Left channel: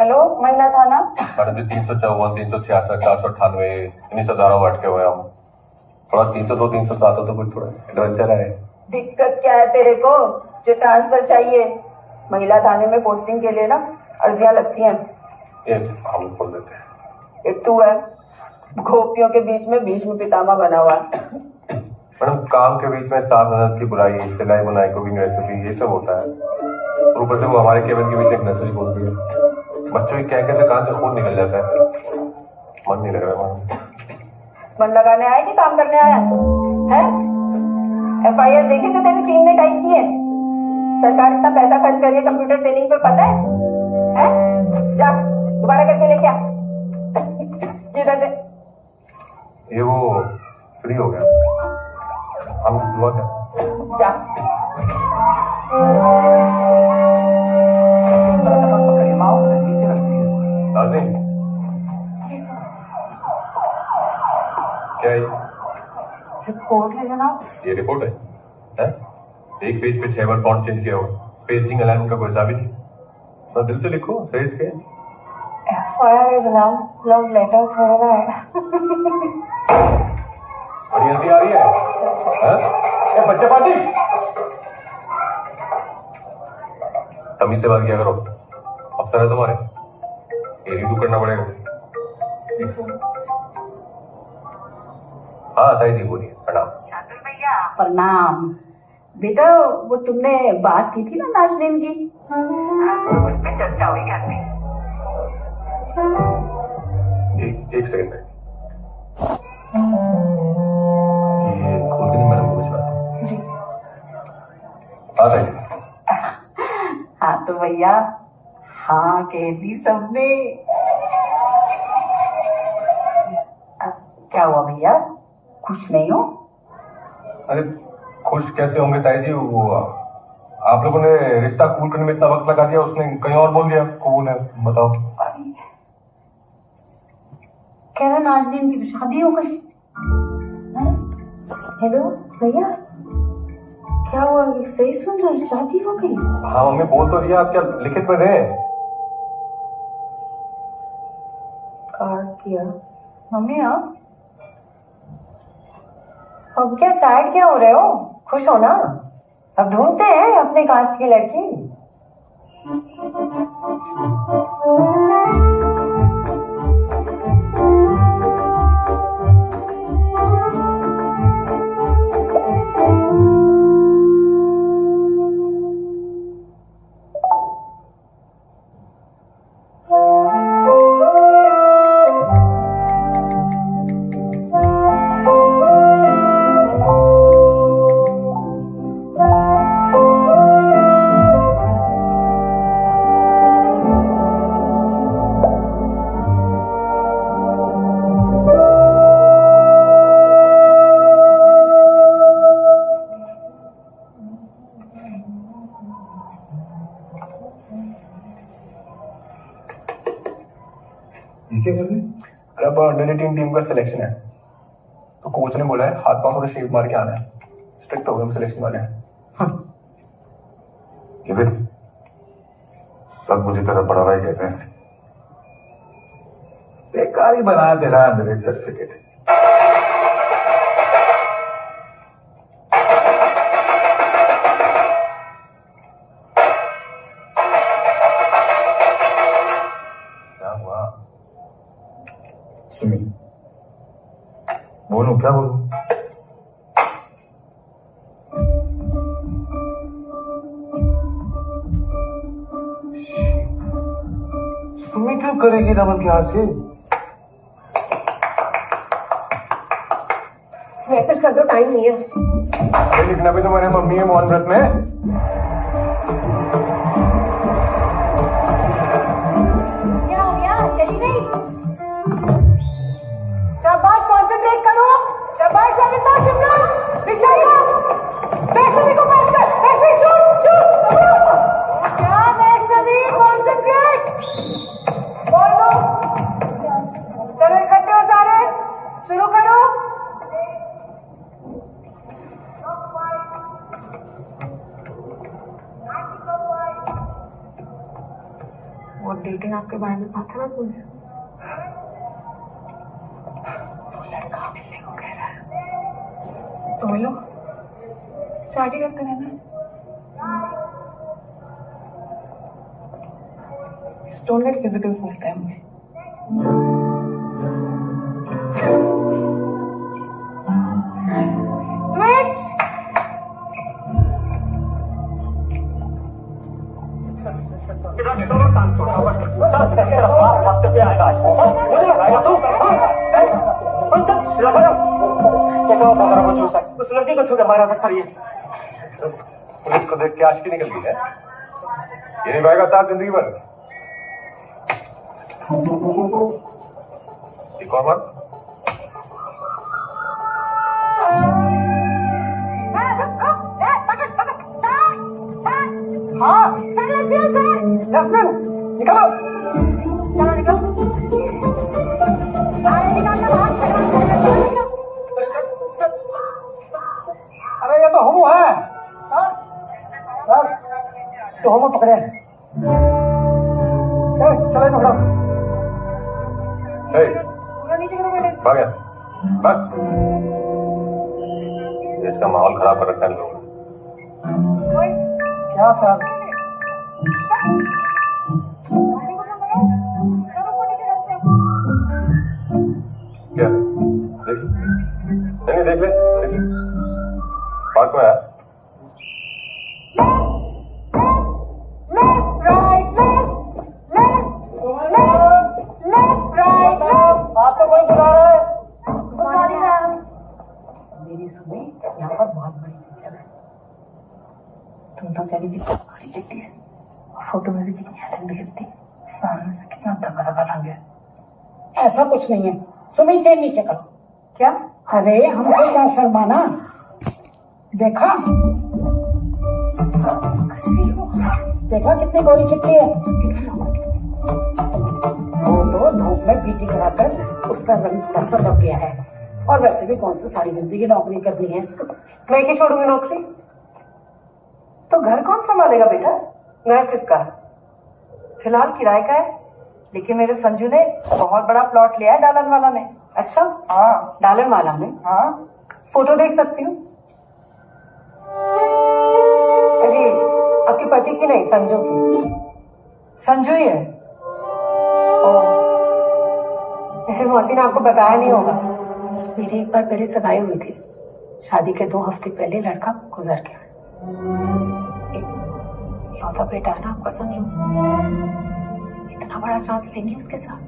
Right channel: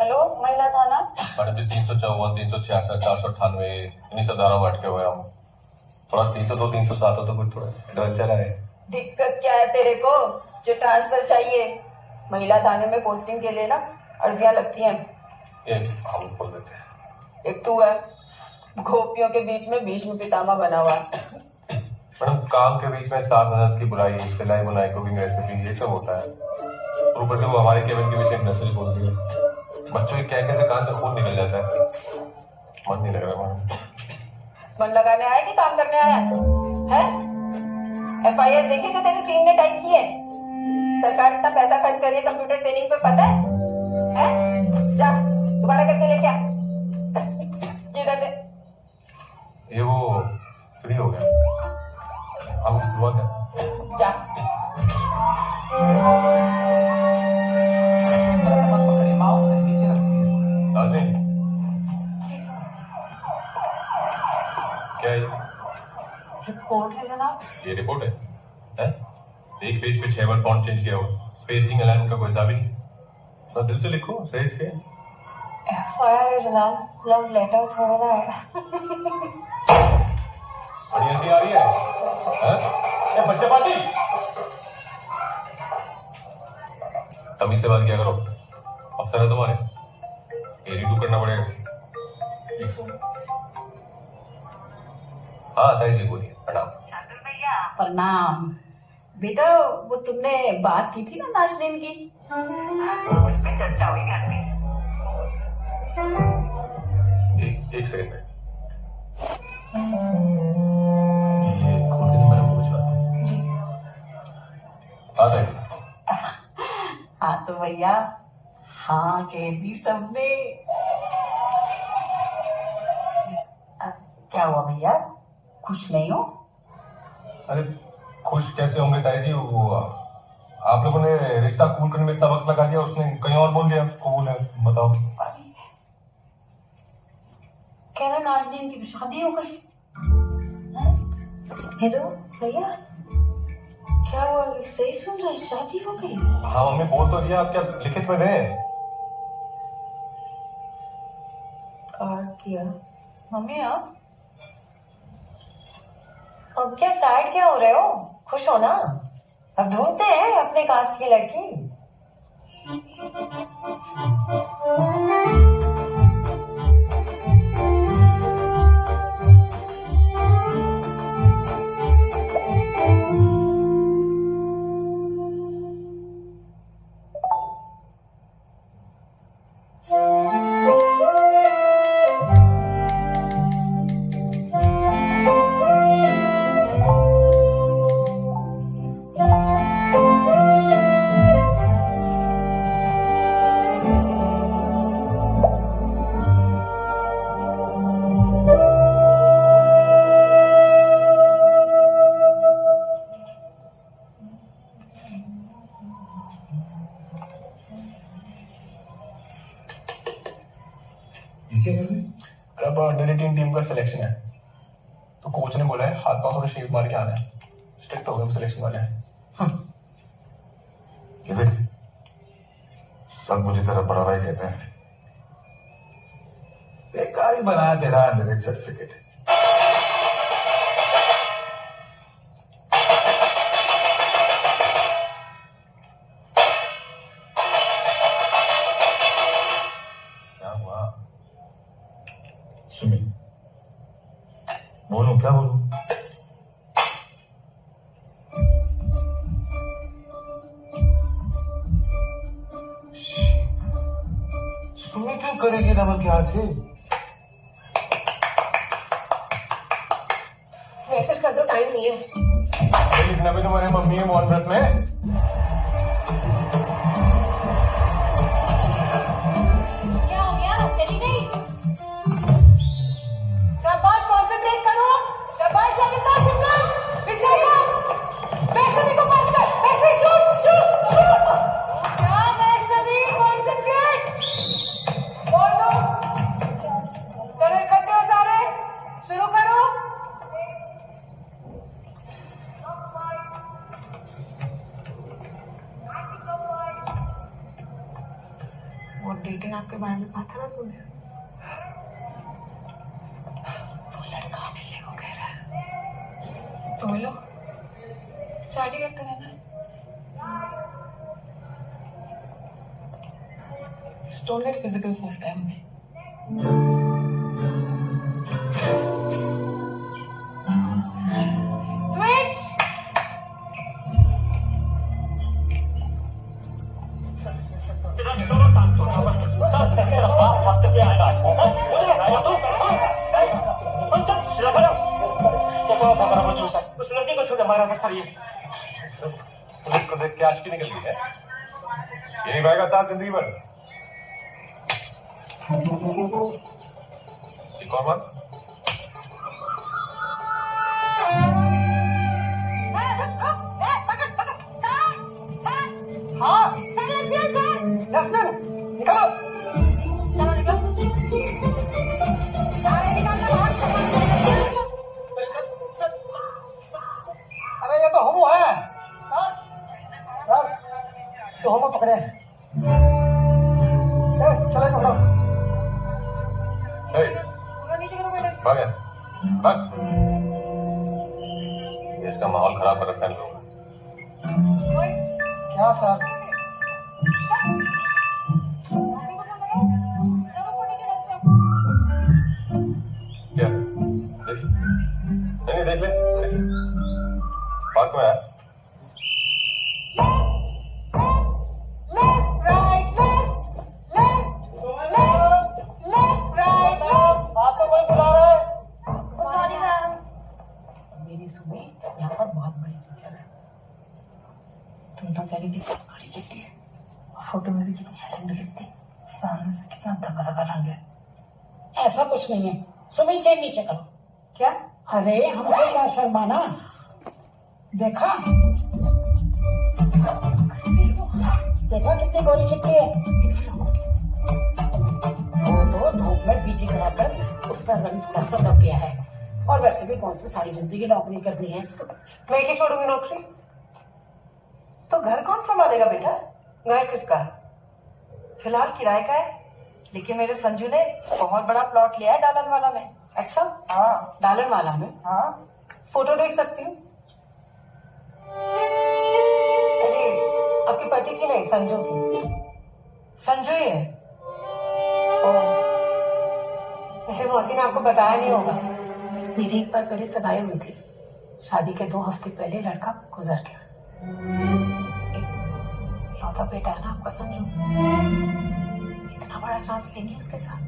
Hello महिला थाना। Madam जी 354, 366, 498 इन्हीं सब धाराओं में अटके हुए हम। थोड़ा 302, 307 हो तो कुछ थोड़ा एडवेंचर है। दिक्कत क्या है तेरे को जो ट्रांसफर चाहिए? महिला थाने में पोस्टिंग के लिए ना अर्जियां लगती हैं। एक हम खोल देते हैं। एक तू है गोपियों के बीच में भीष्म पितामह बना हुआ है। मैडम काम के बीच में सास ननद की बुराई, सिलाई बुनाई, कुकिंग रेसिपी ये सब होता है। और ऊपर से वो हमारे केबिन के बीच एक नर्सरी खोल दी है। बच्चों की क्या कैसे कान से खून निकल जाता है। मन नहीं लग रहा मैडम। मन लगाने आया कि काम करने आया है? FIR देखे जो तेरी टीम ने टाइप की है? सरकार इतना पैसा खर्च कर रही है कंप्यूटर ट्रेनिंग पे, पता है? जा दोबारा करके लेके आ। ये दे। ये वो फ्री हो गया। हम दुआ कर जा। क्या है रिपोर्ट है जनाब। ये रिपोर्ट है? एक पेज पे 6 बार फॉन्ट चेंज किया हुआ, स्पेसिंग अलाइनमेंट का कोई हिसाब ही नहीं। तो दिल से लिखो, सही से। FIR है जनाब, लव लेटर थोड़ा ना है। बड़ी हंसी आ रही है। ए बच्चे पार्टी तमीज से बात किया करो। अफसर है तुम्हारे, ये रिव्यू करना पड़ेगा। हाँ ताई जी बोलिए। प्रणाम। प्रणाम बेटा। वो तुमने बात की थी ना नाजनीन की, उस पे चर्चा हुई घर में। एक सेकंड ये खोल के नहीं मैडम कुछ बात जी। हाँ तो भैया हाँ कह दी सबने। क्या हुआ भैया, खुश नहीं हो? अरे खुश कैसे होंगे ताई जी, वो आप लोगों ने रिश्ता कबूल करने में इतना वक्त लगा दिया, उसने कहीं और बोल दिया कबूल है। बताओ। कह रहा नाजनीन की शादी हो गई। हेलो भैया, क्या हुआ? सही सुन रहे, शादी हो गई? हाँ मम्मी बोल तो दिया, आप क्या लिखित में दें? काट दिया मम्मी। आप अब क्या सैड क्या हो रहे हो? खुश हो ना, अब ढूंढते हैं अपने कास्ट की लड़की। क्या कर रहे? अरे अब अंडर 18 टीम का सिलेक्शन है, तो कोच ने बोला है हाथ पांव थोड़ा शेप मार के आना है। स्ट्रिक्ट हो गए हम सिलेक्शन वाले हैं। ये देख, सब मुझे तरह बड़ा भाई कहते हैं। बेकार ही बना तेरा अंडर एज सर्टिफिकेट। क्या हुआ सुमी? बोलूं क्या बोलूं? सुमी क्यों करेगी डबल के हाथ से? मैसेज कर दो, टाइम नहीं है। लिखना भी तो मेरे मम्मी है मौन व्रत में। क्या हो गया, चली गई? शाबाश, कॉन्सेंट्रेट करो। शाबाश सविता, सिमरन, विशाखा, वैष्णवी को पास कर। Vaishnavi shoot shoot. क्या वैष्णवी, कॉन्सेंट्रेट। बोल दो। चलो इकट्ठे हो सारे, शुरू करो। वो डेटिंग आपके बारे में कहा था ना तुमने, वो लड़का मिलने को कह रहा है, तो मिलो, चाटी करते रहना। Don't get physical first time. Switch! उस लड़की को छोड़ हमारा करिए। पुलिस को देख के आशिकी निकल गई है। ये निभाएगा साथ जिंदगी भर। एक और बार। हाँ, जस्मिन, निकलो। चलो निकलो। अरे निकालना बाहर। अरे ये तो होमो है सर, तो होमो पकड़े। चलो पकड़ो। नीचे करो बेटे। भाग यहाँ से, भाग। इसका माहौल खराब कर रखा है इन लोगों ने। क्या सर? मम्मी को फोन लगाओ। करो फोन नीचे ढंग से। क्या देख, नहीं देख ले, देख ले। पार्क में आया। Left, right, left, right, left. आप तो कोई बुला रहा है। मेरी सुनी, यहाँ पर बहुत बड़ी पिक्चर है। तुम तो कह रही थी बड़ी चिट्ठी है, और फोटो में भी कितनी हेलन दिखती, सामने से कितना दबा दबा रंग है। ऐसा कुछ नहीं है, सुमी चेन नीचे करो। क्या? अरे हमसे क्या शर्माना, देखा देखा कितनी गोरी चिट्ठी है। वो तो धूप में पीटी कराकर उसका रंग थोड़ा सा दब गया है, और वैसे भी कौन सी सारी जिंदगी नौकरी करनी है इसको। मैं क्यों छोड़ूंगी नौकरी? तो घर कौन संभालेगा बेटा? घर किसका? फिलहाल किराए का है, लेकिन मेरे संजू ने बहुत बड़ा प्लॉट लिया है डालन वाला में। अच्छा, हाँ डालन वाला में। हाँ। फोटो देख सकती हूँ? अरे आपके पति की नहीं, संजू की। संजू ही है। इसे मौसी ने आपको बताया नहीं होगा, मेरी एक बार पहले सगाई हुई थी। शादी के 2 हफ्ते पहले लड़का गुजर गया। इकलौता बेटा है ना आपका संजू, इतना बड़ा चांस लेंगे उसके साथ?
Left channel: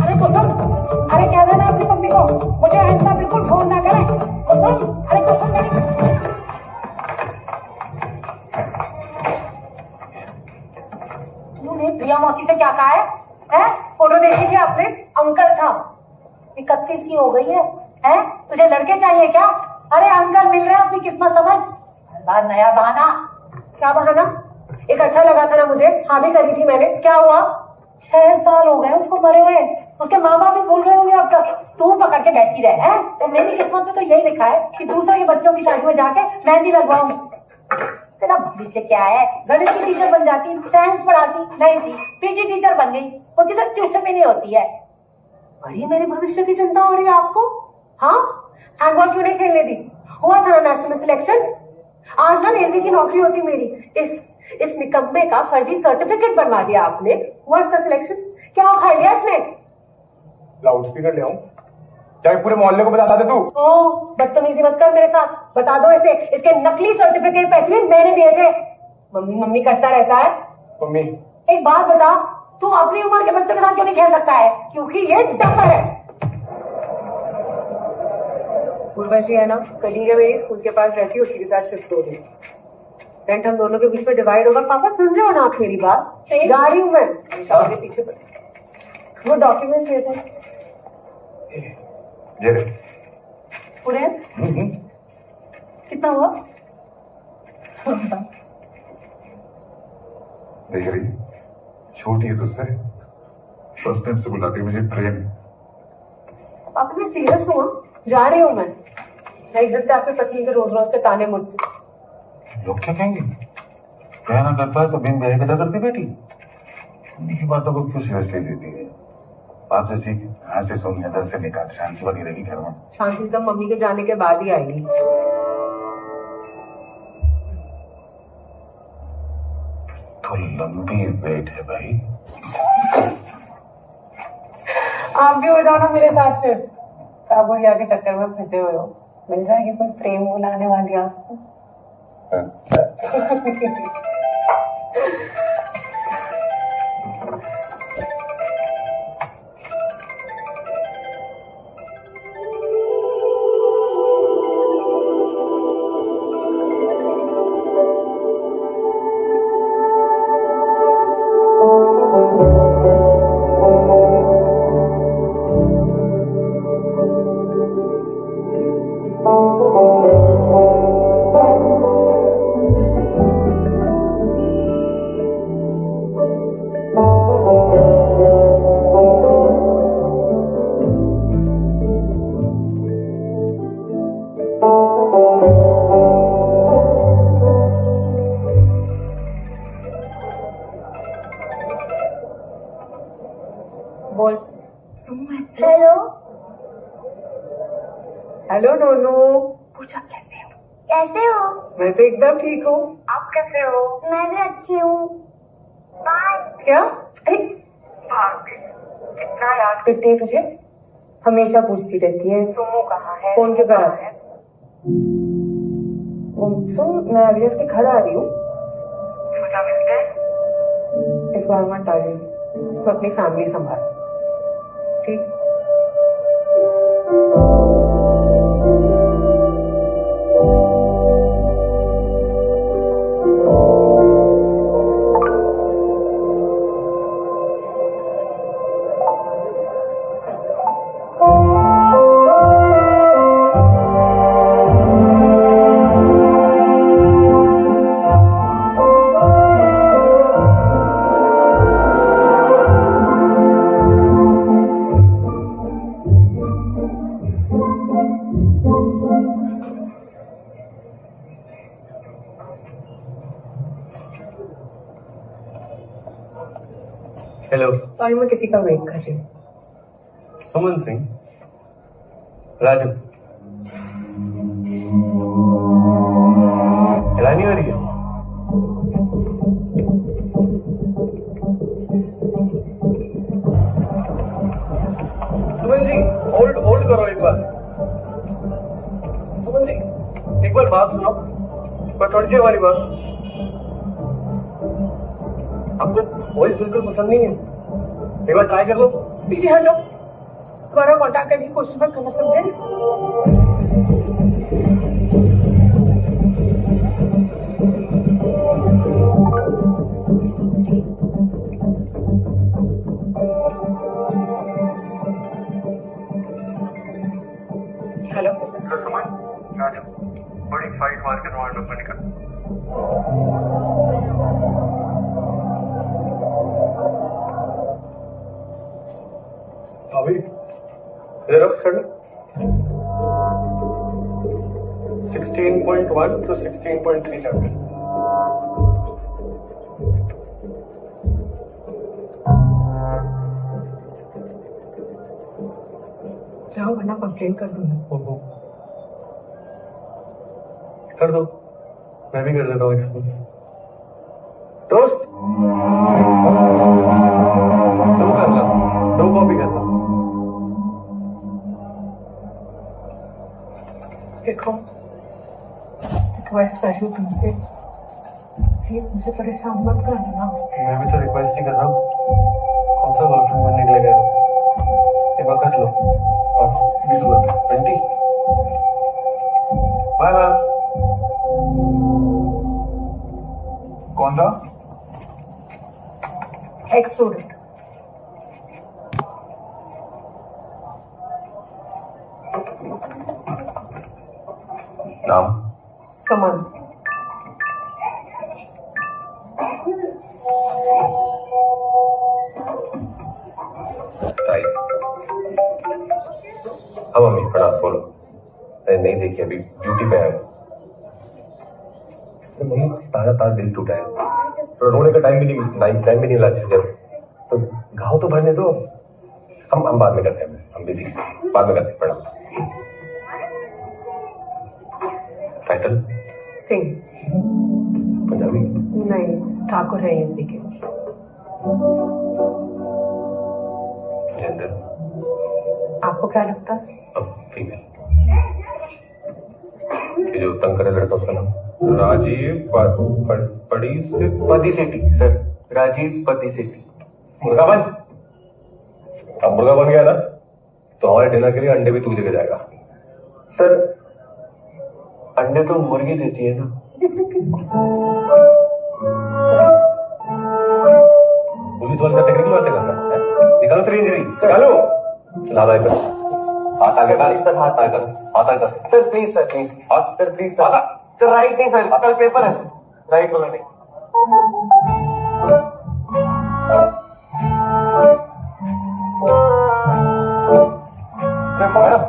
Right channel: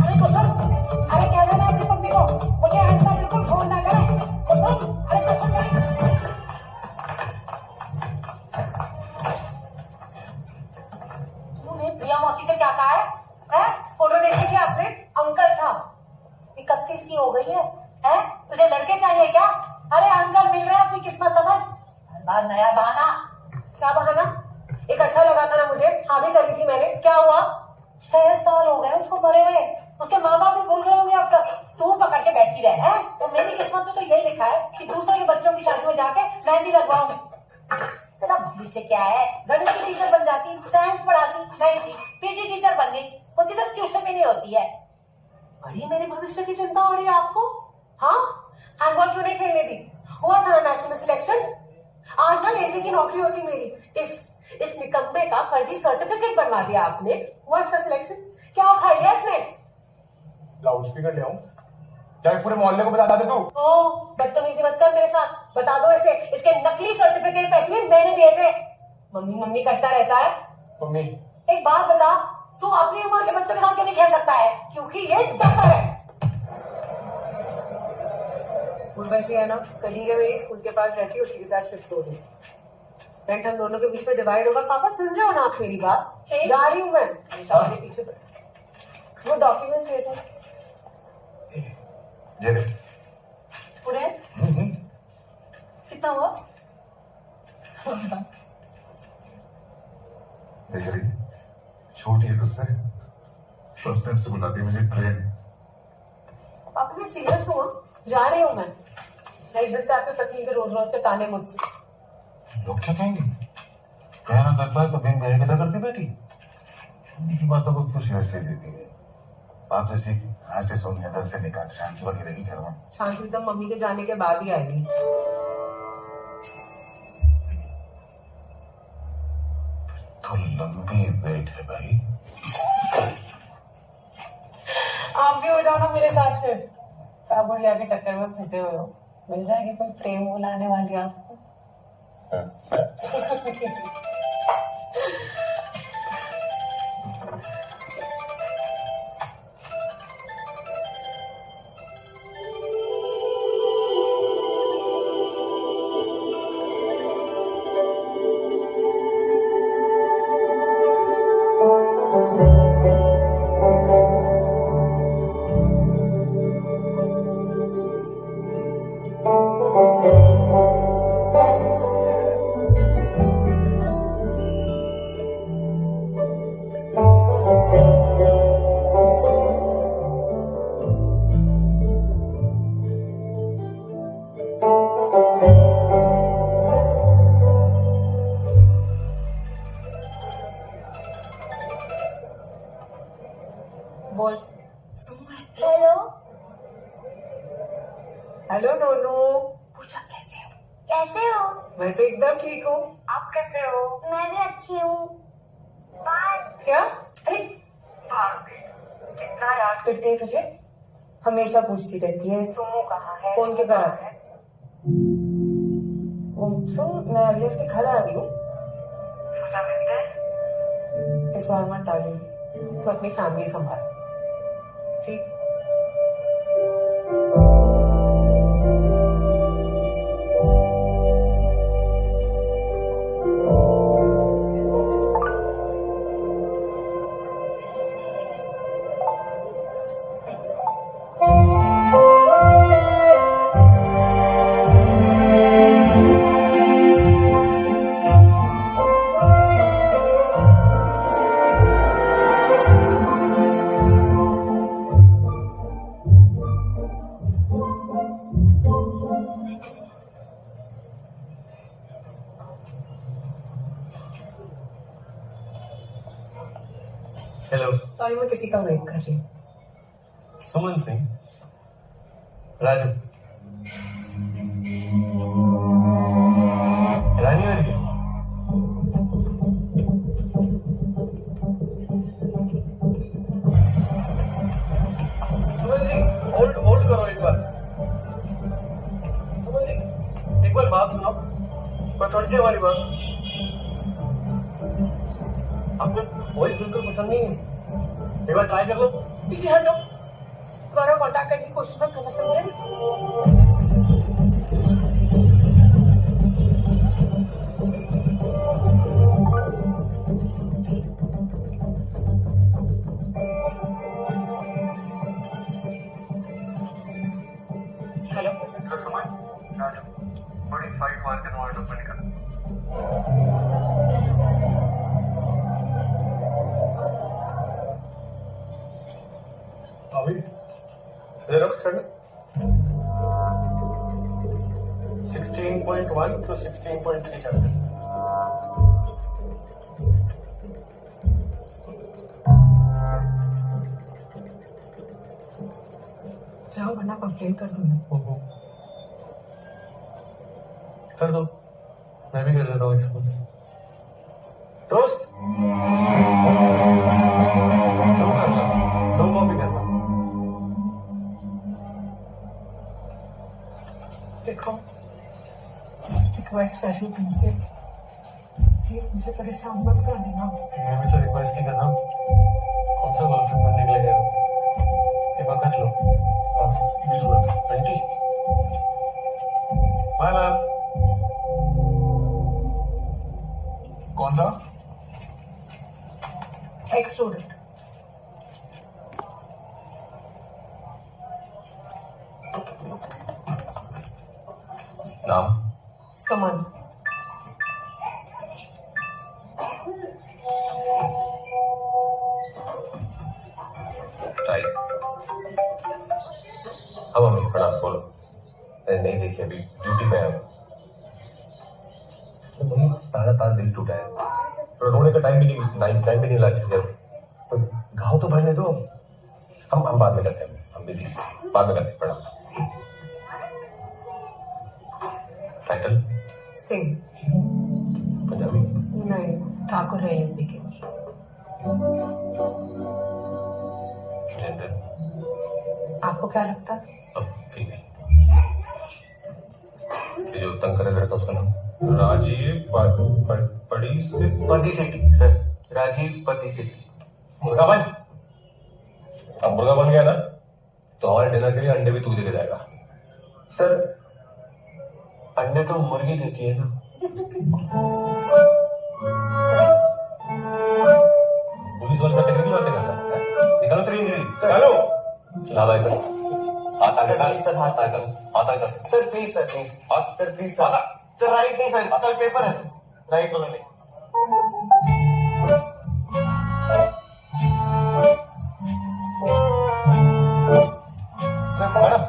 अरे कुसुम, अरे कह देना अपनी मम्मी को मुझे ऐसा बिल्कुल फोन ना करे। कुसुम, अरे कुसुम मेरी। तूने प्रिया मौसी से क्या कहा है? हैं? फोटो देखी थी आपने? अंकल था। 31 की हो गई है, हैं? तुझे लड़के चाहिए क्या? अरे अंकल मिल रहे हैं, अपनी किस्मत समझ। हर बार नया बहाना। क्या बहाना? एक अच्छा लगा था ना मुझे, हाँ भी करी थी मैंने, क्या हुआ? 6 साल हो गए उसको मरे हुए, उसके माँ बाप भी भूल गए होंगे अब तक। तू पकड़ के बैठी रहे हैं। तो मेरी किस्मत में तो यही लिखा है कि दूसरे के बच्चों की शादी में जाके मेहंदी लगवाऊं। तेरा भविष्य क्या है? गणित की टीचर बन जाती, साइंस पढ़ाती। नहीं जी, पीटी टीचर बन गई, उसकी तो ट्यूशन भी नहीं होती है। बड़ी मेरे भविष्य की चिंता हो रही है आपको? हाँ, हैंडबॉल क्यों नहीं खेलने दी? हुआ था ना नेशनल सिलेक्शन? आज ना रेलवे की नौकरी होती मेरी। इस निकम्मे का फर्जी सर्टिफिकेट बनवा दिया आपने। हुआ इसका सिलेक्शन? क्या उखाड़ लिया इसने? लाउड स्पीकर ले आऊं? चाहे पूरे मोहल्ले को बता दे तू। ओ, बदतमीजी मत कर मेरे साथ। बता दो इसे, इसके नकली सर्टिफिकेट पैसे भी मैंने दिए थे। मम्मी मम्मी करता रहता है। मम्मी, एक बात बता, तू अपनी उम्र के बच्चों के साथ क्यों नहीं खेल सकता है? क्योंकि ये डफर है। उर्वशी है ना, कलीग है मेरी, स्कूल के पास रहती है, उसी के साथ शिफ्ट हो गई। रेंट हम दोनों के बीच में डिवाइड होगा। पापा सुन रहे हो ना आप मेरी बात? जा रही हूँ मैं, हमेशा मेरे पीछे पड़े। वो डॉक्यूमेंट्स लेते हैं ये रे। पूरे कितना हुआ? देख रही, छोटी है तुझसे, फर्स्ट टाइम से बुलाती है मुझे ट्रेन। पापा मैं सीरियस हूँ, जा रही हूँ मैं। नहीं चलते आपकी पत्नी के रोज रोज के ताने मुझसे। लोग क्या कहेंगे? कहना करता है तो बिन बहे कदा करती बेटी। उनकी बातों को क्यों सीरियसली लेती है? बात तो सीख, यहाँ से सोनिया दर से निकाल, शांति बनी रहेगी घर में। शांति तो मम्मी के जाने के बाद ही आएगी। तो लंबी वेट है भाई। आप भी हो जाओ ना मेरे साथ से। आप बुढ़िया के चक्कर में फंसे हुए हो, मिल जाएगी कोई प्रेम बुलाने वाली आपको। बोल। हेलो। हेलो नोनू। पूछो कैसे हो? कैसे हो? मैं तो एकदम ठीक हूँ। आप कैसे हो? मैं भी अच्छी हूँ। बाय। क्या? कितना याद करती है तुझे? हमेशा पूछती रहती है सुमो कहाँ है? फोन क्यों करा है? सुन, मैं अगले हफ्ते घर आ रही हूँ। सोचा मिलते हैं। इस बार मत आ रही। तो अपनी फैमिली संभाल, ठीक? हेलो। सॉरी, मैं किसी का वेट कर रही हूँ। सुमन सिंह। राजू। रानी हो रही है? सुमन जी, होल्ड करो एक बार। सुमन जी, एक बार बात सुनो, पर थोड़ी सी हमारी बात। आपको वॉइस बिल्कुल पसंद नहीं है? एक बार ट्राई कर लो। पीछे हटो, तुम्हारा कॉन्टैक्ट करने की कोशिश मत करना, समझे? हेलो। सुमन, राजू, बड़ी फाइट मार के तुम्हारे लोग निकल। अभी जेरोक्स कर ले। 16.1 to 16.3 चैप्टर। जाओ वरना कंप्लेन कर दूंगी। कर दो, मैं भी कर देता हूँ एक्सपोज। दोस्त, दो करना, दो कॉपी करना। देखो, रिक्वेस्ट कर रही हूँ तुमसे, प्लीज मुझे परेशान मत कर देना। मैं भी तो रिक्वेस्ट ही कर रहा हूँ। कौन सा गर्लफ्रेंड बनने के लिए गए हो? एक बार कर लो। और 20 बाय बाय। कौन था? Ex student. नाम? सुमन। राइट। हाँ मम्मी, प्रणाम, बोलो। अरे नहीं देखी अभी, ड्यूटी पे है। तो नहीं, ताजा ताजा दिल टूटा है, तो रोने का टाइम भी नहीं मिला अच्छे से। तो घाव तो भरने दो, हम बाद में करते हैं, हम बिजी बाद में करते हैं। प्रणाम। टाइटल सिंह। पंजाबी? नहीं, ठाकुर है हिंदी के। जेंडर? आपको क्या लगता है? अब ठीक है। ये जो तंग करे लड़का उसका नाम? राजीव पड़ी से पति सेठी सर, राजीव पति सेठी। मुर्गा बन। अब मुर्गा बन गया ना, तो हमारे डिनर के लिए अंडे भी तू देके जाएगा। सर अंडे तो मुर्गी देती है ना। पुलिस वाले से टेक्निकल बातें करना है? निकालो तेरी इंजरी, निकालो। चला दो इधर, हाथ आगे कर सर, हाथ आगे कर, हाथ आगे कर। सर प्लीज सर, प्लीज हाथ सर, प्लीज सर। हाथ सर राइट नहीं सर, कल पेपर है सर, राइट वाला नहीं। मैडम,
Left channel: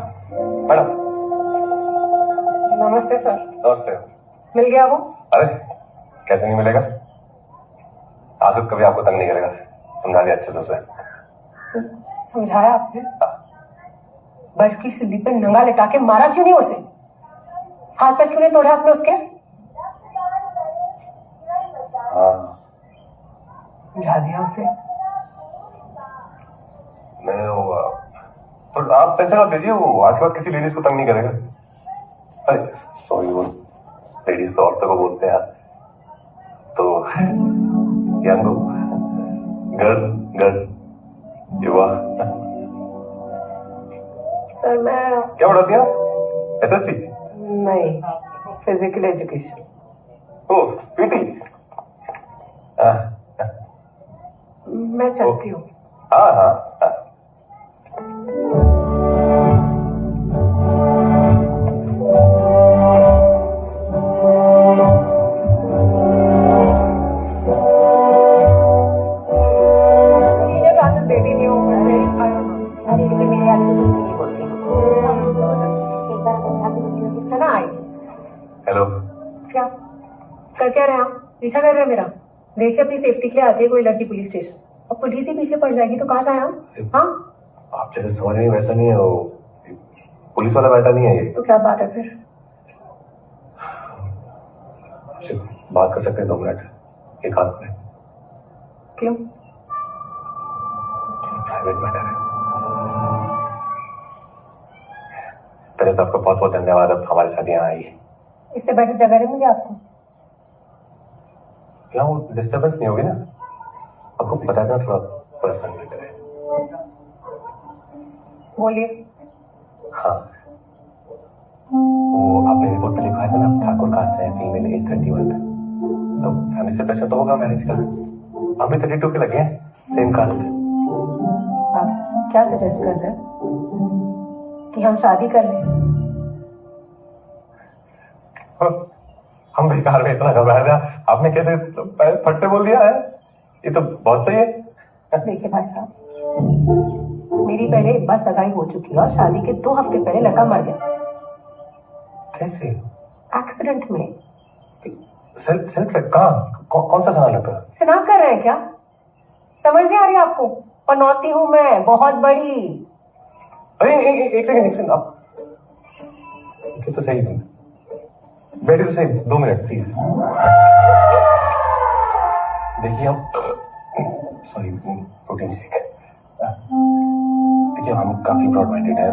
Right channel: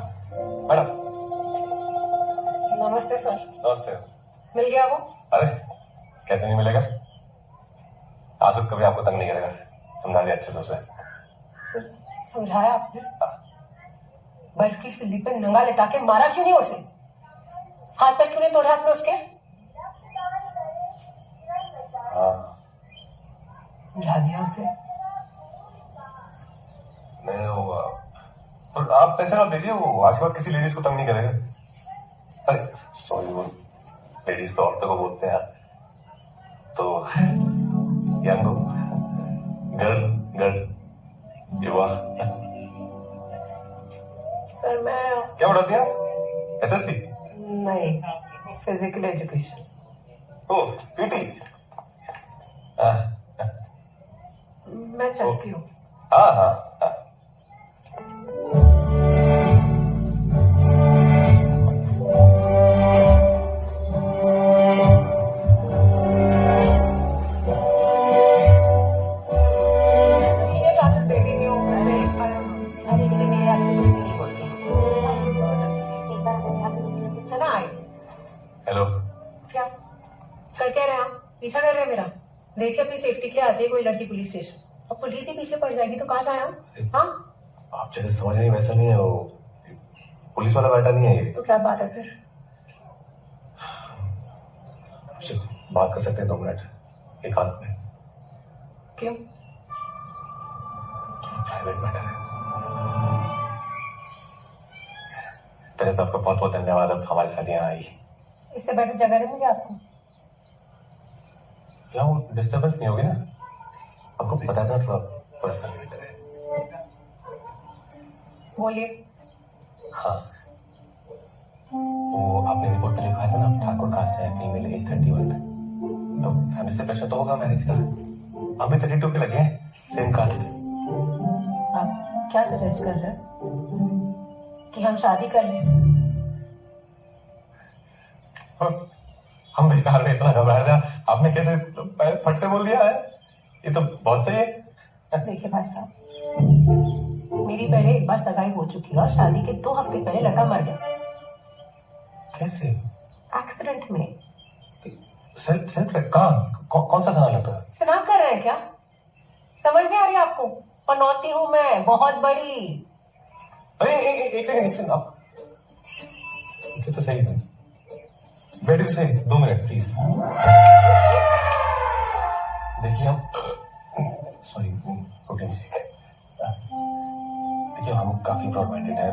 मैडम नमस्ते सर। नमस्ते। मिल गया वो? अरे कैसे नहीं मिलेगा, आसुक कभी आपको तंग नहीं करेगा, समझा दिया अच्छे से उसे। सर समझाया आपने? बर्फ की सिल्ली पे नंगा लिटा के मारा क्यों नहीं उसे? हाथ पैर क्यों नहीं तोड़े आपने उसके? हाँ समझा दिया उसे। नहीं वो, पर आप टेंशन मत लीजिए, वो आज के बाद किसी लेडीज को तंग नहीं करेगा। अरे सॉरी, वो लेडीज तो औरतों को बोलते हैं, तो यंग गर्ल युवा। सर मैं क्या पढ़ाती हैं? SST? नहीं, फिजिकल एजुकेशन। ओ PT? मैं चलती हूँ। हाँ हाँ हाँ। सीनियर क्लासेस दे दी थी वो, मैं एक बार दीदी के मेरे वाले को नहीं बोलती। ना आई। हेलो। क्या कर क्या रहे हैं आप? पीछा कर रहे हैं मेरा? देखिए अपनी सेफ्टी के लिए आती है कोई लड़की पुलिस स्टेशन, और पुलिस ही पीछे पड़ जाएगी तो कहाँ जाए हम? हाँ आप जैसे समझ रही हैं वैसा नहीं है, वो पुलिस वाला बैठा नहीं है ये। तो क्या बात है फिर? आपसे बात कर सकते हैं 2 मिनट एक हाथ में? क्यों? प्राइवेट मैटर है। पहले तो आपका बहुत बहुत धन्यवाद, अब हमारे साथ यहाँ आई। इससे बेटर जगह नहीं मिली आपको? यहाँ वो डिस्टर्बेंस नहीं होगी ना? आपको पता था थोड़ा पर्सनल मैटर है। बोलिए। हाँ, वो आपने रिपोर्ट में लिखवाया था ना, ठाकुर कास्ट है, फीमेल एज 31, तो फैमिली से प्रेशर तो होगा मैरिज का। हम भी 32 के लगे हैं, सेम कास्ट। आप क्या सजेस्ट कर रहे हैं? कि हम शादी कर लें? हम बेकार में इतना घबरा था, आपने कैसे फट से बोल दिया है? ये तो बहुत सही है। देखिए भाई साहब, मेरी पहले एक बार सगाई हो चुकी है और शादी के 2 हफ्ते पहले लड़का मर गया। कैसे? एक्सीडेंट में। सेल्फ कहाँ? कौन सा खाना लगता है? शनाख्त कर रहे हैं क्या? समझ नहीं आ रही आपको? पनौती हूँ मैं, बहुत बड़ी। अरे एक सेकंड आप ये तो सही, बैठे तो सही, 2 मिनट प्लीज। देखिए हम, सॉरी, प्रोटीन शेक। देखिए हम काफी ब्रॉड माइंडेड है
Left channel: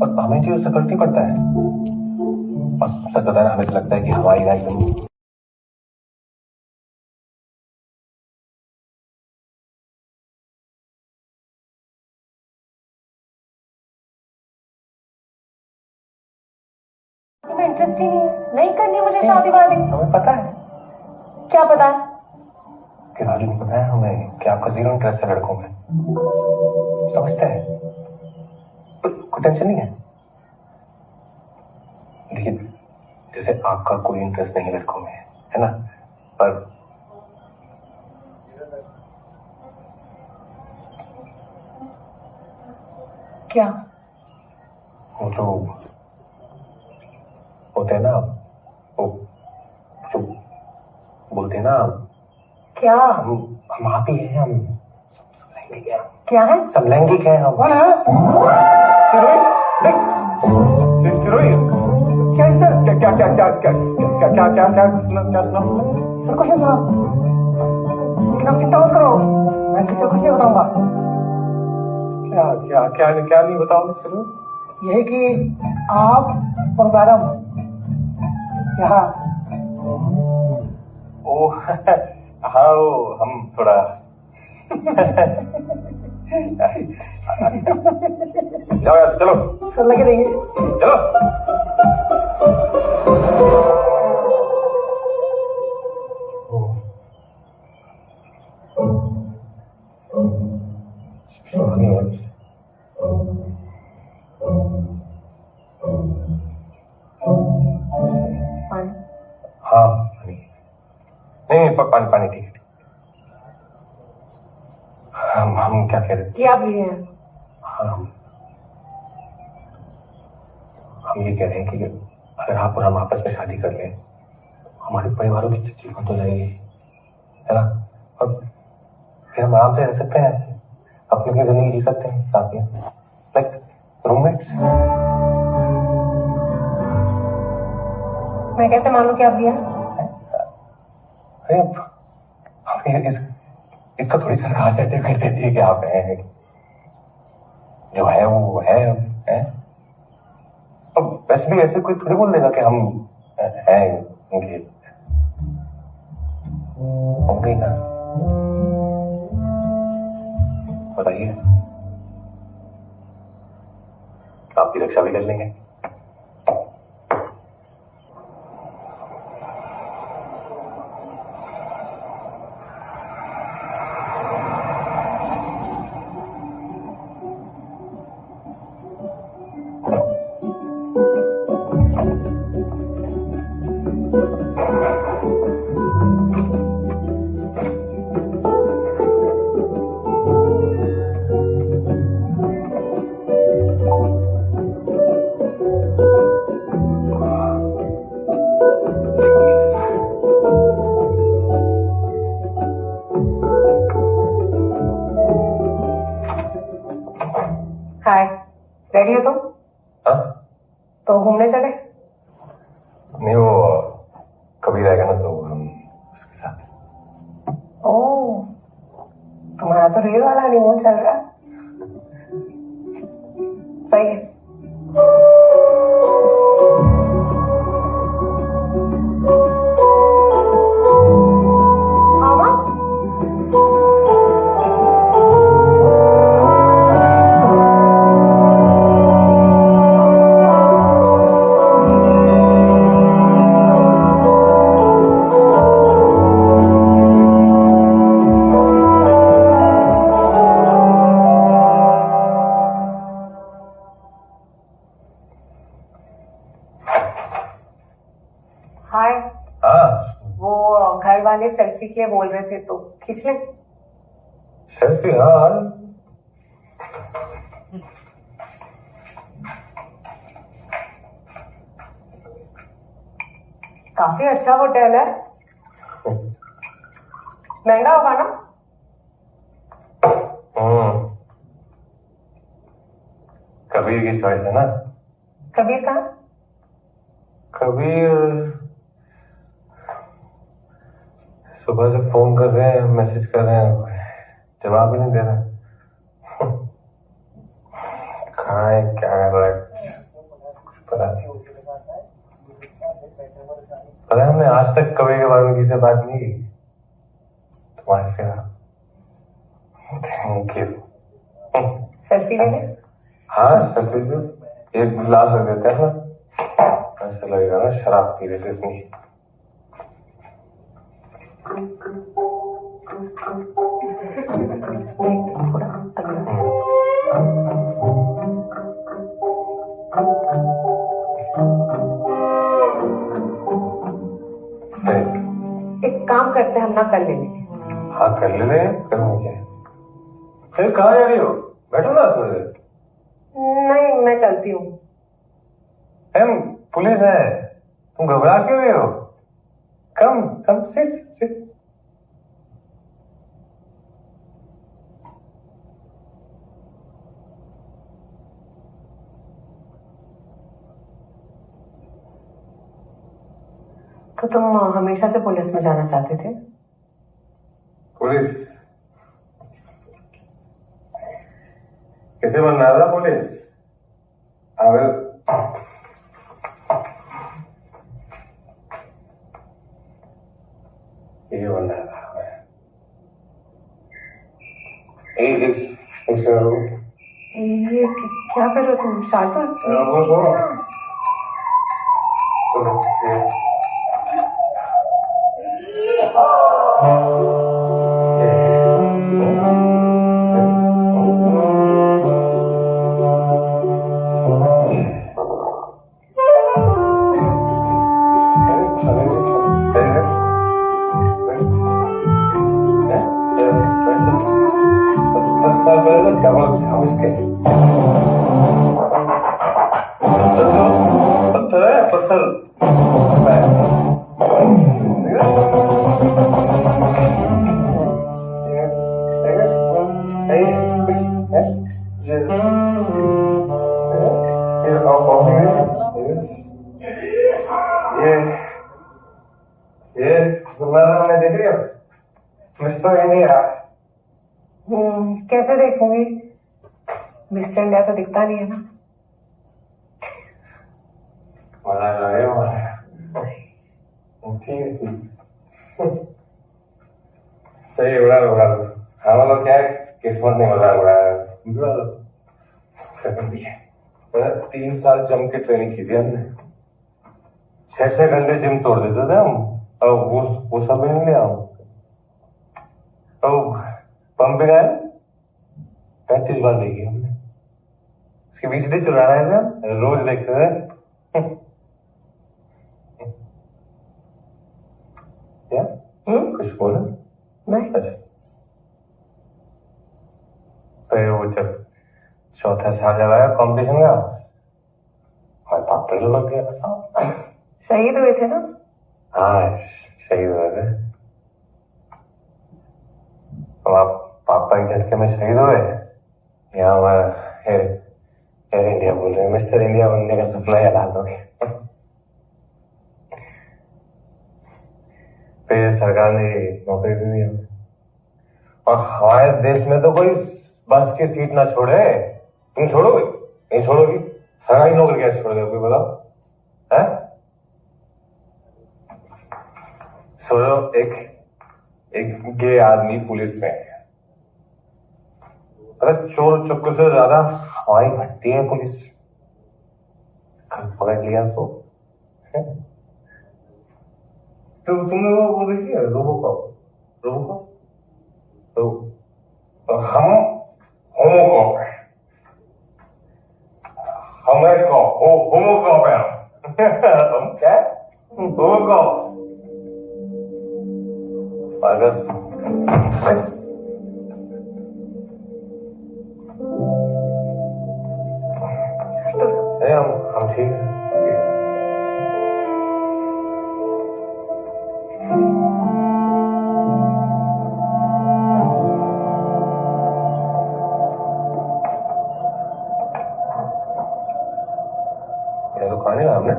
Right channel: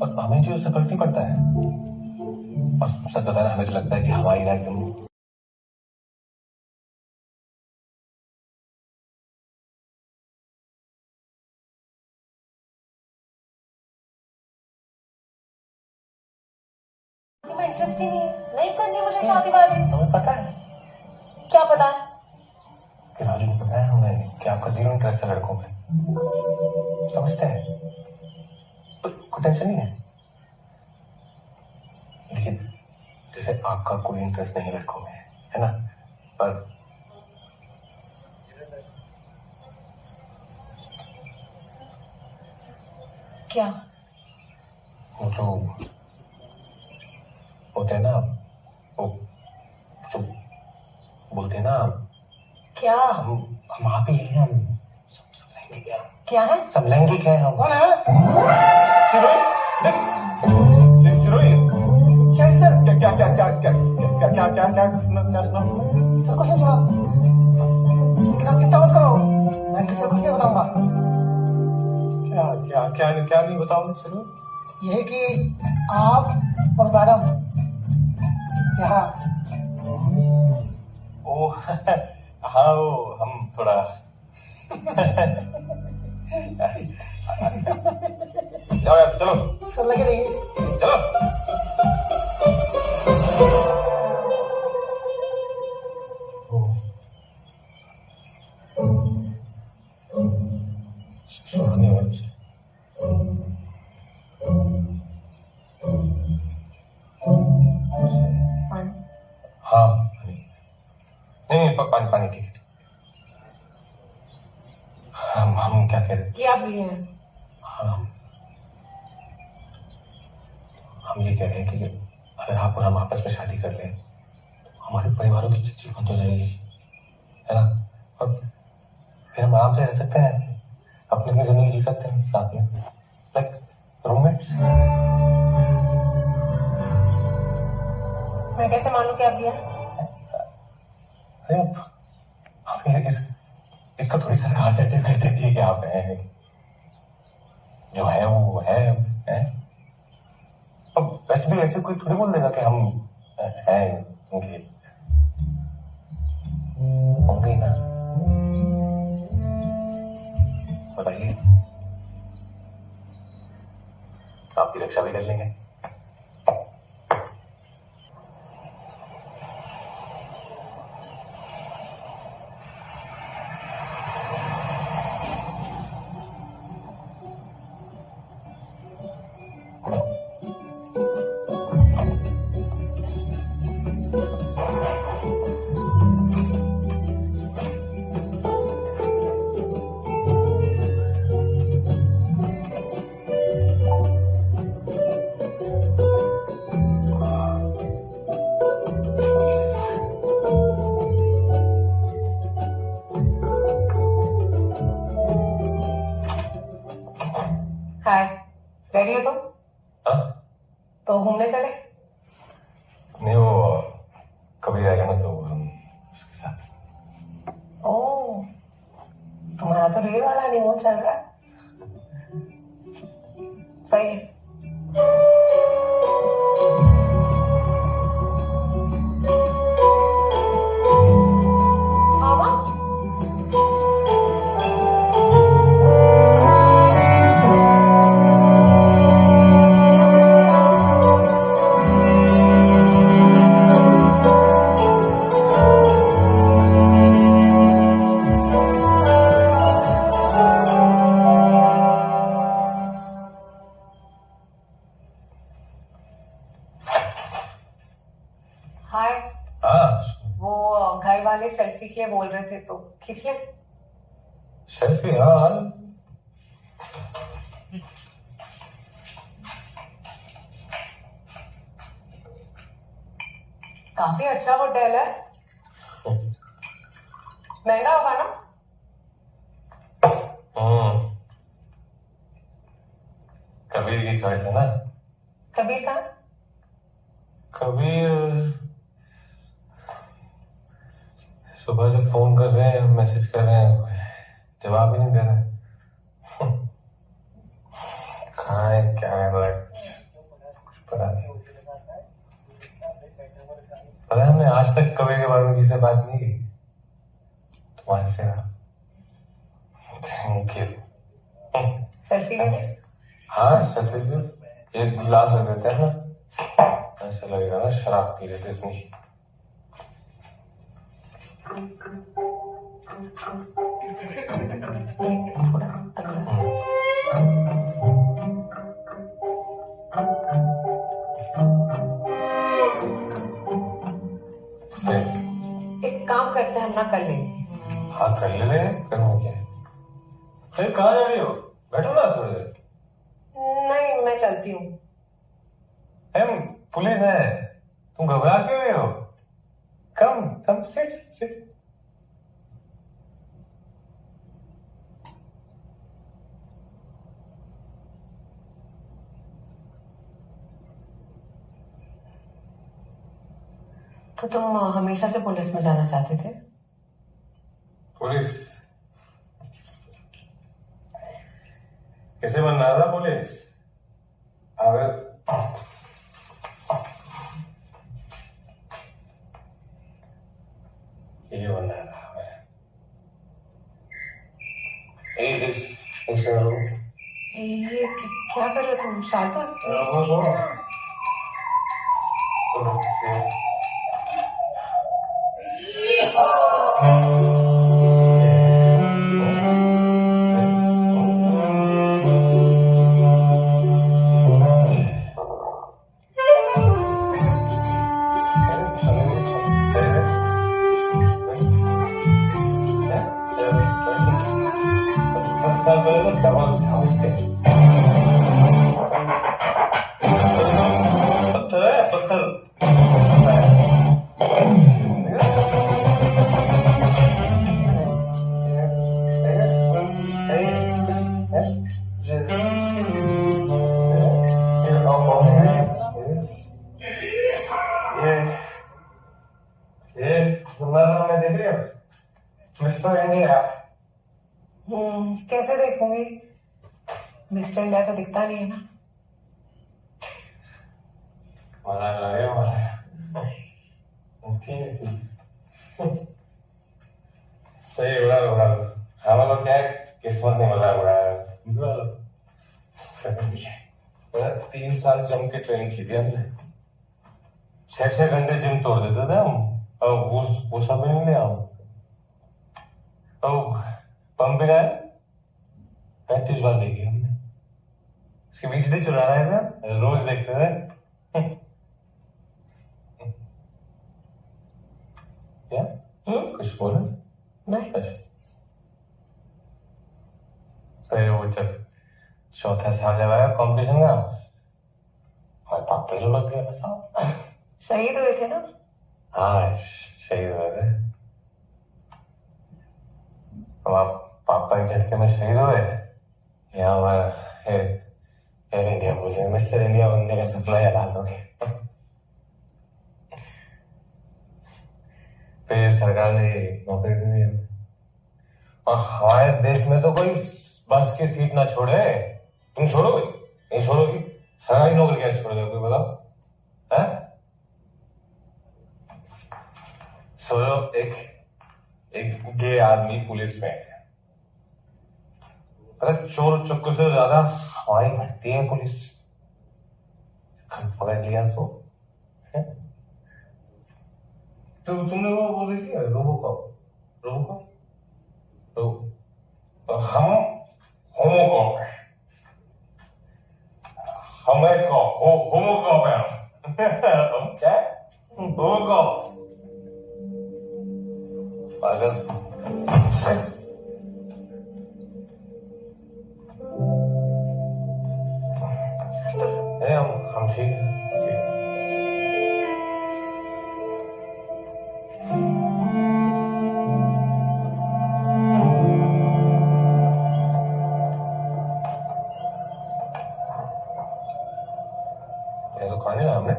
और हमें जो फर्क नहीं पड़ता है, और सच बताना हमें तो लगता है कि हमारी राय एकदम में इंटरेस्ट ही नहीं है, नहीं करनी मुझे शादी वादी। हमें पता है। क्या पता है? कि राजू को पता है हमें कि आपका 0 इंटरेस्ट है लड़कों में, समझते हैं, तो कोई टेंशन नहीं है। लेकिन जैसे आपका कोई इंटरेस्ट नहीं है लड़कों में, है ना, पर क्या? वो तो होते हैं ना वो जो बोलते हैं ना, क्या? हम आप ही हैं, हम सब लैंगिक हैं, क्या है? सब लैंगिक हैं हम। कौन है? सिरोही, क्या है सर? क्या क्या क्या क्या क्या क्या क्या क्या क्या सुना सर कुछ नहीं सुना, लेकिन आप चिंता मत करो, मैं किसी को कुछ नहीं बताऊंगा। क्या क्या क्या क्या नहीं बताओ सिरोही? यही कि आप और मैडम यहाँ ओ हाँ वो हम थोड़ा जाओ यार, चलो सर लगे रहिए। चलो। नहीं हो रहा। पानी? हाँ पानी, नहीं पानी पानी ठीक है। हम क्या कह रहे थे? कि आप भी हैं? हाँ हम ये कह रहे हैं कि अगर आप और हम आपस में शादी कर लें, हमारे परिवारों की चिट्ठी बंद हो जाएगी, है ना? और फिर हम आराम से रह सकते हैं, अपनी अपनी जिंदगी जी सकते हैं साथ में, लाइक रूममेट्स। मैं कैसे मानूं कि आप भी हैं? अरे अब इसका थोड़ी सरकार सर्टिफिकेट देती है कि आप हैं, जो है वो है? अब वैसे भी ऐसे कोई थोड़ी बोल देगा कि हम हैं उनके, होंगे ही ना। बताइए, आपकी रक्षा भी कर लेंगे। हाय, रेडी हो तुम? हाँ? तो घूमने चले? नहीं वो कभी रहेगा ना तो हम उसके साथ। ओह, तुम्हारा तो रियल वाला हनीमून चल रहा है। सही है। How much? हाय, हाँ वो घर वाले सेल्फी के लिए बोल रहे थे तो खींच ले। सेल्फी, हाँ काफी अच्छा होटल है, महंगा होगा ना? कबीर की चॉइस है ना। कबीर कहाँ? कबीर सुबह से फोन कर रहे हैं, मैसेज कर रहे हैं, जवाब ही नहीं दे रहे। कहाँ है, क्या कर रहा है, कुछ पता नहीं। पता है, हमने आज तक कबीर के बारे में किसी से बात नहीं की, तुम्हारे से। Thank you. सेल्फी ले ले। हाँ सेल्फी भी, एक गिलास रख देते हैं ना, ऐसा लगेगा ना शराब पी रहे थे इतनी। थोड़ा अगला। एक काम करते हैं, हम ना कर लेंगे। हाँ कर ले, करने क्या है? फिर कहाँ जा रही हो? बैठो ना थोड़ी देर। नहीं, मैं चलती हूँ। हम पुलिस है, तुम घबरा क्यों रहे हो? कम कम सिट सिट। तो तुम हमेशा से पुलिस में जाना चाहते थे? पुलिस कैसे बनना था पुलिस? अबे ये बनना था हमें। एक सेकंड ये क्या कर रहे हो तुम? शार्दुल प्लीज। पत्थर है पत्थर। ये हमने देख लिया मिस्टर इंडिया। कैसे देखूंगी? मिस्टर इंडिया तो दिखता नहीं है ना। मजाक लगे सही उड़ा उड़ा हम लोग क्या किस्मत नहीं मजाक उड़ाया। 3 साल जम के ट्रेनिंग की थी हमने। 6 घंटे जिम तोड़ देते थे हम। और वो सब भी नहीं लिया हम। और पंपिंग आया 35 बार देखी हमने। उसके बीच से चुरा रहे थे रोज देखते थे। क्या कुछ बोले? नहीं। अच्छा तो वो चल 4था साल जब आया कॉम्पिटिशन का हमारे पापा ही लग गया। बताओ शहीद हुए थे ना? हाँ शहीद हुए थे। पापा के झटके में शहीद हुए। यहाँ हमारा एयर इंडिया बोल रहे हैं मिस्टर इंडिया बनने का सपना ही हलाल हो गया। फिर सरकार ने नौकरी दे दी हमें। और हमारे देश में तो कोई बस की सीट ना छोड़े। तुम छोड़ोगे? नहीं छोड़ोगी। सरकारी नौकरी कैसे छोड़ दोगे बताओ? है सोचो एक गे आदमी पुलिस में है। अगर चोर चुक्के से ज्यादा हमारी भटती है पुलिस। पकड़ लिया तो तुमने वो देखी है रोबोकॉप तो हम होमोकॉप है। हमें होमोकॉप है हम क्या होमोकॉप। अगर हम ठीक है। ये तो खाने का हमने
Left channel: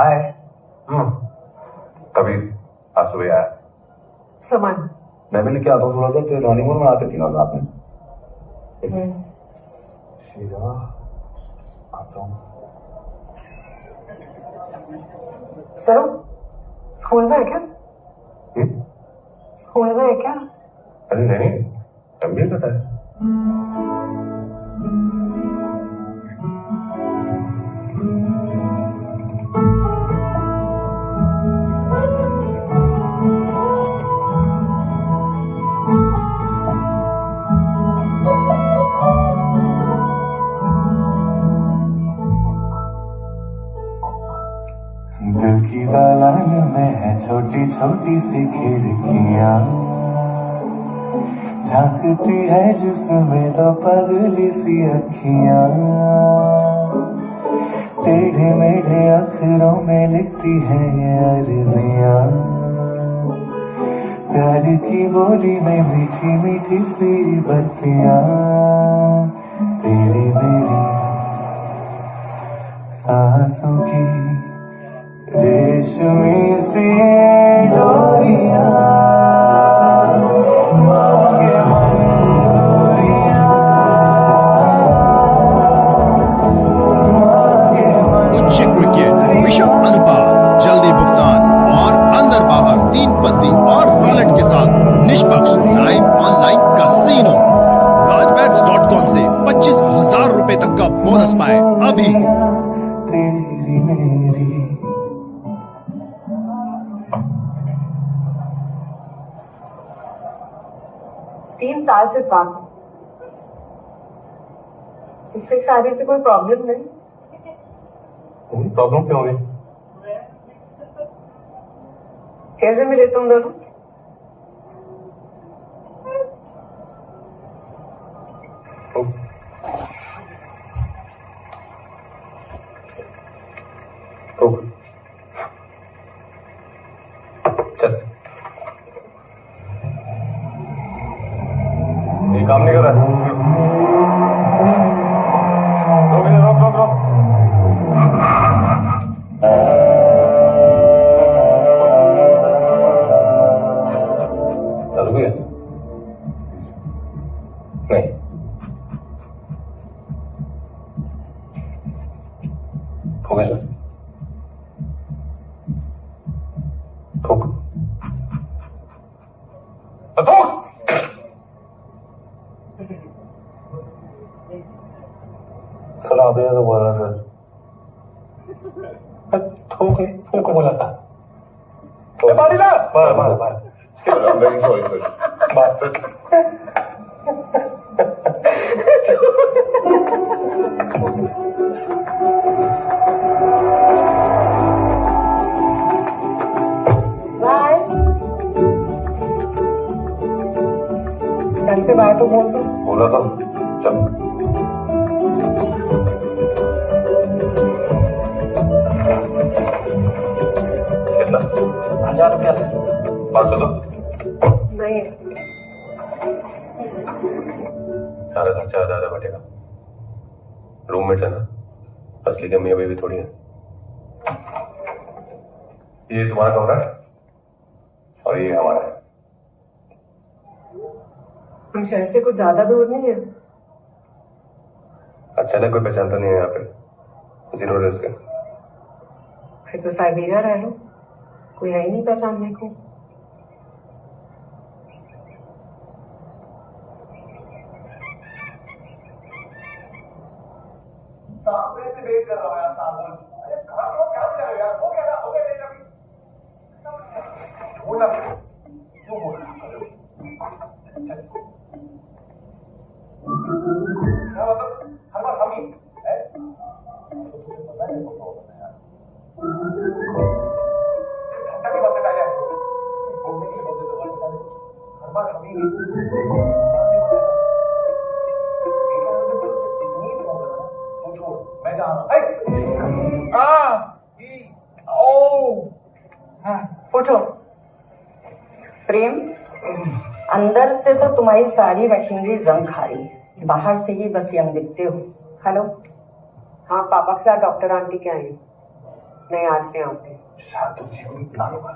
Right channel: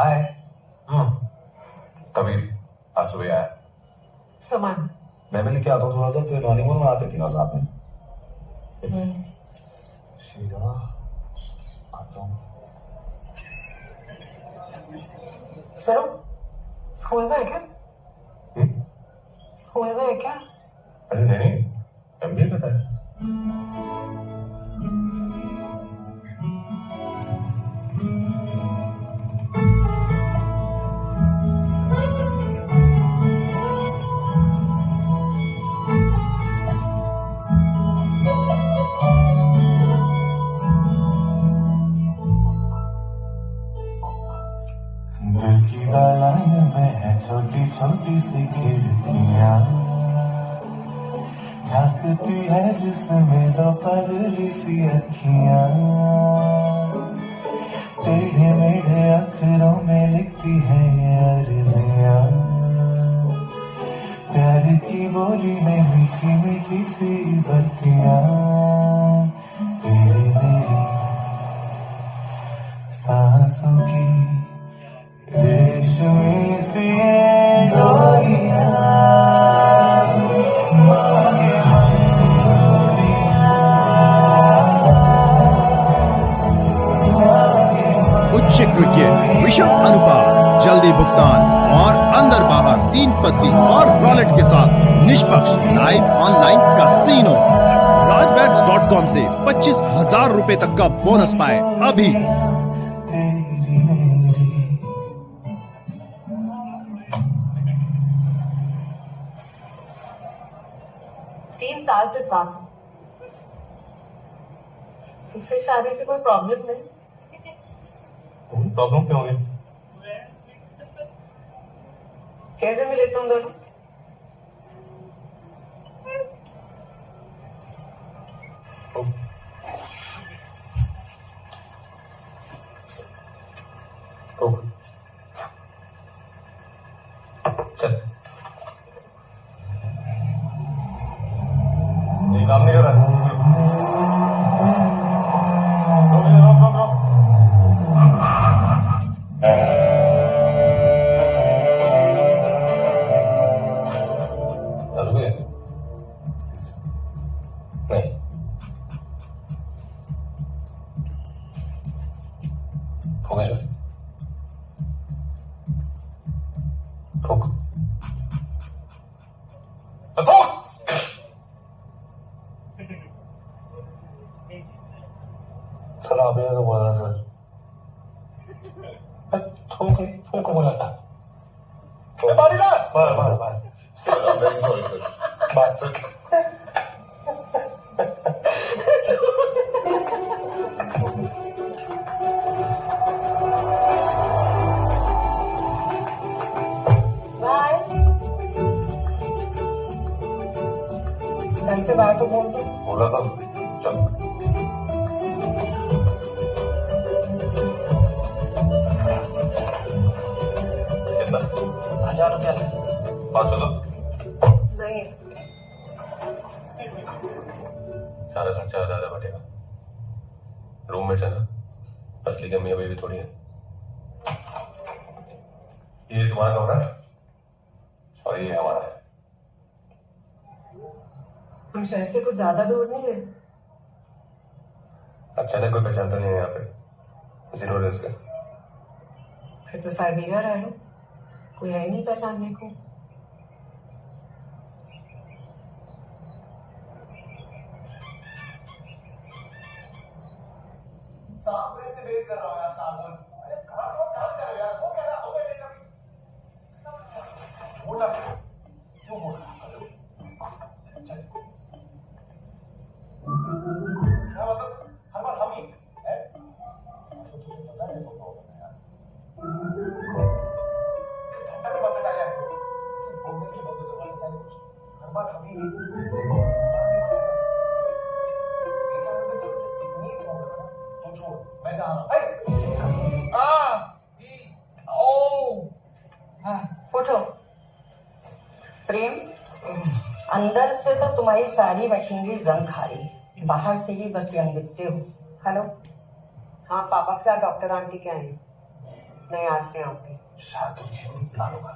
आए कभी आज सुबह आया। सामान मैं भी लेके आता हूँ थोड़ा सा, फिर हनीमून में आते तीनों साथ में। शीला आता हूँ। सुनो, स्कूल में है क्या? स्कूल में है क्या? अरे नहीं MBA कर रहा है। दिल की दालान में है छोटी छोटी सी खिड़कियां, झांकती है जिसमें तो पगली सी अखियां, टेढ़े मेढ़े अखरों में लिखती है ये अर्जियां, प्यार की बोली में मीठी मीठी सी बत्तियां, तेरी मेरी सांसों की रेशमी सी डोरियां, उच्च क्रिकेट विश्व अनुपात, जल्दी भुगतान और अंदर बाहर 3 पत्ती और वॉलेट के साथ निष्पक्ष लाइव ऑनलाइन कैसीनो। rajbets.com से 25,000 रुपए तक का बोनस पाए अभी। तेरी मेरी 3 साल से साथ हूं। इससे शादी से कोई प्रॉब्लम नहीं। प्रॉब्लम क्यों होगी? कैसे मिले तुम दोनों? चल, ये काम नहीं कर रहा है। रोक। चालू है? नहीं। हो गया सर। ठोक। सर आपने तो बोला सर। ठोक बोला था। बार। Very sorry sir. बाय। ढंग से बाय तो बोल दो। बोला था। चल। कितना? 1000 रुपया सर। 500 दो। नहीं, सारा खर्चा ज्यादा बटेगा। रूममेट्स है ना, असली के मियाँ बीवी थोड़ी है। ये तुम्हारा कमरा है और ये हमारा है। हम शहर से कुछ ज्यादा दूर नहीं है। अचानक कोई पहचानता नहीं है यहाँ पे। 0 रिस्क है। फिर तो साइबेरिया रह लो, कोई है ही नहीं पहचानने को। सामने से वेट कर रहा हूँ यार साबुन। अरे कहाँ हो, क्या कर रहे हो यार? हो गया लेट अभी। बोला वो बोला चल। क्या मतलब हर बार हम ही है? तो तुझे पता है वो प्रॉब्लम है यार। घंटा की बस आया है सिर्फ बोलने के लिए बोलते तो बस बताने कुछ हर बार हम ही मैं जा रहा हूँ। उठो। प्रेम, अंदर से तो तुम्हारी सारी मशीनरी जंग खा रही है, बाहर से ही बस यंग दिखते हो। हेलो। हाँ, पापा के साथ डॉक्टर आंटी के आई। नहीं, आज नहीं आती। शायद जी को भी बुला लूंगा।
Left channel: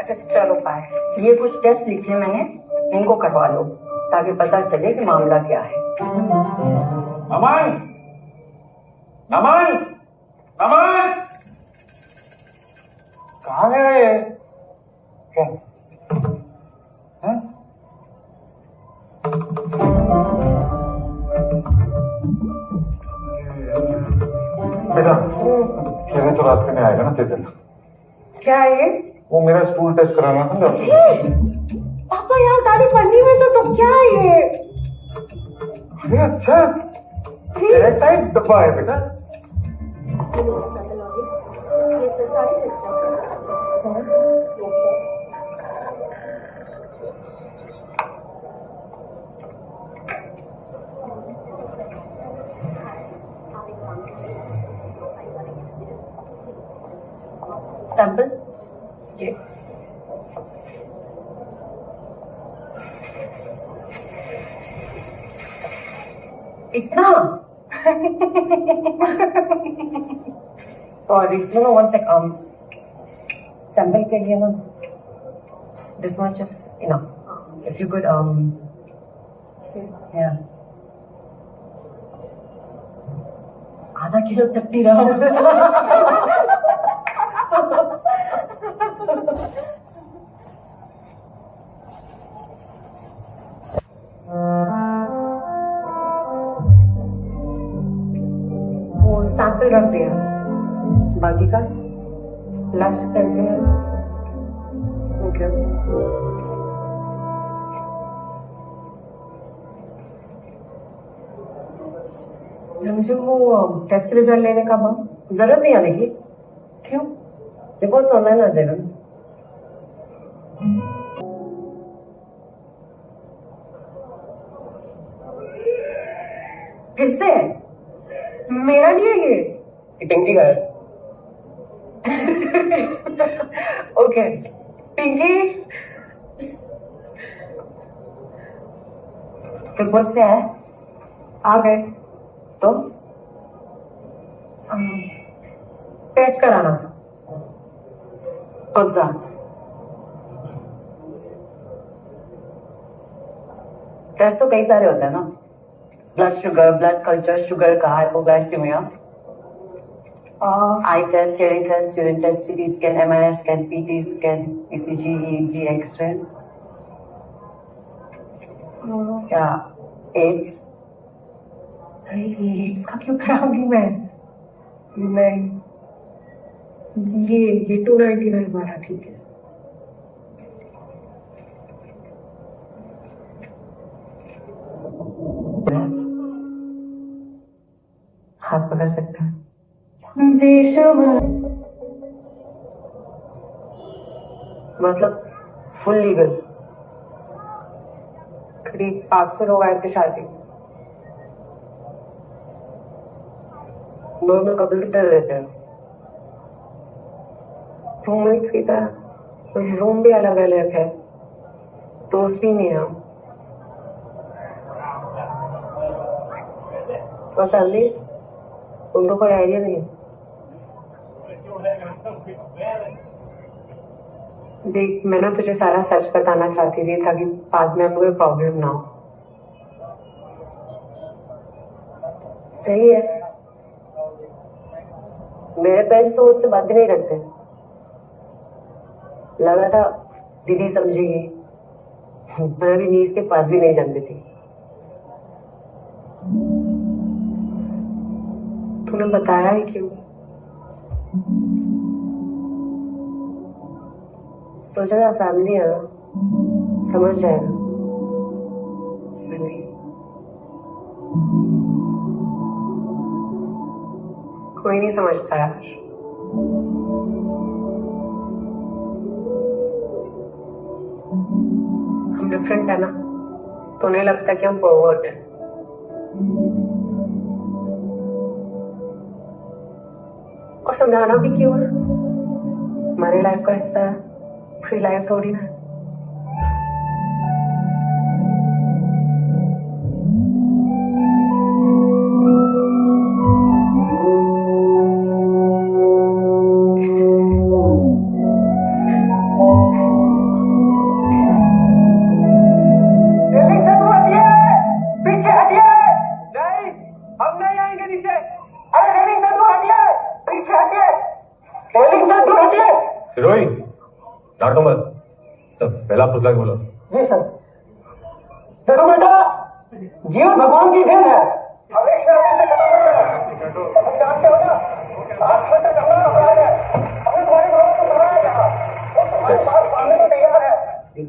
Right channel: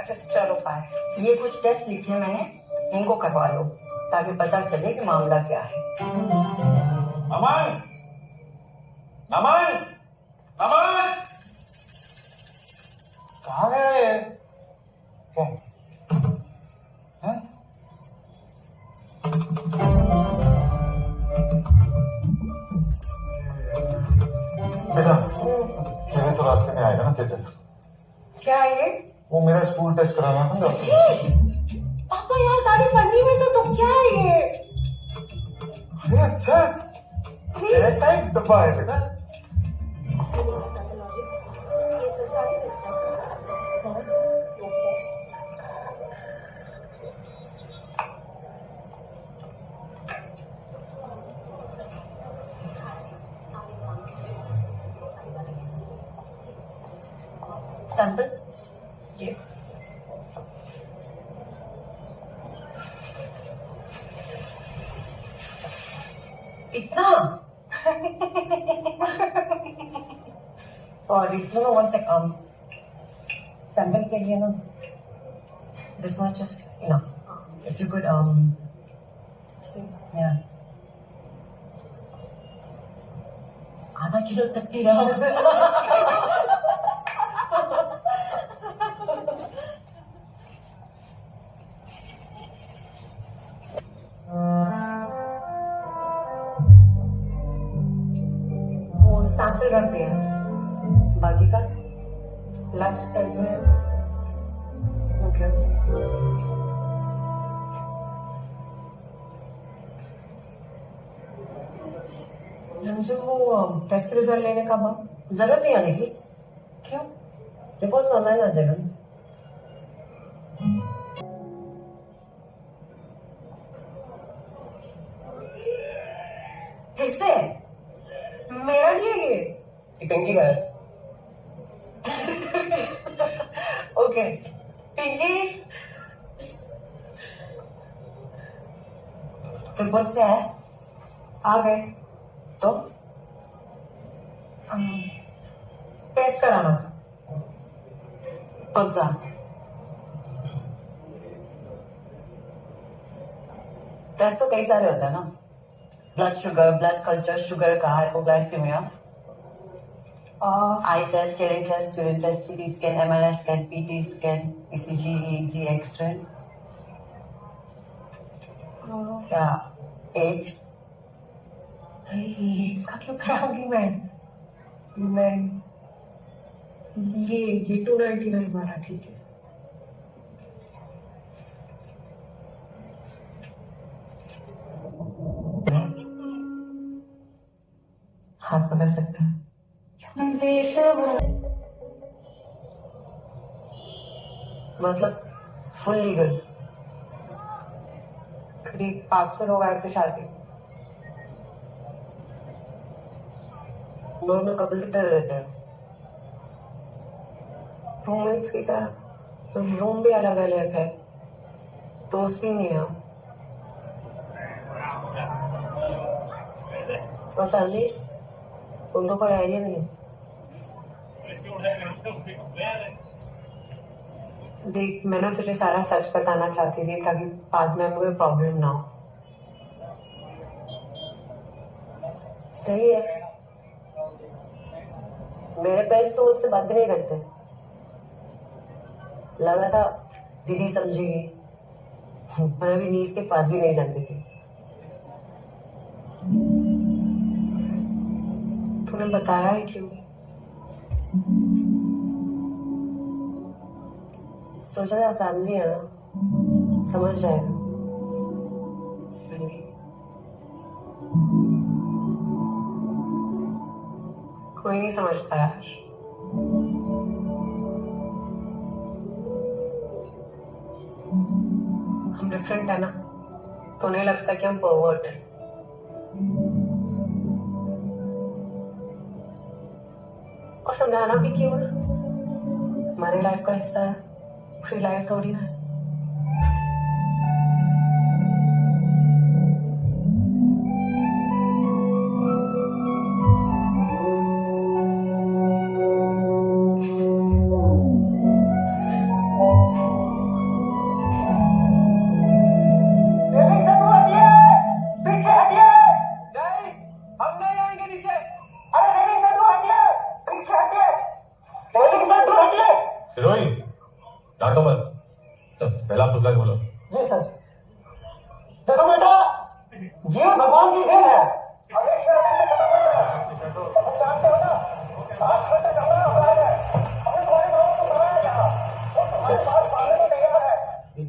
अच्छा चलो बाय। ये कुछ टेस्ट लिखे मैंने, इनको करवा लो ताकि पता चले कि मामला क्या है। अमन, अमन, अमन, कहाँ गया ये? क्या? हैं? बेटा, मेरे तो रास्ते में आएगा ना तेजल। क्या है ये? वो मेरा स्टूल टेस्ट कराना था डॉक्टर। पापा यार, दादी पन्नी में तो क्या है ये? अरे अच्छा, तेरे साइड डब्बा है बेटा। सैंपल ये इतना और you know one sec sample के लिए ना this much is enough if you could या आधा किलो तक नहीं रहा वो सैंपल रख दिया, बाकी का लास्ट टाइम ओके। मुझे वो टेस्ट के रिजल्ट लेने का जरूरत नहीं आने की, क्यों? रिपोर्ट्स ऑनलाइन आ जाएगा। फिर से मेरा नहीं है ये। पिंकी का है। ओके पिंकी, रिपोर्ट से आया आ गए तो टेस्ट कराना था। कौन सा? टेस्ट तो कई सारे होते हैं ना, blood sugar, blood culture, sugar का, hypoglycaemia, eye test, hearing test, urine test, CT scan, MRI scan, PT scan, ECG, EEG, X ray. क्या एड्स? इसका क्यों कराऊंगी मैं? नहीं, ये 299 वाला ठीक है। हाथ पकड़ सकते हैं। मतलब फुल लीगल। करीब 500 लोग आए थे शादी। नॉर्मल कपल की तरह रहते हैं। रूममेट्स की तरह, रूम भी अलग अलग है, दोस्त भी नहीं है हम। और फैमिली, उनको कोई आइडिया नहीं है। देख, मैं ना तुझे सारा सच बताना चाहती थी ताकि बाद में हमें कोई प्रॉब्लम ना हो। सही है, मेरे पेरेंट्स तो मुझसे बात भी नहीं करते। लगा था दीदी समझेगी, मैं अभी नीज के पास भी नहीं जानती थी। तूने बताया है क्यों? सोचा था फैमिली है ना, समझ जाएगा। कोई नहीं समझता यार। हम डिफरेंट है ना, तो उन्हें लगता है कि हम परवर्ट हैं। और समझाना भी क्यों है? हमारी लाइफ का हिस्सा है, फ्री लाइफ थोड़ी ना है। सिरोही, डांटो मत। सब पहला पुस्तक बोलो। जी सर। देखो बेटा, जीवन भगवान की देन है।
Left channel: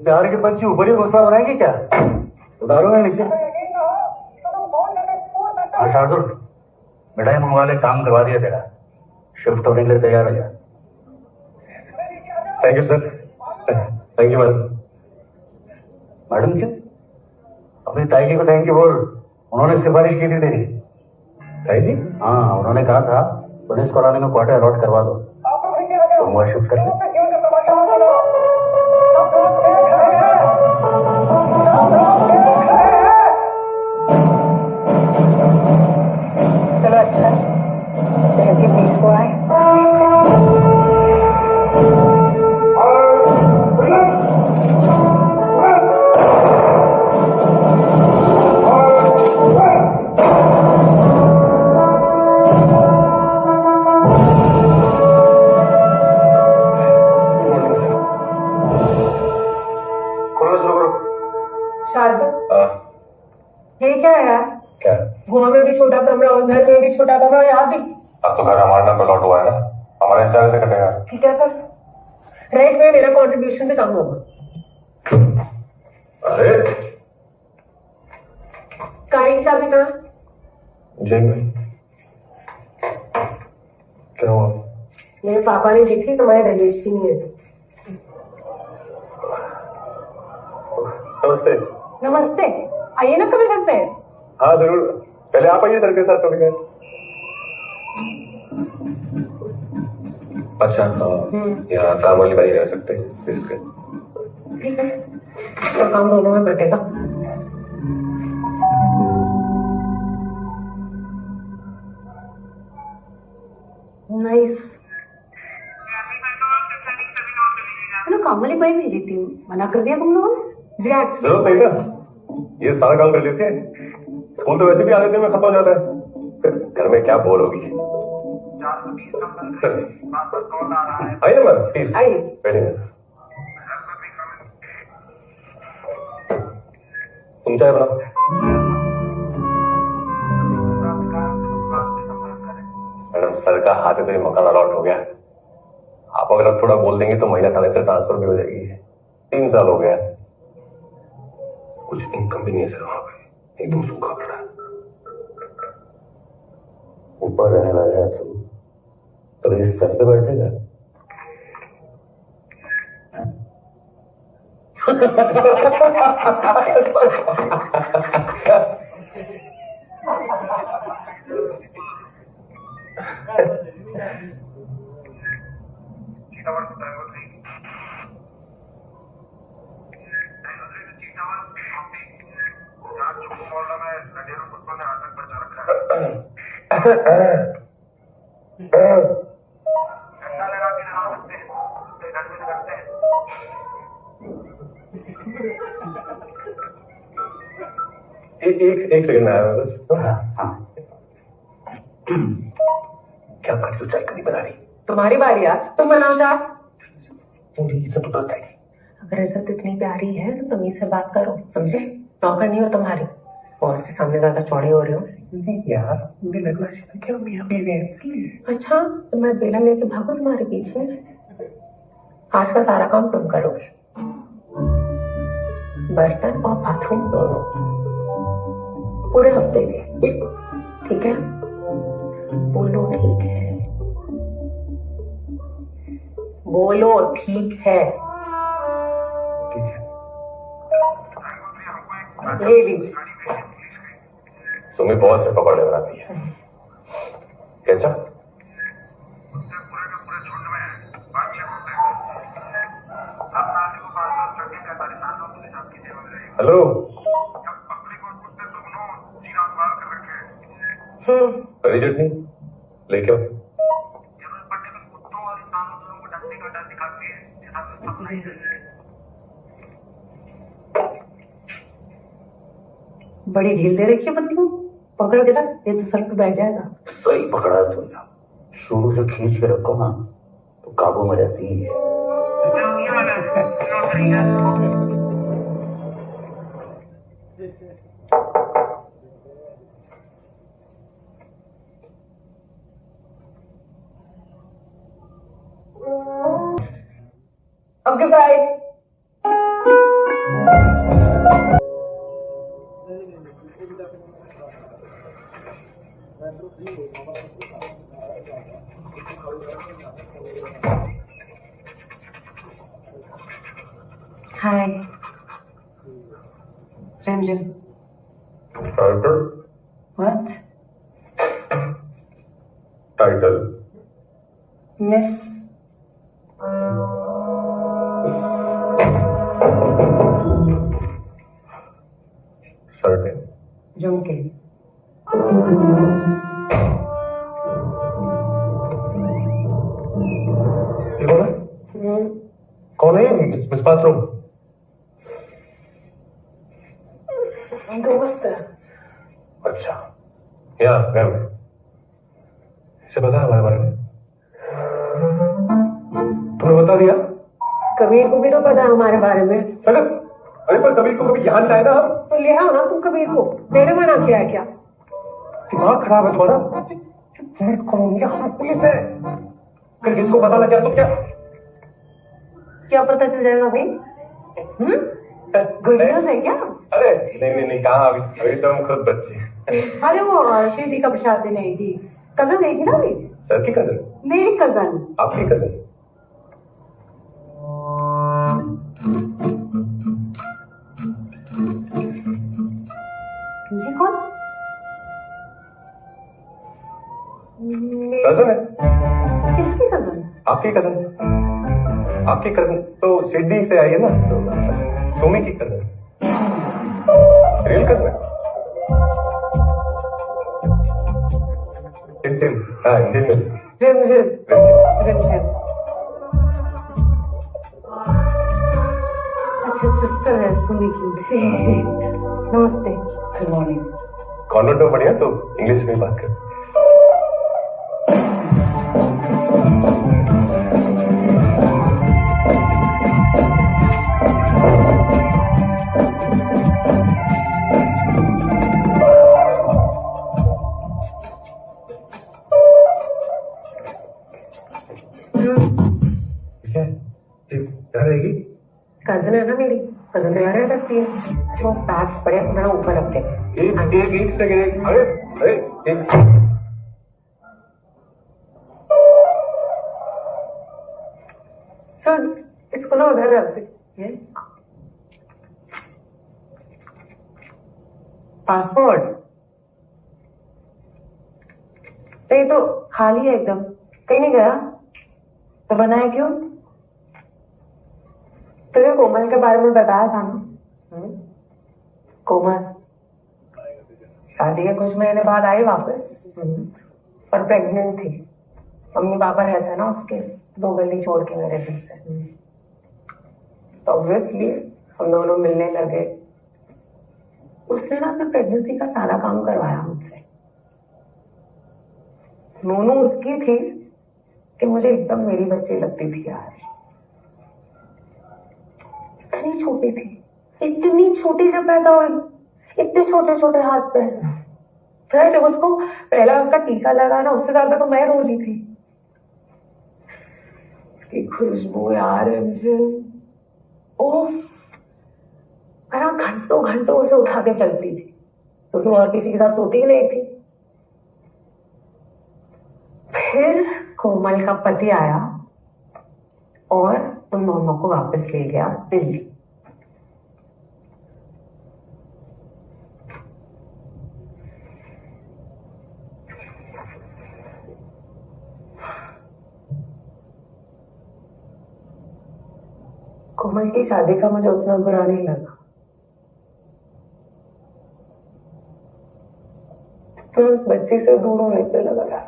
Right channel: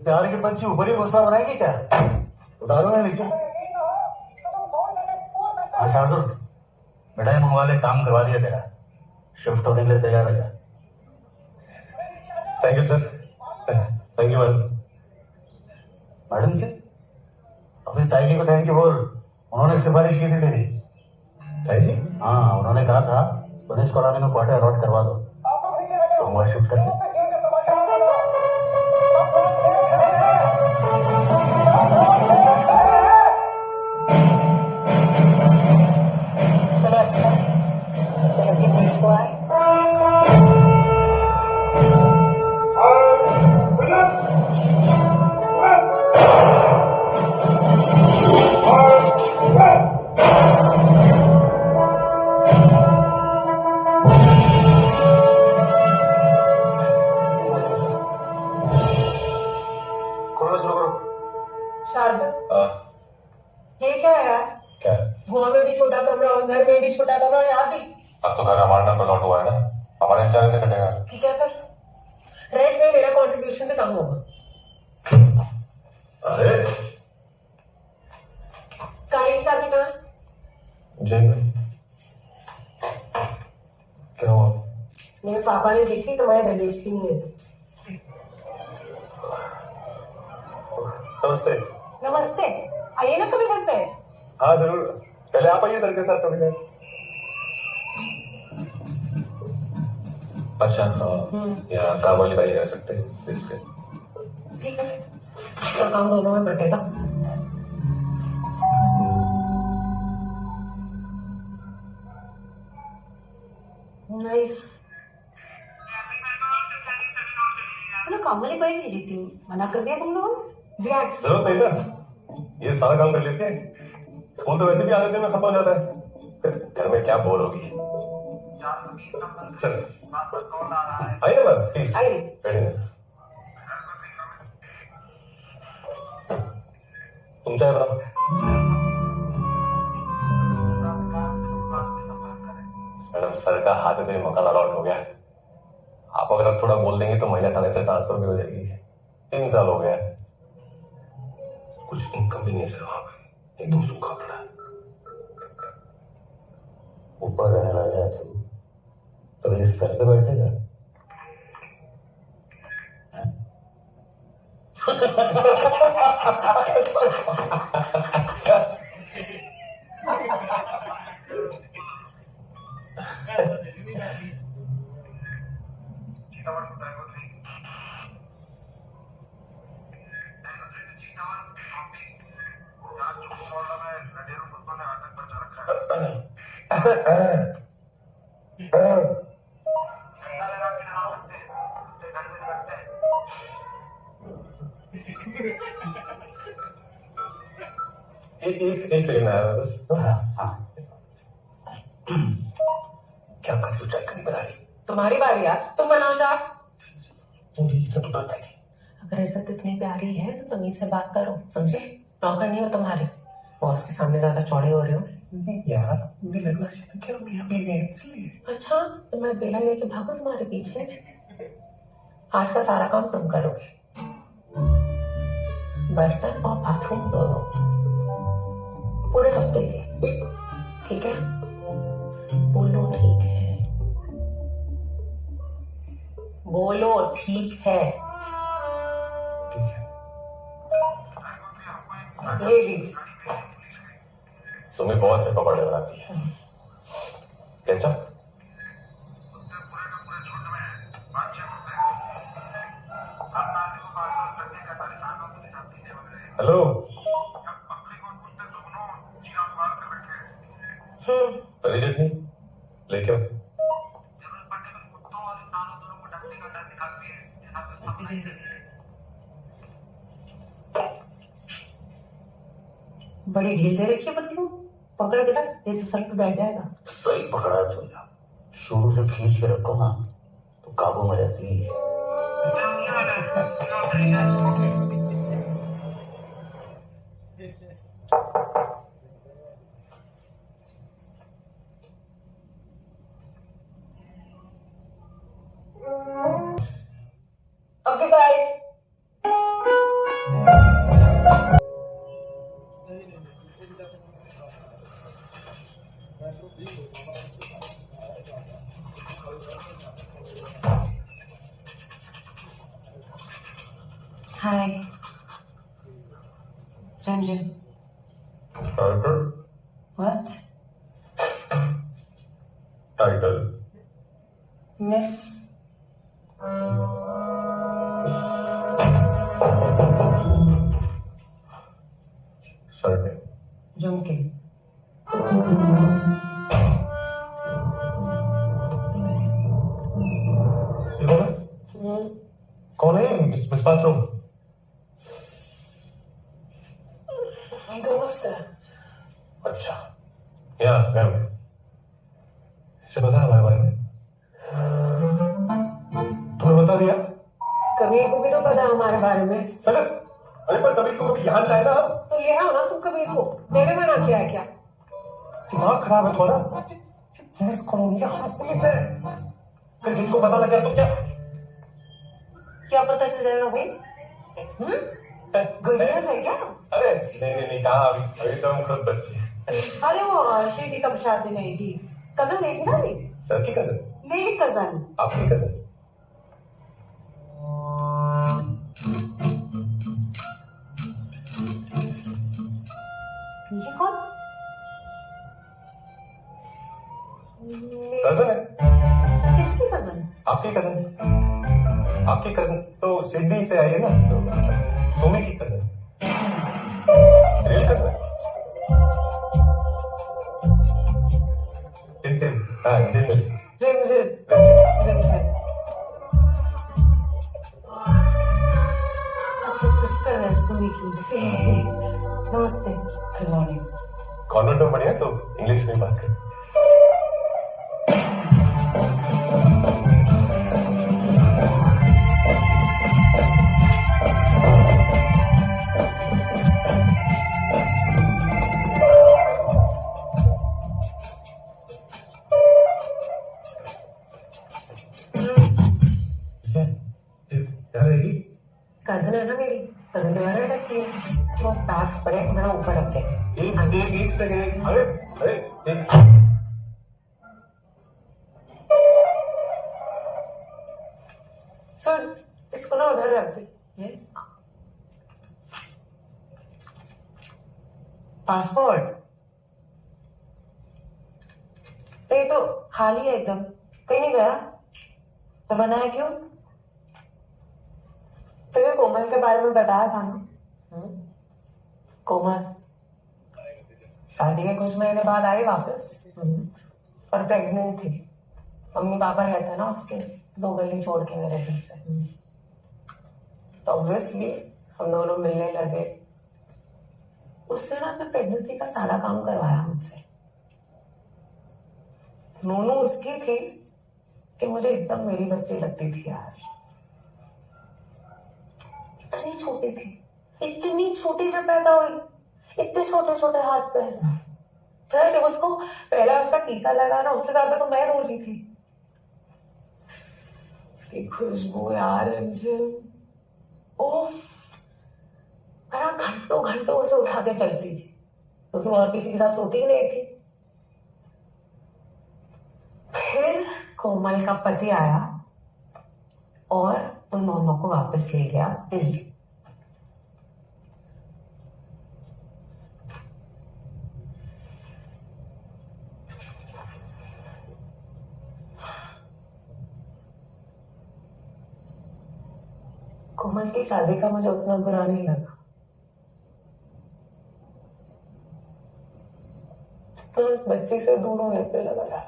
प्यार के पंछी ऊपर ही घोसला बनाएंगे क्या? उतारो ना नीचे। हाँ शार्दुल, बेटा ये मंगवा ले, काम करवा दिया तेरा। शिफ्ट होने के लिए तैयार हो जा। Thank you sir. Thank you madam. Madam क्यों? अपनी ताई जी को थैंक यू बोल, उन्होंने सिफारिश की थी तेरी। ताई जी? हाँ, उन्होंने कहा था पुलिस कॉलोनी में क्वार्टर अलॉट करवा दो। सोमवार शिफ्ट कर लो। चलो अच्छा सेब की 20 को आए। खोलना शुरू करो। शारदा ये क्या है यार? क्या? गोवा में भी छोटा कमरा, उस घर में भी छोटा कमरा, यहाँ भी। अब तो घर हमारे नाम पे लौट हुआ है ना, हमारे हिसाब से कटेगा। ठीक है, पर रेंट में मेरा कंट्रीब्यूशन भी कम होगा। अरे गाड़ी की चाबी कहाँ? जेब में। क्या हुआ? मेरे पापा ने दी थी, तुम्हारे दहेज की नहीं है। नमस्ते। नमस्ते, आइए ना कभी घर पे। हाँ जरूर, पहले आप आइए सर के साथ थोड़ी देर। अच्छा यहाँ काम वाली बाई रह सकते इसके। ठीक है, तो काम दोनों में बटेगा। नाइस। काम वाली बाई भेजी थी, मना कर दिया तुम लोगों ने? जी एक्चुअली जरूरत नहीं ना, ये सारा काम कर लेते हैं। स्कूल तो वैसे भी आधे दिन में खत्म हो जाता है, फिर घर में क्या बोर होगी। चल आइए ना मैम, प्लीज आइए। बैठिए। तुम चाय बनाओ। मैडम सर का हाथ है तो ये मकान अलॉट हो गया। आप अगर अब थोड़ा बोल देंगे तो महीना थाने से ट्रांसफर भी हो जाएगी। 3 साल हो गया, कुछ इनकम भी नहीं है सर वहां पे, एकदम सूखा पड़ा है। ऊपर रहने लगा तो इस सर पे बैठेगा। एक सेकंड आया मैं बस। क्या बात क्यों चाय नहीं बना रही? तुम्हारी बारी यार, तुम बनाओ चाय। मुझे ये सब तो पता है। अगर इज्जत इतनी प्यारी है तो तुम से बात करो, समझे? नौकर नहीं हो तुम्हारी, बॉस के सामने ज्यादा चौड़ी हो रही हो। यार मुझे लगना चाहिए कि हम यहाँ पे हैं इसलिए। अच्छा, तो मैं बेला लेके भागू तुम्हारे पीछे? आज का सारा काम तुम करोगे, बर्तन और बाथरूम दोनों, पूरे हफ्ते के। ठीक है? बोलो ठीक है, बोलो ठीक है। ले लीजिए। सुमी बहुत से पकौड़े बनाती है। कैसा? हेलो। हरी चटनी लेके आओ। बड़ी ढील दे रखी है बंदी को, पकड़ के रख, ये तो सर पे बैठ जाएगा। सही पकड़ा है तुमने, शुरू से खींच के रखो ना तो काबू में रहती है। अब गिफ्ट आए। Hi Ranjan. What? Title miss shirt है जम के। ये कौन है? कौन है ये? Miss bathroom. दोस्त है। अच्छा, यहाँ घर में इसे पता है हमारे बारे में? तुम्हें बता दिया? कबीर को भी तो पता है हमारे बारे में। अरे पर कबीर को कभी यहाँ लाए ना हम। तो ले आओ ना तुम कबीर को। मैंने मना किया है क्या? दिमाग खराब है तुम्हारा। पुलिस कौन है? हम पुलिस है। अगर किसको पता लग गया तो क्या पता चल जाएगा भाई? गुड न्यूज है क्या? अरे नहीं कहाँ अभी तो हम खुद बच्चे हैं। अरे वो शिरडी का प्रसाद देने आई थी, कजन गई थी ना अभी। सर की कजन? मेरी कजन। आपकी कजन? ये कौन? कजन है। किसकी कजन? आपकी कजन। आपकी कजन तो शिरडी से आई है ना, तो सोमी की कजन। रियल कजन है। टिम हाँ अच्छा सिस्टर है सुमी की। नमस्ते। Good morning. कॉन्वेंट में पढ़ी है तो इंग्लिश में बात कर। कजन है ना मेरी, कजन तो यहाँ रह सकती है। वो बैग्स बड़े अपना ऊपर रखते हैं। एक सेकंड। अरे सर इसको ना उधर रख दे। पासपोर्ट तो ये तो खाली है एकदम, कहीं नहीं गया। तो बनाया क्यों? तुझे कोमल के बारे में बताया था ना? कोमल शादी के कुछ महीने बाद आई वापस, पर प्रेग्नेंट थी। मम्मी पापा रहते हैं ना उसके 2 गली छोड़ के मेरे घर से। तो ऑब्वियसली हम दोनों मिलने लगे। उसने ना अपने प्रेगनेंसी का सारा काम करवाया मुझसे। नूनू उसकी थी कि मुझे एकदम मेरी बच्ची लगती थी यार। इतनी छोटी थी, इतनी छोटी जब पैदा हुई, इतने छोटे छोटे हाथ पैर। फिर जब उसको पहला उसका टीका लगा ना, उससे ज्यादा तो मैं रो रही थी। उसकी खुशबू यार मुझे, ओफ, मैं घंटों घंटों उसे उठा के चलती थी, क्योंकि वो और किसी के साथ सोती ही नहीं थी। फिर कोमल का पति आया और उन दोनों को वापस ले गया दिल्ली। कोमल की शादी का मुझे उतना बुरा नहीं लगा। मैं उस बच्ची से दूर होने पे लगा।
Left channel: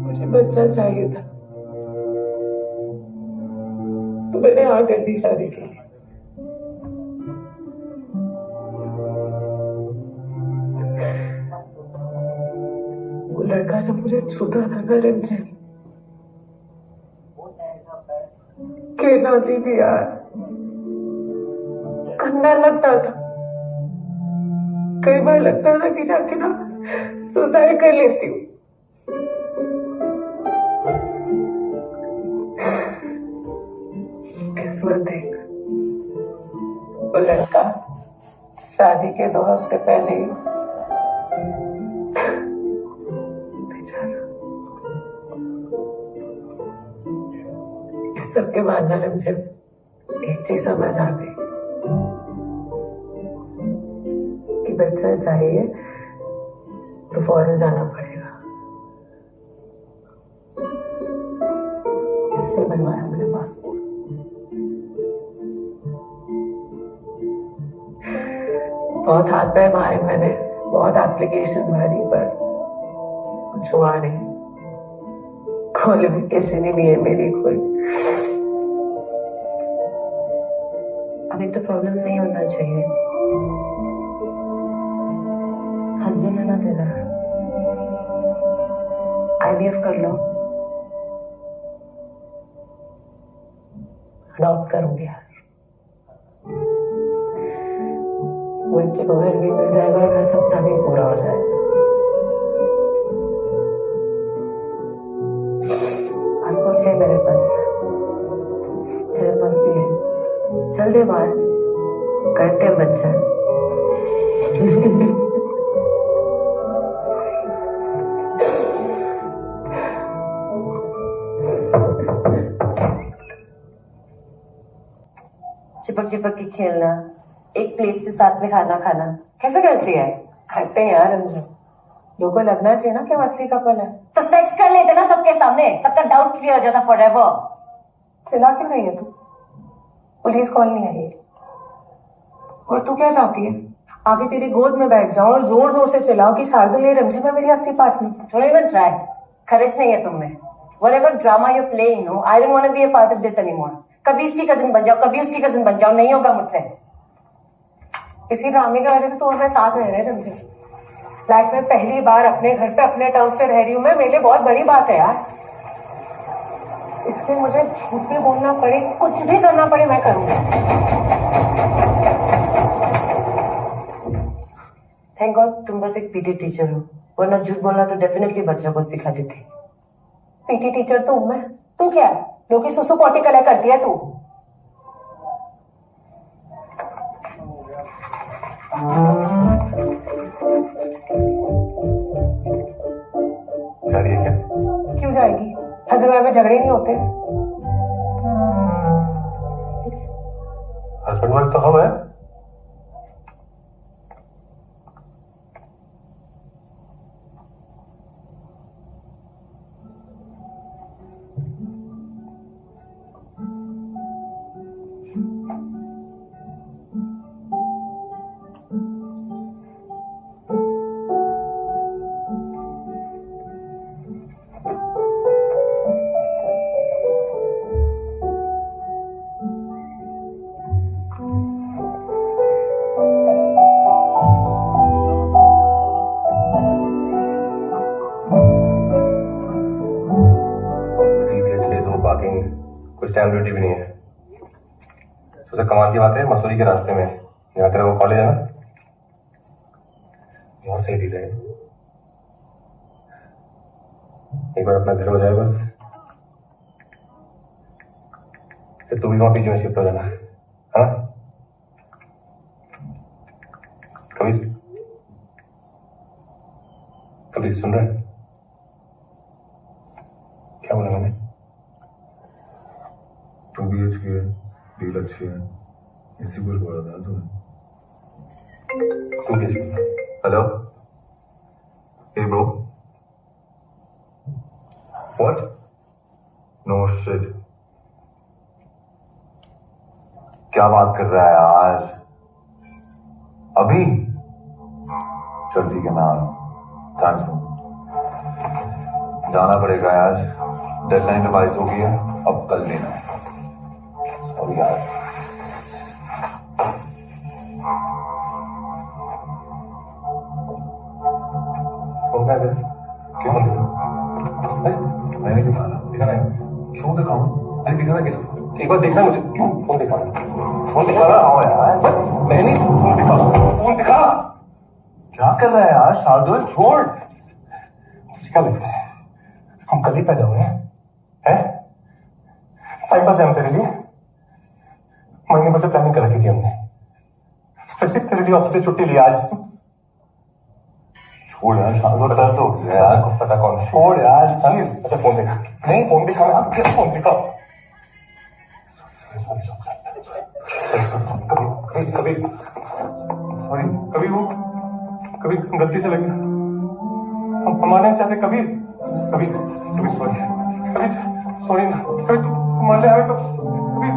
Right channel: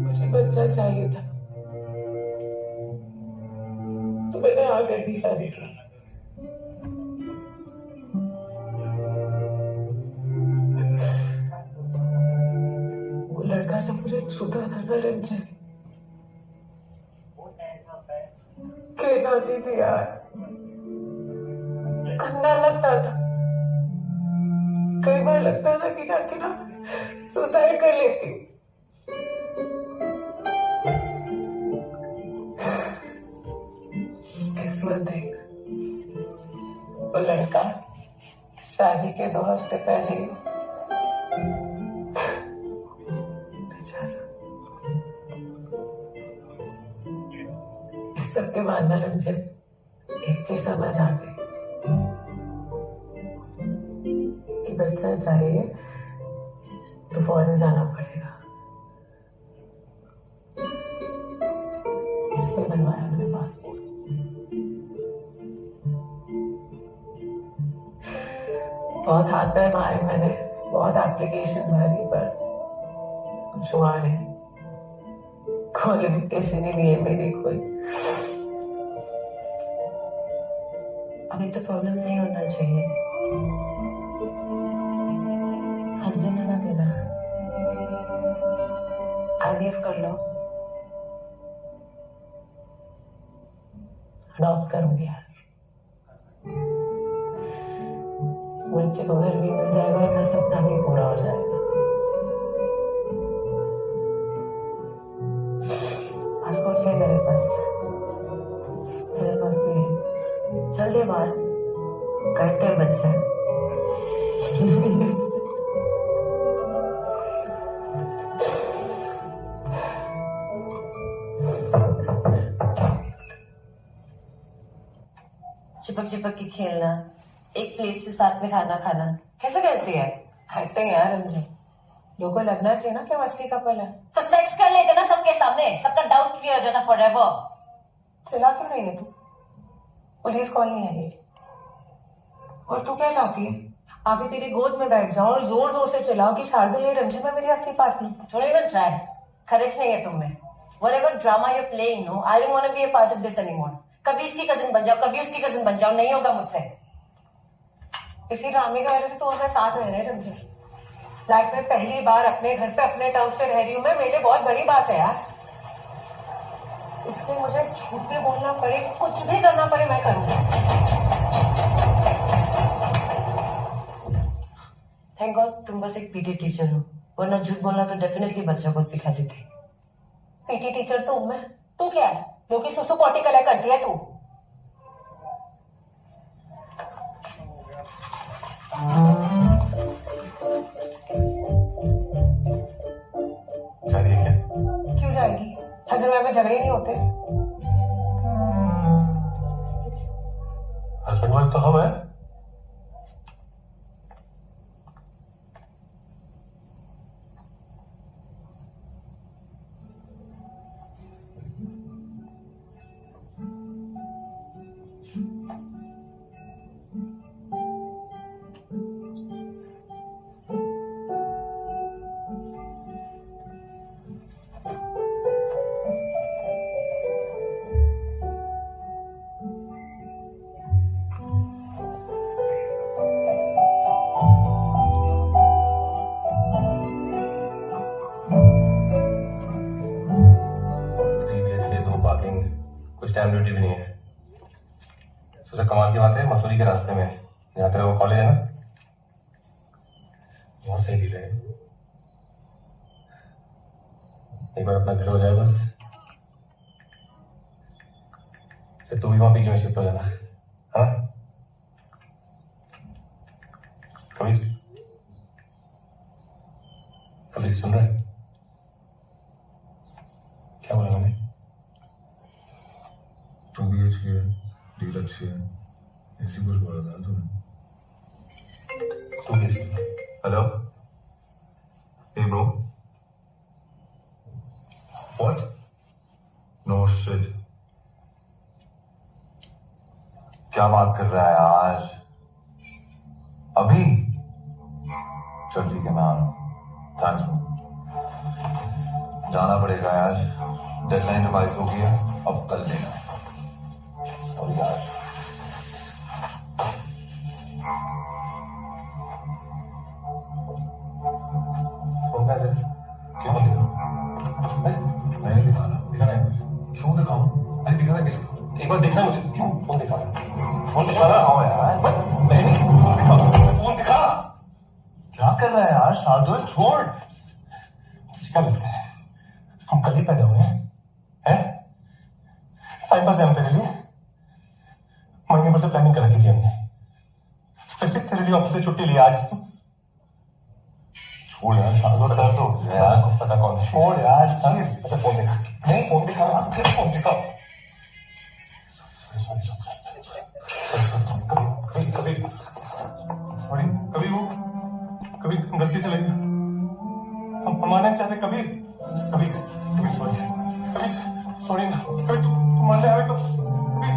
मुझे बच्चा चाहिए था, तो मैंने हाँ कर दी शादी की। वो लड़का जब मुझे छूता था ना रिमझिम, कहती थी यार, गंदा लगता था। कई बार लगता था कि जाके ना सुसाइड कर लेती हूँ। किस्मत देख, वो लड़का शादी के 2 हफ्ते पहले ही बेचारा सबके बाद ना मुझे एक चीज समझ आ गई कि बच्चा चाहिए तो फौरन जाना पड़ेगा, इसलिए बनवाया मैंने पासपोर्ट। बहुत हाथ पैर मारे मैंने, बहुत एप्लीकेशंस भरी, पर कुछ हुआ नहीं। क्वालिफिकेशन ही नहीं है मेरी कोई। अभी तो प्रॉब्लम नहीं होना चाहिए। हस्बैंड है ना तेरा, IVF कर लो। अडॉप्ट करूंगी यार, बच्चे को घर भी मिल जाएगा और मेरा सपना भी पूरा हो जाएगा। पासपोर्ट है मेरे पास, तेरे पास भी है। चल दे बाहर, करते हैं बच्चा। चिपक चिपक के खेलना, एक प्लेट से साथ में खाना खाना, कैसे करती है? हटते हैं यार अंजू, लोगों को लगना चाहिए ना कि हम असली कपल है। तो सेक्स कर लेते ना सबके सामने, सबका डाउट क्लियर हो जाता फॉरएवर। चिल्ला क्यों रही है तू? पुलिस कॉल नहीं आई है। और तू क्या चाहती है? आगे तेरी गोद में बैठ जाऊं और जोर जोर से चिल्लाओ कि शार्दुल ये रंजीत है मेरी असली पार्टनर। थोड़ा इवन ट्राई, करेज नहीं है तुम में। Whatever drama you're playing, no, I don't want to be a part of this anymore. कभी इसकी कजिन बन जाओ, कभी उसकी कजिन बन जाओ, नहीं होगा मुझसे। इसी ड्रामे की वजह से तो मैं साथ रह रहे हैं रंजीत। लाइफ में पहली बार अपने घर पे अपने टर्म्स से रह रही हूँ मैं, मेरे लिए बहुत बड़ी बात है यार। इसलिए मुझे झूठ भी बोलना पड़े, कुछ भी करना पड़े, मैं करूंगी। थैंक गॉड तुम बस एक पीटी टीचर हो, वरना झूठ बोलना तो डेफिनेटली बच्चों को सिखाती थी। पीटी टीचर तो हूं मैं, तू क्या है? जो कि सुसु पोटी कलेक्ट करती है तू। जा रही है क्या? क्यों जाएगी? हस्बैंड वाइफ में झगड़े नहीं होते? हस्बैंड वाइफ तो हम है। स्टैम्प ड्यूटी भी नहीं है। सबसे कमाल की बात है, मसूरी के रास्ते में जहाँ तेरा वो कॉलेज है ना, बहुत सही डील है। एक बार अपना घर हो जाए बस, फिर तू भी वहां पीजी में शिफ्ट हो जाना। हाँ, कभी कभी सुन रहा है क्या बोला मैंने? 2 BHK है, डील अच्छी है, ऐसी कुछ बोला था तुमने। 2 BHK। Hello, hey bro, what? No shit। क्या बात कर रहा है यार? अभी? चल ठीक है, मैं आ रहा हूँ। Thanks bro. जाना पड़ेगा यार, डेडलाइन रिवाइज हो गई है, अब कल लेना है। सॉरी यार। क्यों मैंने दिखाना है? क्यों दिखाऊं? अरे दिखाना किस? एक बार देखना मुझे। क्यों फोन दिखाना? फोन दिखाना यार, मैंने फोन दिखा, फोन दिखा। क्या कर रहा है यार शार्दुल? छोड़। क्या लगता है हम कल ही पैदा हुए हैं? टाइम पास है हम तेरे लिए, महीने भर से प्लानिंग कर रखी थी हमने। फिर तेरे लिए ऑफिस से छुट्टी लिया आज। छोड़ यार शार्दुल, बता दो यार। पता कौन है? छोड़ यार प्लीज। अच्छा फोन दिखा। नहीं फोन दिखा, आप क्या फोन दिखाओ? कभी सॉरी, कभी गलती से लगी, हम मारना नहीं चाहते, कभी सॉरी, कभी सॉरी ना, कभी तू मान ले हमें तो, कभी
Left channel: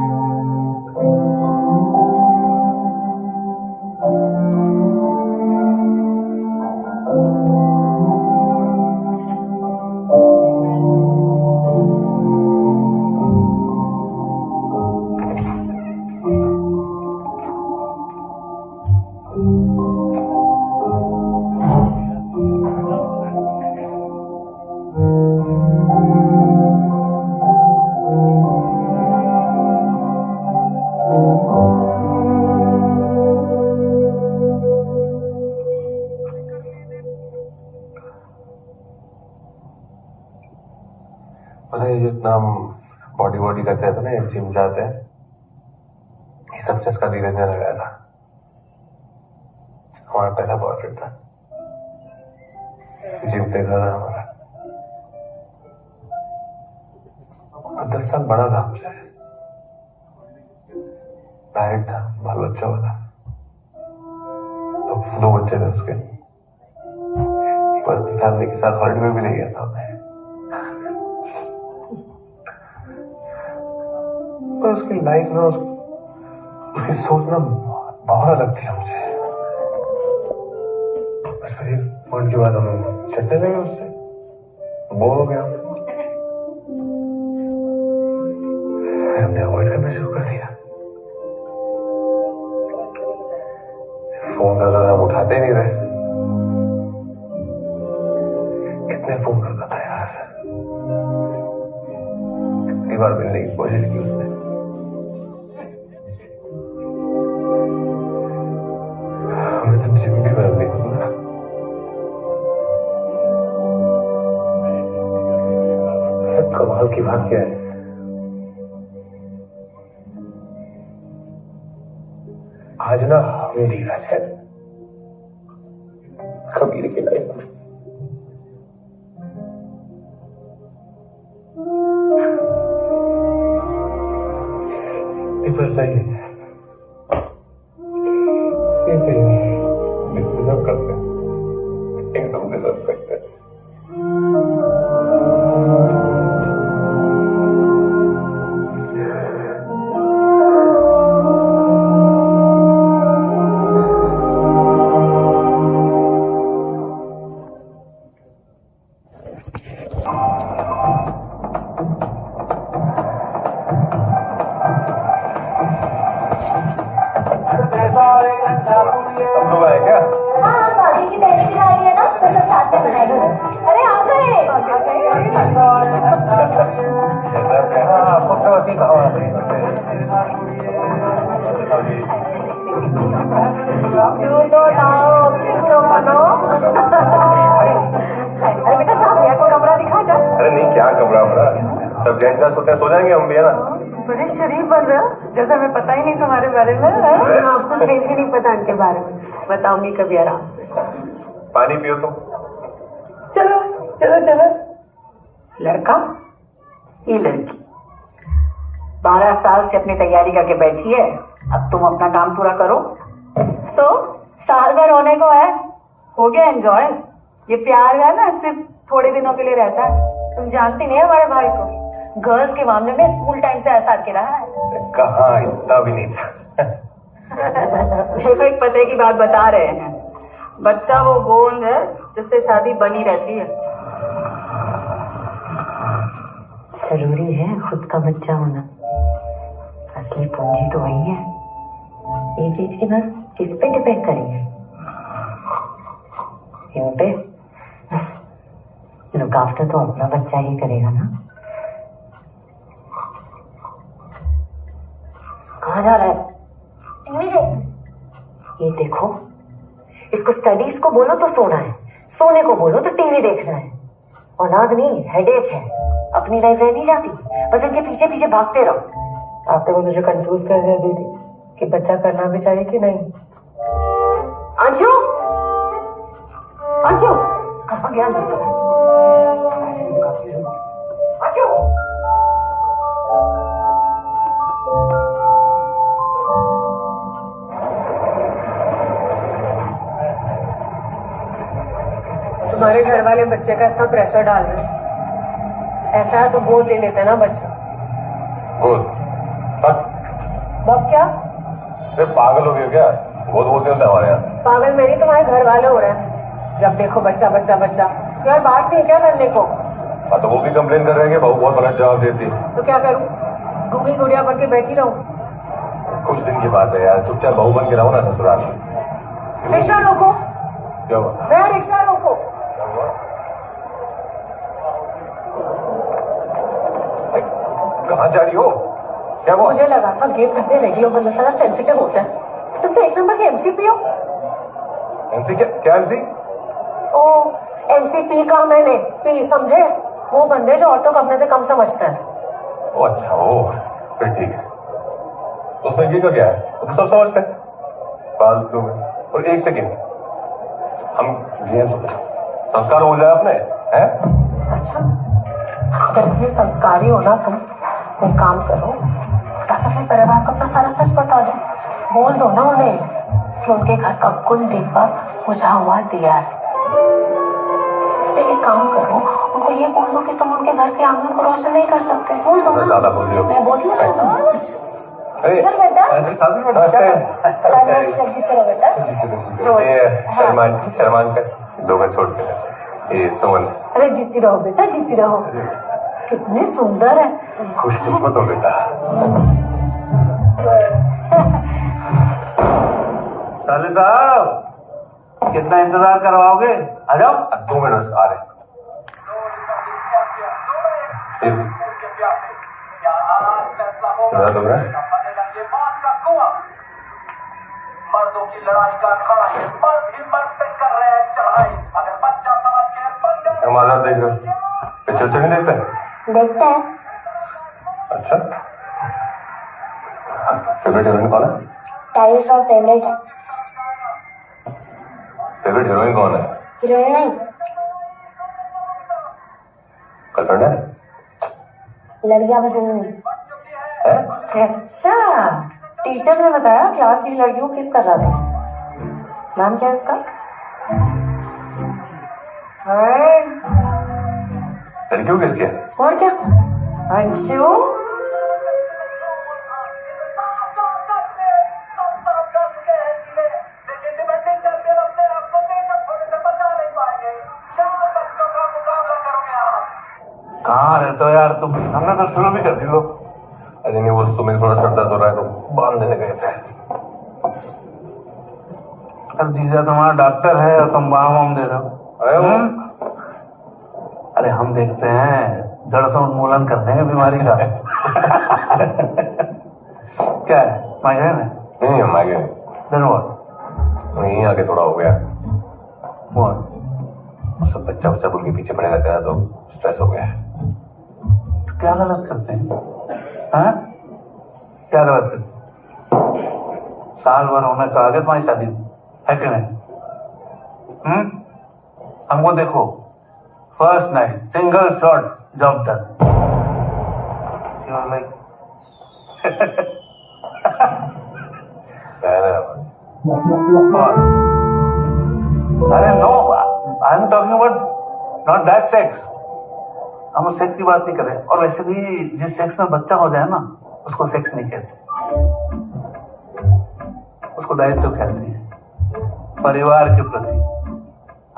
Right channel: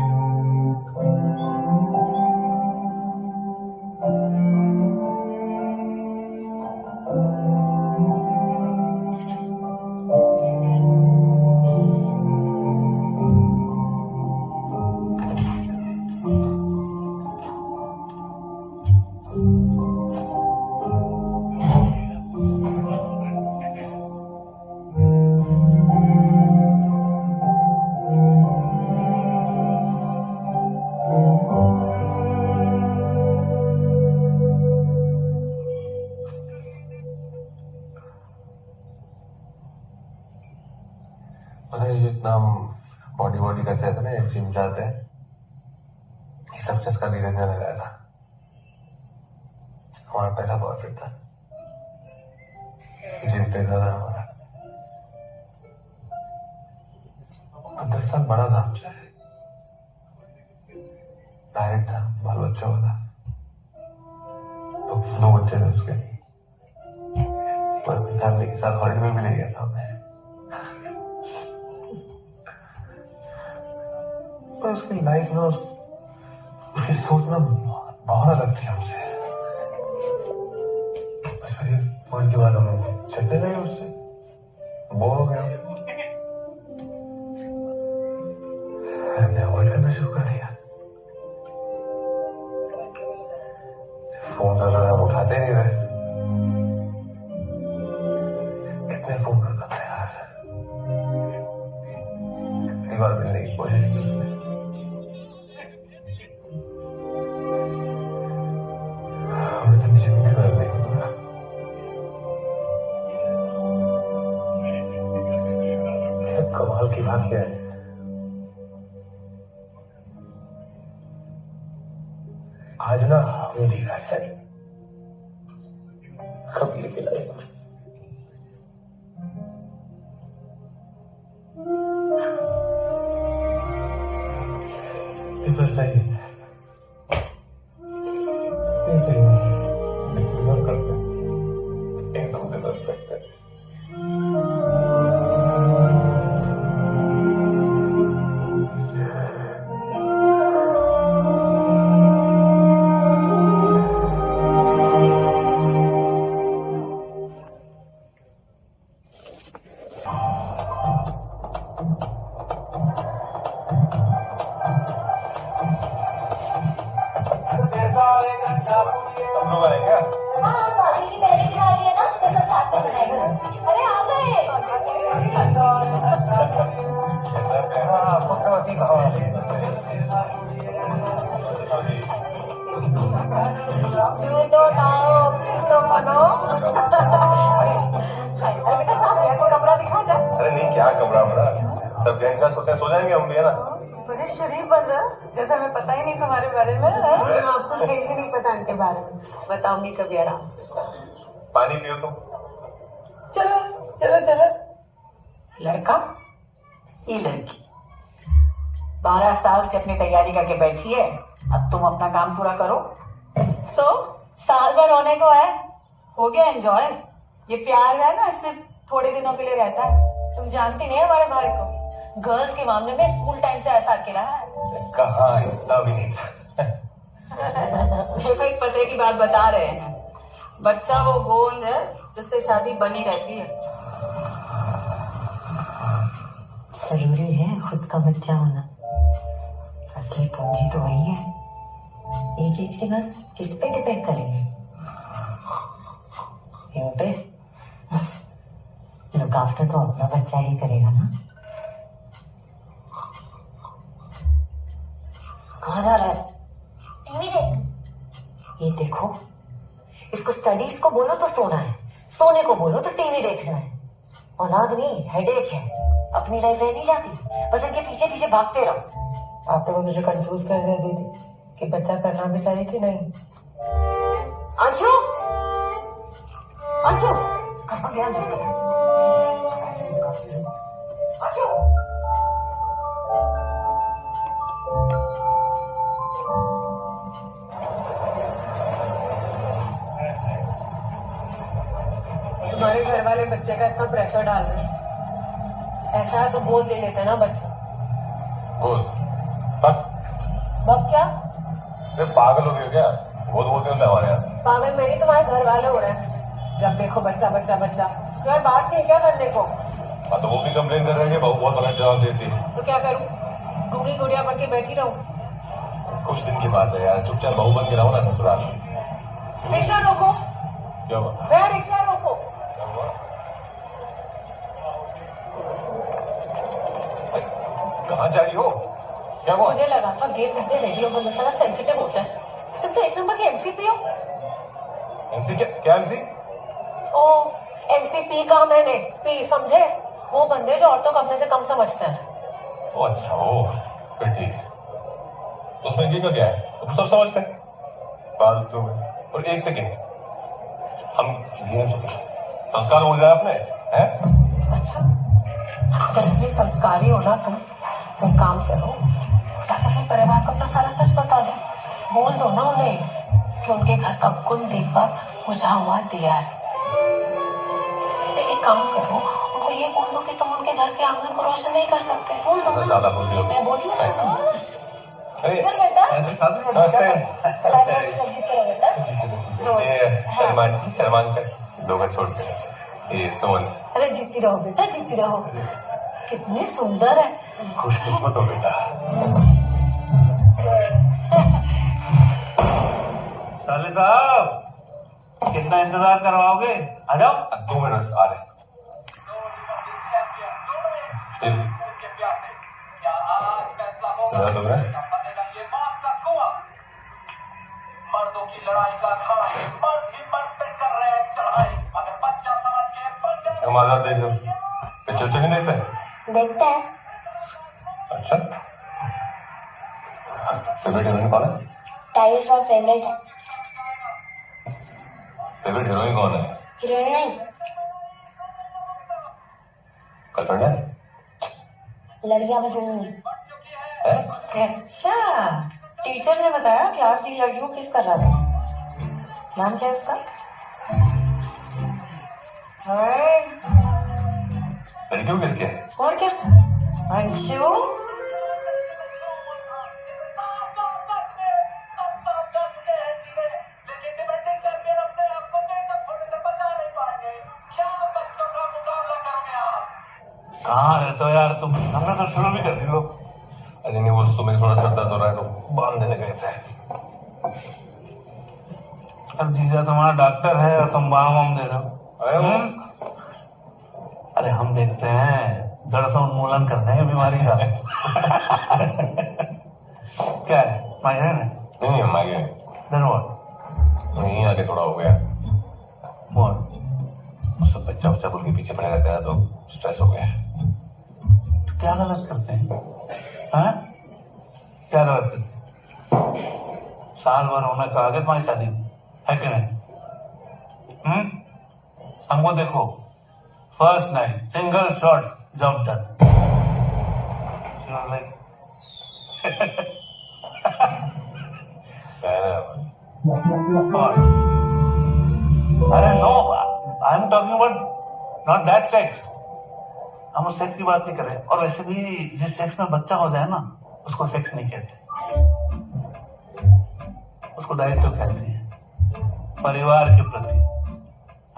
पता है जो इतना हम बॉडी करते थे ना, जिम जाते हैं, ये सब चस्का धीरे धीरे लगाया था। हमारा पहला बॉयफ्रेंड था, जिम देख रहा था हमारा, 10 साल बड़ा था हमसे, मैरिड था, बाल बच्चा वाला, तो 2 बच्चे थे उसके, पर फैमिली के साथ हॉलिडे में भी ले गया था हमें। पर उसकी लाइफ में उसकी सोच ना बहुत अलग थी हमसे। बस फिर एक पॉइंट के बाद हम चलने लगे उससे, बोर हो गया, फिर हमने अवॉइड करना शुरू कर दिया। फोन कर रहा था, हम उठाते नहीं रहे, कितने फोन करता था यार, कितनी बार मिलने की कोशिश की उसने, हमने तो जिम भी बदल दी। कमाल की बात क्या है, आज ना मेरी राज है कबीर की लाइफ में। ये तो सही है, सही डिजर्व करते हैं, एकदम डिजर्व करते हैं। सब लोग आए क्या? हाँ भाभी की पहले की शादी है ना, तो सब साथ में मनाएंगे। अरे आ गए। क्यों तो लाओ, क्यों तो बनो। अरे बेटा जा, भैया को कमरा दिखा जा। अरे नहीं, क्या कमरा वमरा, सब जेंट्स सोते हैं, सो जाएंगे हम भी, है ना। बड़े शरीफ बन रहे हो, जैसे हमें पता ही नहीं तुम्हारे बारे में। आपको सही भी नहीं पता इनके बारे में, बताऊंगी कभी आराम से। पानी पियो तुम। चलो चलो चलो। लड़का, ये लड़की 12 साल से अपनी तैयारी करके बैठी है, अब तुम अपना काम पूरा करो। साल भर होने को है, हो गया एंजॉय। ये प्यार है ना, सिर्फ थोड़े दिनों के लिए रहता है। तुम जानती नहीं है हमारे भाई को, गर्ल्स के मामले में स्कूल टाइम से ऐसा के रहा है। कहाँ, इतना भी नहीं था। देखो, एक पते की बात बता रहे हैं, बच्चा वो गोंद है जिससे शादी बनी रहती है। जरूरी है खुद का बच्चा होना, असली पूंजी तो वही है। एक एज के बाद किस पे डिपेंड करेंगे? इन पे। लुक आफ्टर तो अपना बच्चा ही करेगा ना। कहाँ जा रहा है? टीवी देख। ये देखो, इसको स्टडीज को बोलो तो सोना है, सोने को बोलो तो टीवी देखना है। औलाद नहीं, हेडेक है। अपनी लाइफ रह नहीं जाती, बस इनके पीछे पीछे भागते रहो। आपने मुझे कंफ्यूज कर दिया दीदी कि बच्चा करना भी चाहिए कि नहीं। अंशु, अंशु, कहाँ गया अंशु? अंशु तुम्हारे घर वाले बच्चे का इतना प्रेशर डाल रहे हैं, ऐसा है तो गोद ले लेते ना बच्चा। गोद? बब क्या? अरे पागल हो गया क्या? गोद बोलते होते हमारे यहाँ। पागल मेरी तुम्हारे घर वाले हो रहे हैं, जब देखो बच्चा बच्चा बच्चा। यार बात नहीं क्या करने को? हाँ तो वो भी कंप्लेन कर रहे हैं कि बहू बहुत गलत जवाब देती है। तो क्या करूं, गुंगी गुड़िया बन के बैठी रहूं? कुछ दिन की बात है यार, चुपचाप बहू बन के रहो ना ससुराल। रिक्शा रोको। क्या हुआ? मैं रिक्शा रोको। कहाँ जा रही हो? क्या हुआ? मुझे लगा था गेट कितने रेडियो बंद सारा सेंसिटिव होता है। तुम तो एक नंबर के एमसीपी हो। एमसी क्या एमसी? ओ एमसीपी का मैंने पी समझे, वो बंदे जो औरतों को अपने से कम समझते हैं। ओ अच्छा, ओ फिर ठीक है। तो उसमें ये का क्या है? तुम सब समझते हैं फालतू में। और एक सेकेंड, हम गेम तो संस्कार हो जाए अपने हैं? अच्छा अगर इतनी संस्कारी हो ना तुम, कोई काम करो, जाकर अपने परिवार को अपना सारा सच बता दो। बोल दो ना उन्हें कि उनके घर का कुल दीपक बुझा हुआ दिया है। एक काम करो, उनको ये बोल दो कि तुम उनके घर के आंगन को रोशन नहीं कर सकते। बोल दो ना। ज्यादा बोल रही हो। मैं बोल रही हूँ। अरे बेटा ये शर्मान का दो घर छोड़ के ये सुमन। अरे जीती रहो बेटा, जीती रहो। कितनी सुंदर है। खुशकिस्मत हो बेटा। साले साहब कितना इंतजार करवाओगे? आ जाओ। 2 मिनट आ रहे। मर्दों की लड़ाई का अखाड़ा ये मर्द ही मर्द पे कर रहे हैं चढ़ाई। अगर बच्चा समझ के हम आजाद देख रहे हो? पिक्चर नहीं देखते हैं? देखते हैं। अच्छा, फेवरेट हीरोइन कौन है? टाइगर श्रॉफ फेवरेट है। फेवरेट हीरोइन कौन है? हीरोइन नहीं, गर्लफ्रेंड है? लड़कियां पसंद नहीं। अच्छा, टीचर ने बताया क्लास की लड़कियों को किस कर रहा था। नाम क्या है उसका? लड़कियों किसके? और क्या, अंशु। कहाँ रहते हो यार तुम? हमने तो शुरू भी कर दी लो। अरे नहीं, वो सुमित थोड़ा सर दर्द हो रहा है तो बांध देने गए थे। अब जीजा तुम्हारा डॉक्टर है और तुम बाम वाम दे रहे हो। अरे हम देखते हैं, जड़ से उन्मूलन कर देंगे बीमारी का। क्या है, माइग्रेन है? नहीं माइग्रेन नहीं, आगे थोड़ा हो गया। सब बच्चा बोल के पीछे पड़े रहते हैं तो स्ट्रेस हो गया है। तो क्या गलत करते हैं? हाँ? क्या गलत करते? साल भर होने का आगे तुम्हारी शादी है कि नहीं? हमको देखो, first night single shot job done. Like अरे no, I am talking about not that sex. हम उस सेक्स की बात नहीं कर रहे। और वैसे भी जिस सेक्स में बच्चा हो जाए ना, उसको सेक्स नहीं कहते, उसको दायित्व कहते हैं, परिवार के प्रति।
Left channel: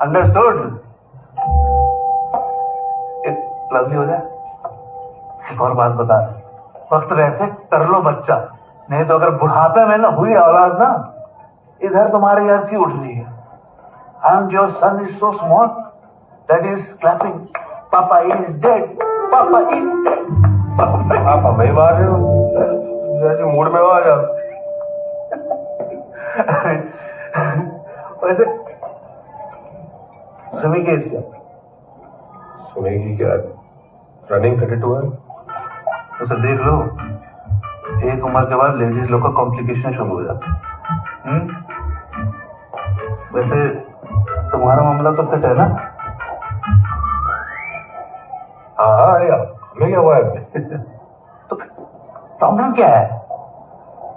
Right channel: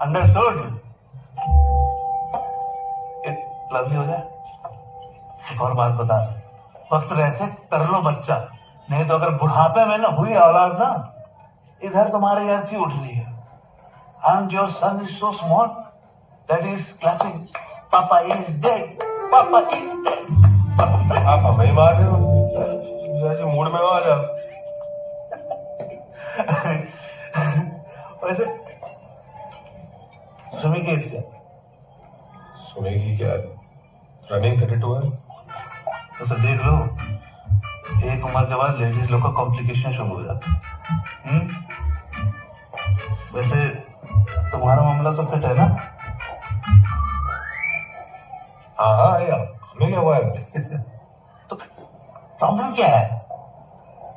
अंडरस्टूड? एक लवली हो जाए। एक और बात बता रहे, वक्त रहते कर लो बच्चा, नहीं तो अगर बुढ़ापे में ना हुई औलाद ना, इधर तुम्हारी अर्थी उठ रही है। And your son is so small that is clapping. Papa is dead. Papa is dead. आप हमें मार रहे हो? जैसे मूड में हो आ जाओ। वैसे सुमी की एज क्या? सुमी की क्या? रनिंग 32 है। उसे देख लो, एक उम्र के बाद लेडीज लोग का कॉम्प्लिकेशन शुरू हो जाता है। वैसे तुम्हारा मामला तो फिट है ना? हाँ हमें क्या हुआ है? तो प्रॉब्लम क्या है?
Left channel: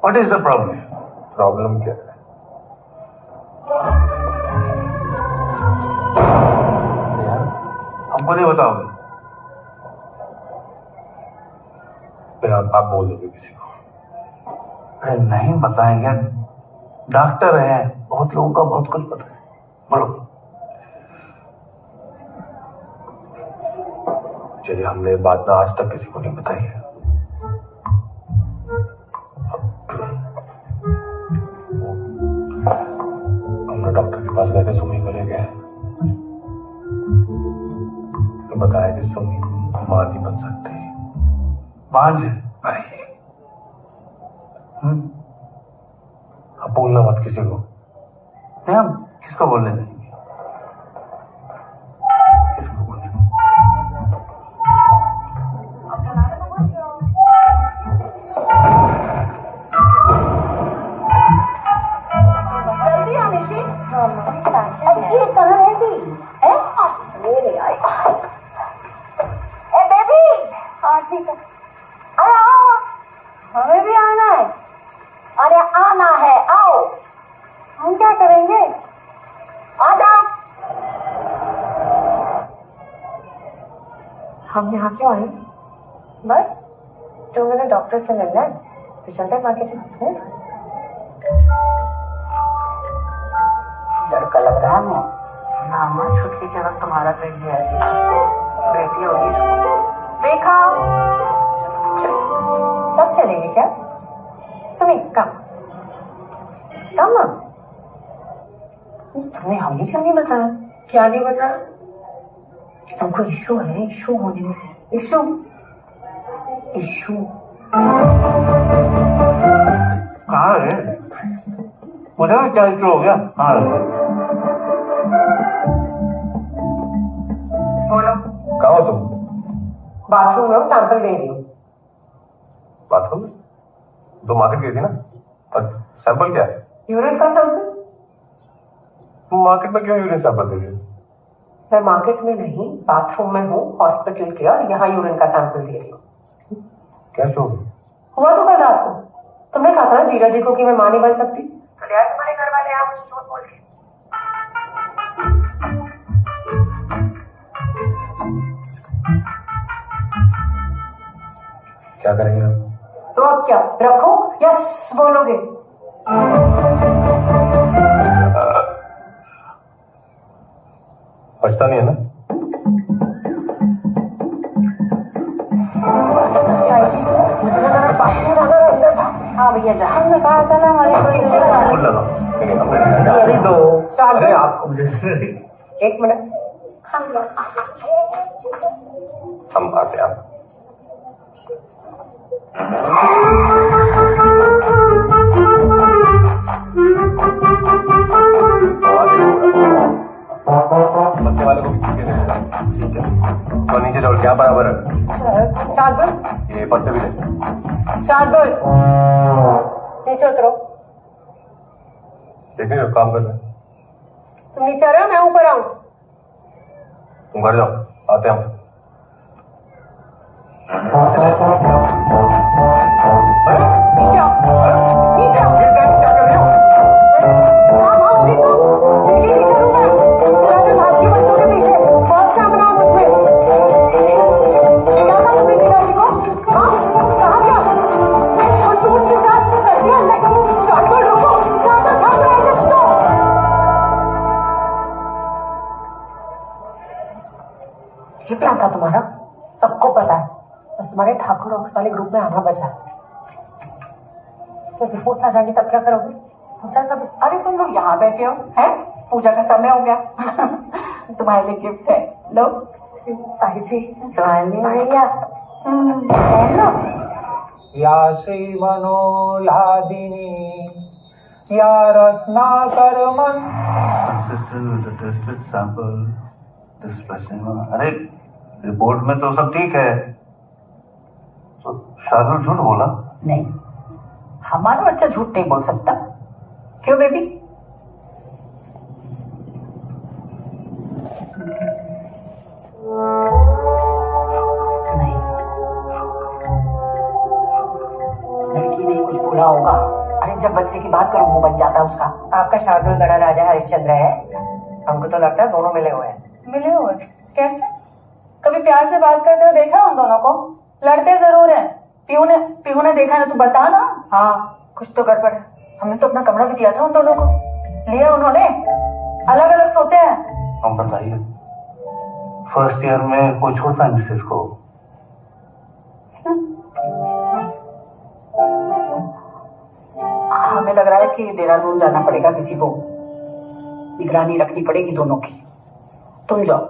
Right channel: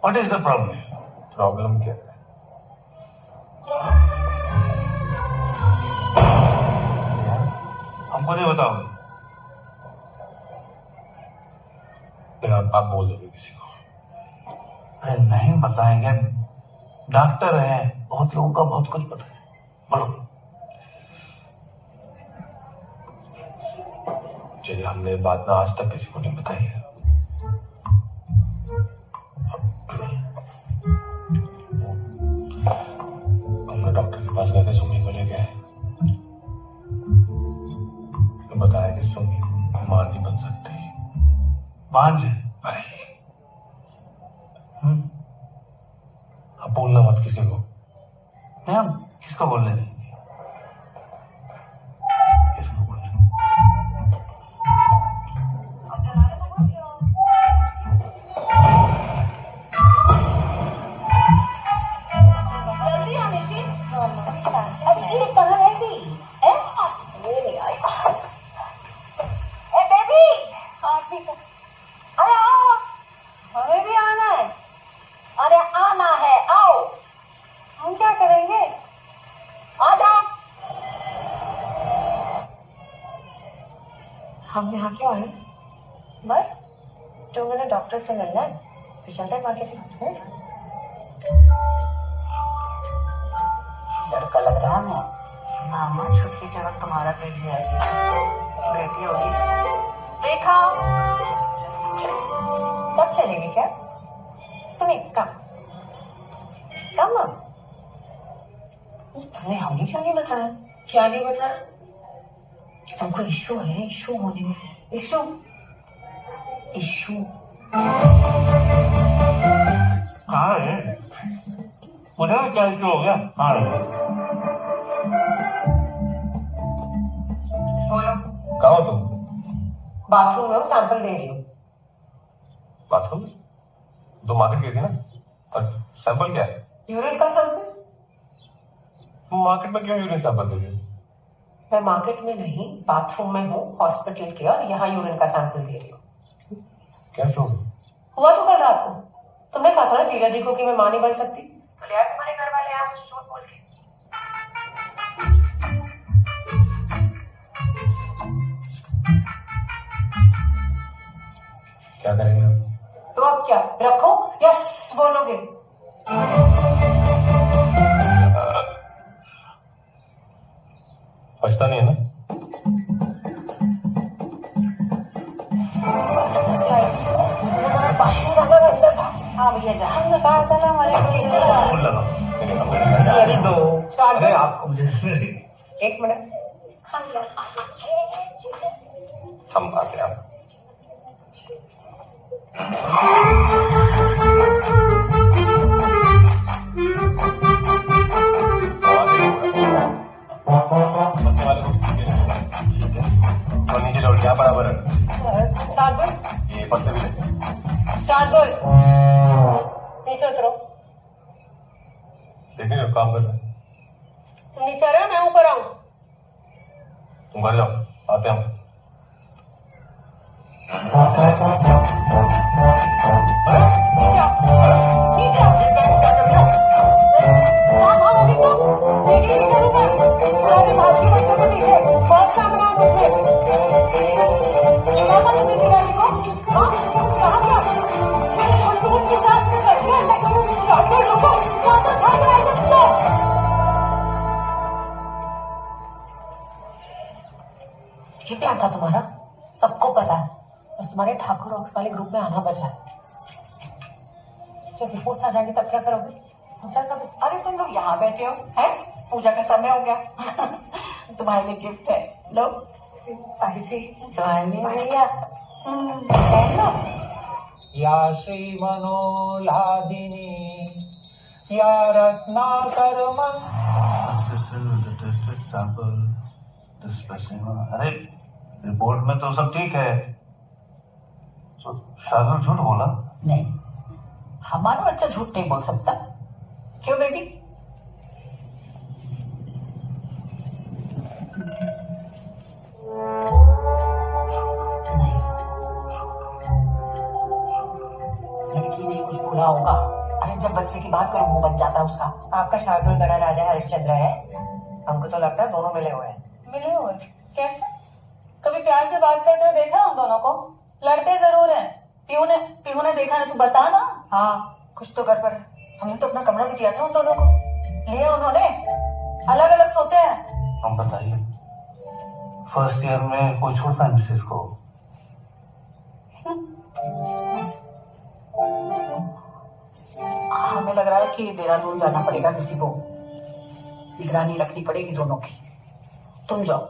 What is the problem? Problem क्या है? हमको नहीं बताओगे? आप बोल दोगे किसी को? अरे नहीं बताएंगे, डॉक्टर हैं, बहुत लोगों का बहुत कुछ पता है। बोलो। चलिए, हमने बात ना आज तक किसी को नहीं बताई है। हमने डॉक्टर के पास गए थे सुमी को लेके, तो बताया कि सुमी मां नहीं बन सकती। मांझ? अब बोलना मत किसी को। नहीं, हम किसको बोलने देंगे? किसको बोलने? जल्दी आ निशी। अरे ये कहाँ रह गई? ये नहीं आई। ए बेबी, हाँ ठीक है। अरे आओ, हमें भी आना है। अरे आना है, आओ। हम क्या करेंगे? आ जाओ। हम यहाँ क्यों आए? बस जो मैंने डॉक्टर से मिलना है, फिर चलते हैं मार्केटिंग। लड़का लग रहा है नामा छुटकी चरक तुम्हारा पेट भी ऐसी बेटी होगी इसको। देखा सब चलेंगे क्या? सुमी कम कम। तुमने हमें क्यों नहीं बताया? क्या नहीं बताया? कि तुमको इशू है, इशू होने में। इशू इशू कहाँ है? मुझे भी क्या इशू हो गया? कहाँ है? बोलो। कहाँ हो तुम? बाथरूम में सैंपल दे रही हूँ। बाथरूम में? तो मार्केट गई थी ना, और सैंपल क्या है? यूरिन का सैंपल। मार्केट में क्यों यूरिन सैंपल दे रही हो? मैं मार्केट में नहीं, बाथरूम में हूँ हॉस्पिटल के, और यहाँ यूरिन का सैंपल दे रही हूँ। कैसे हो? हुआ तो कल रात को। तुमने कहा था ना जीजा जी को कि मैं मां नहीं बन सकती, तो ले आए तुम्हारे घर वाले यहाँ मुझे झूठ बोल के। क्या करेंगे आप? तो अब क्या रखो या बोलोगे? बचता नहीं है ना? हाँ भैया जहाँ में कहा था ना हमारे को अरे दो। अरे आपको मुझे एक मिनट। हम आते हैं। बच्चे वाले को भी ठीक है, ठीक है। और नीचे डोल क्या बराबर है? शार्दुल, ये पत्ते भी ले। शार्दुल नीचे उतरो। देखने जब काम कर रहे। तुम नीचे आ रहे हो, मैं ऊपर आऊं? तुम घर जाओ, आते हैं हम। नीचे आओ, नीचे आओ। क्या कर रहे हो? भागोगी तुम? नीचे नीचे लूं मैं। मैं भागी बच्चों के पीछे। फर्स्ट क्या बनाओ मुझमें? क्या था तुमने जीजा जी को? हाँ, कहा क्या? और सूट के साथ कर दिया अंडे को। शार्दुल रुको, ज्यादा भाग रहे हो तुम तो। ये प्लान था तुम्हारा? सबको पता है, बस तुम्हारे ठाकुर रॉक्स वाले ग्रुप में आना बचा है। जब रिपोर्ट आ जाएंगी तब क्या करोगे? सोचा कभी? अरे तुम लोग यहाँ बैठे हो, हैं? पूजा का समय हो गया। तुम्हारे लिए गिफ्ट है, लो। ताई जी तुम्हारे लिए भैया लो। या श्री मनोलादिनी या रत्नाकर मन। अरे रिपोर्ट में तो सब ठीक है। तो शार्दुल झूठ बोला? नहीं, हमारा बच्चा झूठ नहीं बोल सकता। क्यों बेबी? नहीं, लड़की ने कुछ बोला होगा। अरे जब बच्चे की बात करो मुंह बन जाता है उसका। आपका शार्दुल बड़ा राजा हरिश्चंद्र है। हमको तो लगता है दोनों मिले हुए हैं। मिले हुए? कैसे? कभी प्यार से बात करते हुए देखा उन दोनों को? लड़ते जरूर हैं। पीहू ने देखा ना, तू बता ना। हाँ, कुछ तो गड़बड़ है। हमने तो अपना कमरा भी दिया था उन दोनों को। लिया उन्होंने? अलग अलग सोते हैं। हम बताइए, फर्स्ट ईयर में कोई छोड़ता है मिसेस को? हमें लग रहा है कि देहरादून जाना पड़ेगा किसी को। निगरानी रखनी पड़ेगी दोनों की। तुम जाओ।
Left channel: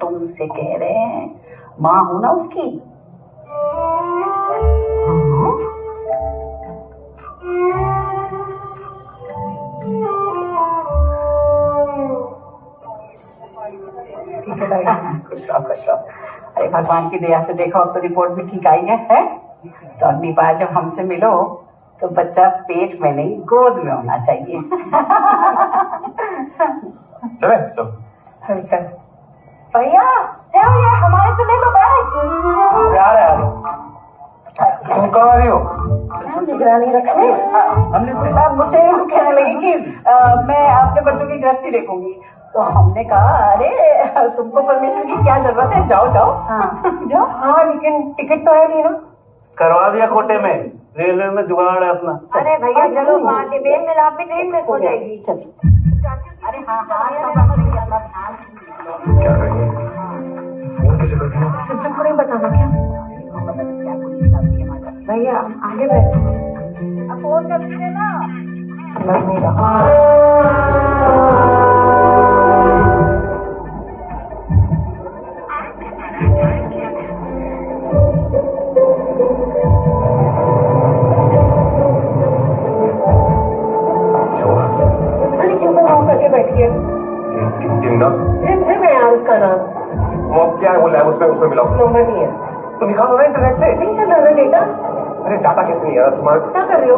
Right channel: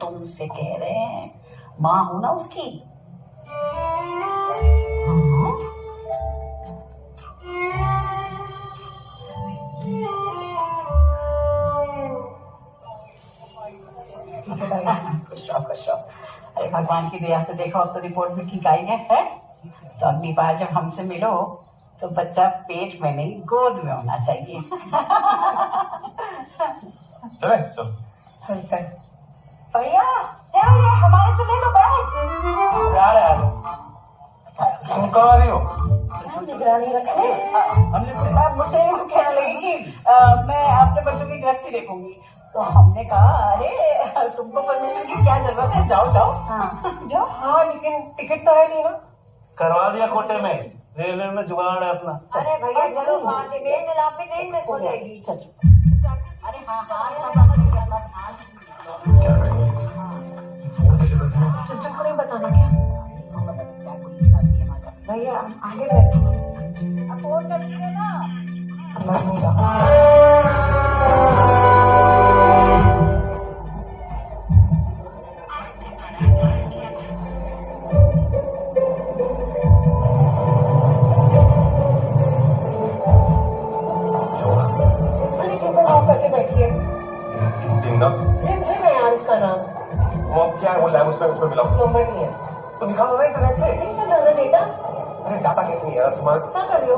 तुमसे कह रहे हैं, माँ हो ना उसकी। ठीक है भाई, खुश रहो खुश रहो। अरे भगवान की दया से देखो, अब तो रिपोर्ट भी ठीक आई है? तो अगली बार जब हमसे मिलो तो बच्चा पेट में नहीं गोद में होना चाहिए। चले चल चलकर भैया ये हमारे तो ले लो बैग। आ रहा है। तुम कहाँ आ रही हो? निगरानी रखने मुझसे कहने लगी कि मैं अपने बच्चों की गृहस्थी देखूंगी। तो हमने कहा अरे तुमको परमिशन की क्या जरूरत है, जाओ जाओ। हाँ जाओ। हाँ, लेकिन टिकट तो है नहीं ना। करवा दिया कोटे में, रेलवे में जुगाड़ है अपना। अरे भैया चलो, वहाँ से बेल मिल, आप भी ट्रेन में सो जाएगी। अरे हाँ हाँ, क्या करेंगे? फोन कैसे कर दिया? तुमको नहीं बताना क्या? भैया आगे बैठ। अब फोन कर देना। लग नहीं रहा। अरे क्यों बनाओ करके बैठी है? टिमना रिमझिम है यार उसका नाम। वो क्या है, वो लैब उसमें मिलाओ। नंबर नहीं है तो निकालो ना इंटरनेट से। नहीं चल रहा ना डेटा। अरे डाटा कैसे नहीं आ रहा तुम्हारा? क्या कर रहे हो?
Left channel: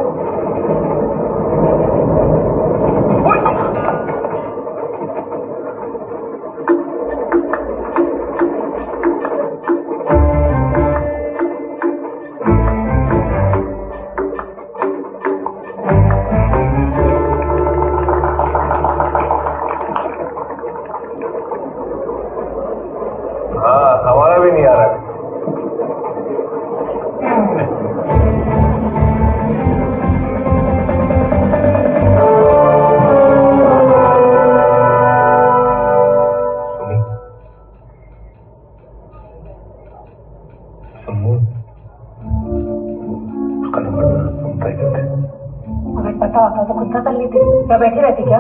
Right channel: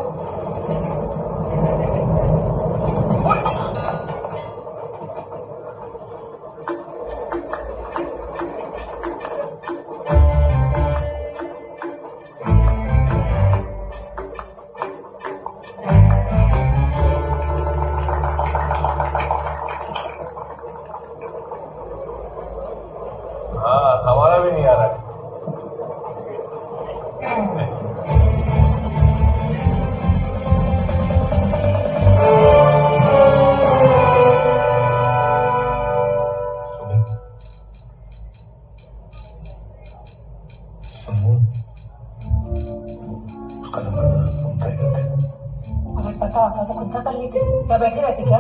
हाँ, हमारा भी नहीं आ रहा। उसका नंबर हम ट्राई करते हैं। अगर पता होता तो खुद ना कर लेती। क्या बैठी रहती क्या?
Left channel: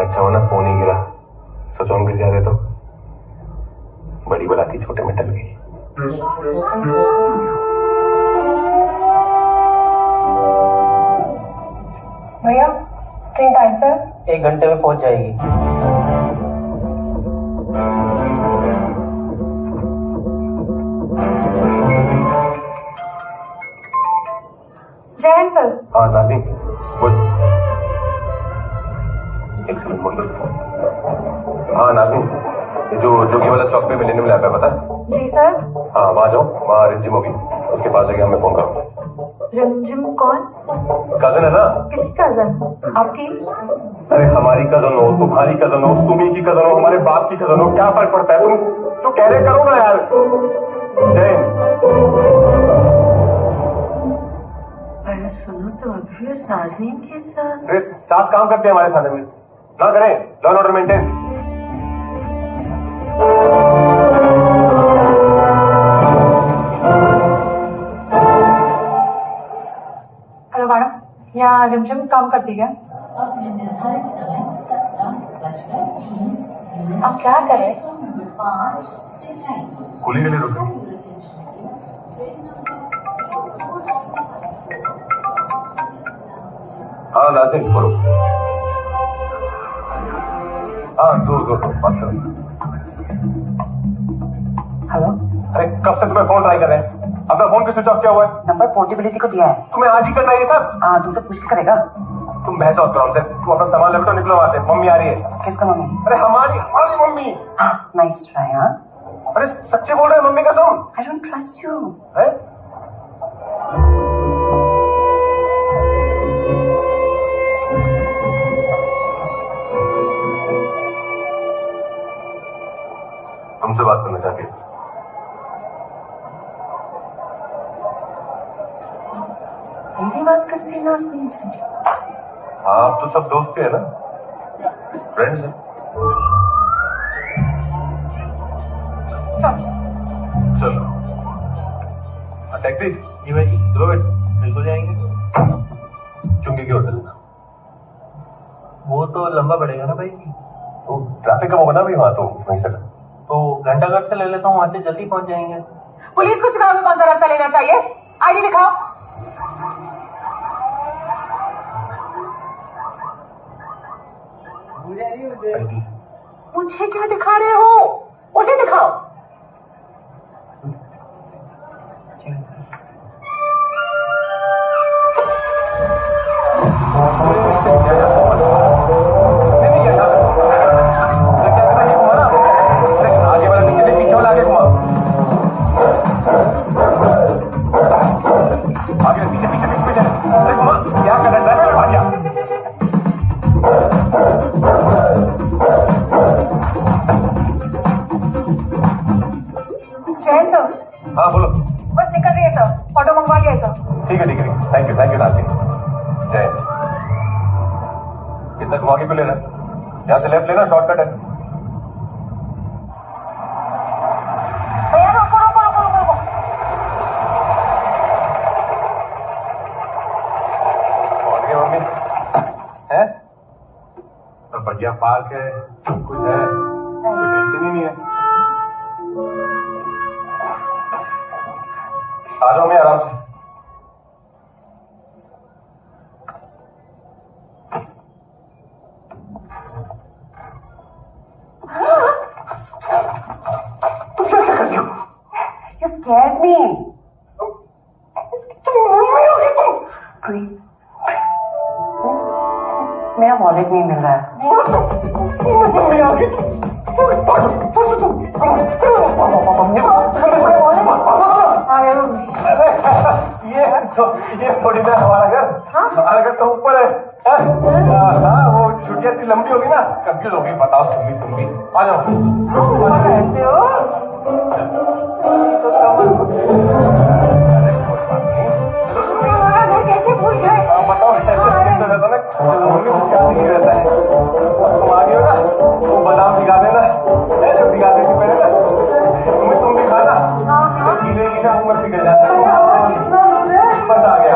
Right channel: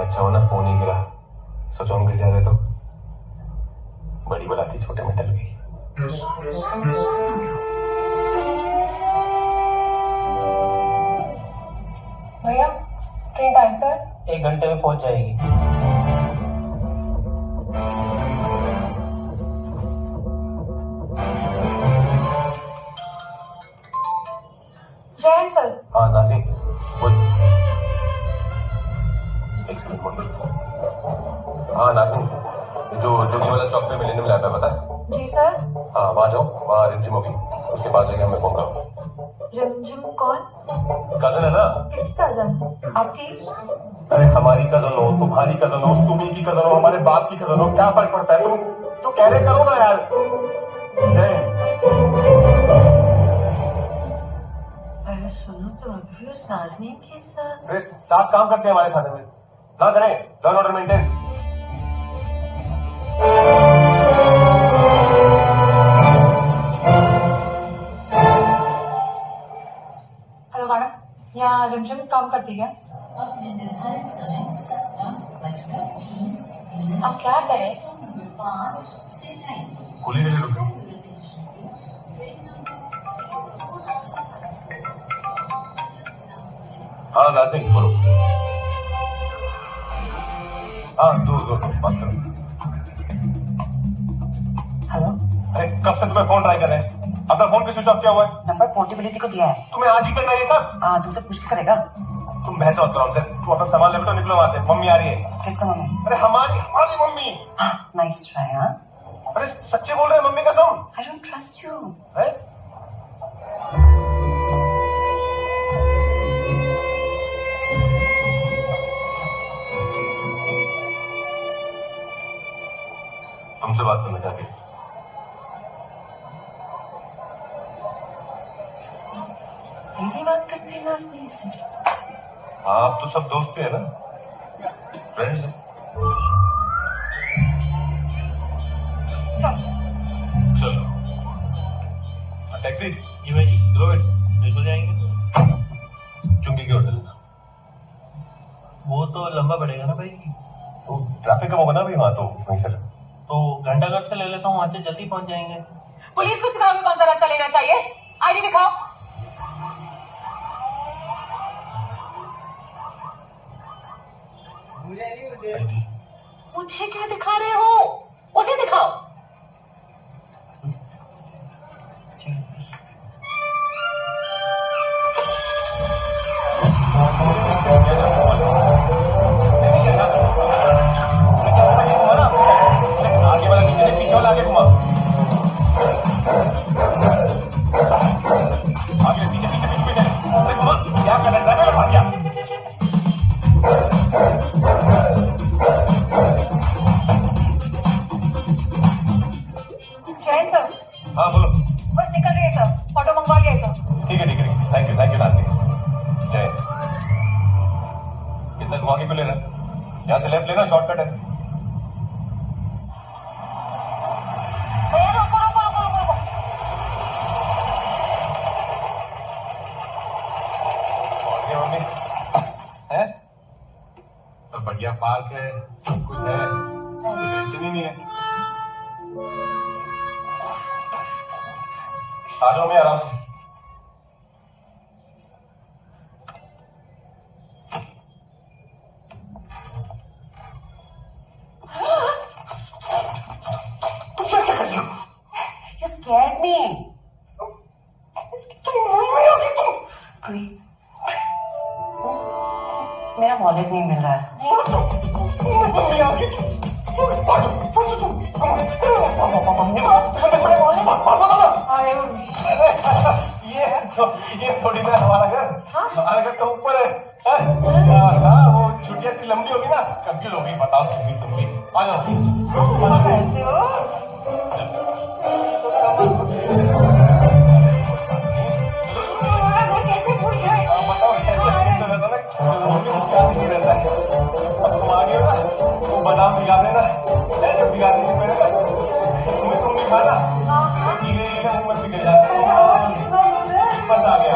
अच्छा होना फोन ही गिरा। सोचो हम किसी आते तो बड़ी बलाती छोटे में टल गई। भैया ट्रेन टाइम पर? 1 घंटे में पहुंच जाएगी। जय हिंद सर। हाँ नाज़ीम बोल। एक सेकंड बोल। हाँ नाज़ीम, ये जो जोगी वाला चौक पे मिलेनियम लैब है, पता है? जी सर। हाँ वहाँ जाओ, वहाँ रिमझिम होगी, उसके पास जाके हमें फोन करो। रिमझिम कौन? कजन है ना? किसकी कजन? आपकी? अरे हमारी कजन हो, तुम्हारी कजन हो, सुमी की कजन हो, हमारे बाप की कजन हो, क्या फर्क पड़ता है? तुम जो कह रहे करो ना यार। जय अरे सुनो तो अभी उस नाज़नीन के साथ। अरे साथ काम करते हैं हमारे थाने में, ना करें law and order maintain. Hello madam, यहाँ रिमझिम काम करती है? अपने निर्धारित समय 17:20 आप क्या करें? 5 से जाएंगे। कुली के लिए रुको। हाँ नाज़रीन बोलो। हाँ दो बात करो। हेलो। अरे कब से तुम्हें फोन ट्राई कर रहे हैं? अपना फोन पे स्विच ऑफ किया हुआ है। नंबर पोर्टेबिलिटी को दिया है। तुम्हें आज ही करना है ये सब? हाँ, तुमसे पूछ के करेगा। तुम बहस मत करो हमसे, तुम अपना सामान लेटो, निकलो वहां से। मम्मी आ रही है। किसका मम्मी? अरे हमारी मम्मी। Nice try. हाँ अरे सच्चे बोल रहे हैं, मम्मी कसम। I don't trust you. है तुमसे बात करना चाहती है। मेरी बात करते हैं नाज़नीन से। हाँ, आप तो सब दोस्त ही है ना, फ्रेंड्स हैं। चलो टैक्सी। जी भाई जी, चलोगे? बिल्कुल जाएंगे। चुंगी की ओर चलना। वो तो लंबा पड़ेगा ना भाई। तो ट्रैफिक कम होगा ना भी वहाँ, तो वहीं से तो घंटाघर से ले लेता हूँ, वहां से जल्दी पहुंच जाएंगे। पुलिस को सिखाओगे कौन सा रास्ता लेना चाहिए? आईडी दिखाओ। आईडी। मुझे क्या दिखा रहे हो? उसे दिखाओ। जैन सर, हाँ बोलो। बस निकल रही है सर, ऑटो मंगवा लिया है सर। ठीक है ठीक है, थैंक यू नाज़नीन। जय हिंद। कितना घुमा के क्यों ले रहा है? यहाँ से लेफ्ट लेना, शॉर्टकट है। भैया रुको रुको रुको रुको रुको। पहुंच गए मम्मी? है? तो बढ़िया पार्क है, सब कुछ है, कोई टेंशन ही नहीं है। आ जाओ मैं आराम से। तुम क्या कर रही हो? You scared me. मेरा वॉलेट नहीं मिल रहा है। ये थोड़ी ना हमारा घर, हमारा घर तो ऊपर है। हाँ, वो छुट्टियां इतनी लंबी होगी ना, कंफ्यूज होगी। बताओ तुम भी आ जाओ। रहते हो? कैसे भूल गए? बताओ कैसे रहता ना, मम्मी मुझे याद नहीं रहता है। तुम आ गई हो ना, वो बादाम भिगा देना, जब भिगाने से पहले ना तुम भी खाना, तो गीले मुंह में पिघल जाते हैं। बस आ गया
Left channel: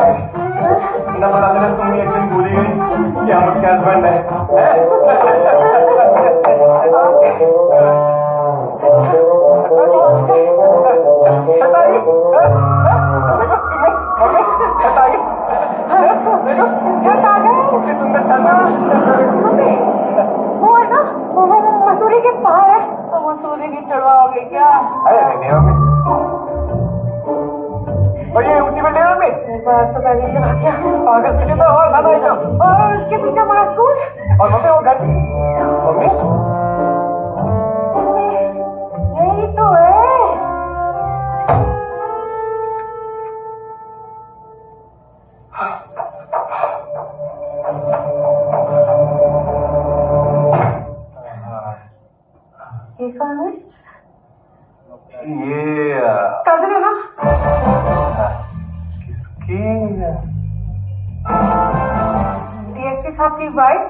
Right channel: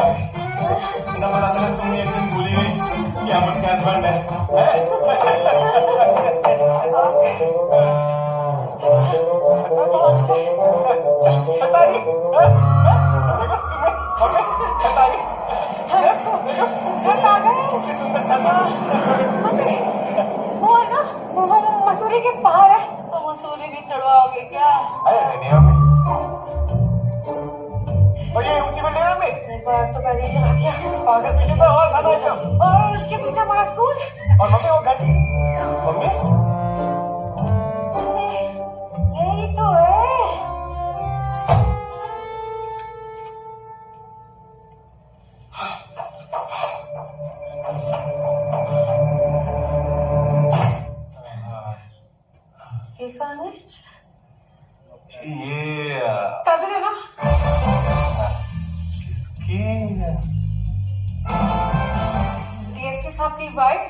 ना, बता देना तुम एक दिन भूली गई कि हम उसके हस्बैंड है। वो है ना, वो मसूरी के पहाड़ है। तो मसूरी भी चढ़वाओगे क्या? अरे नहीं मम्मी, और ये ऊंची बिल्डिंग है मम्मी। एक बार तो पहले ही चढ़ा दिया। अगर पीछे तो और था ना एकदम। और उसके पीछे हमारा स्कूल। और मम्मी वो घर मम्मी यही तो है। ये कौन है? ये कजिन है ना? किसकी? डीएसपी साहब की वाइफ,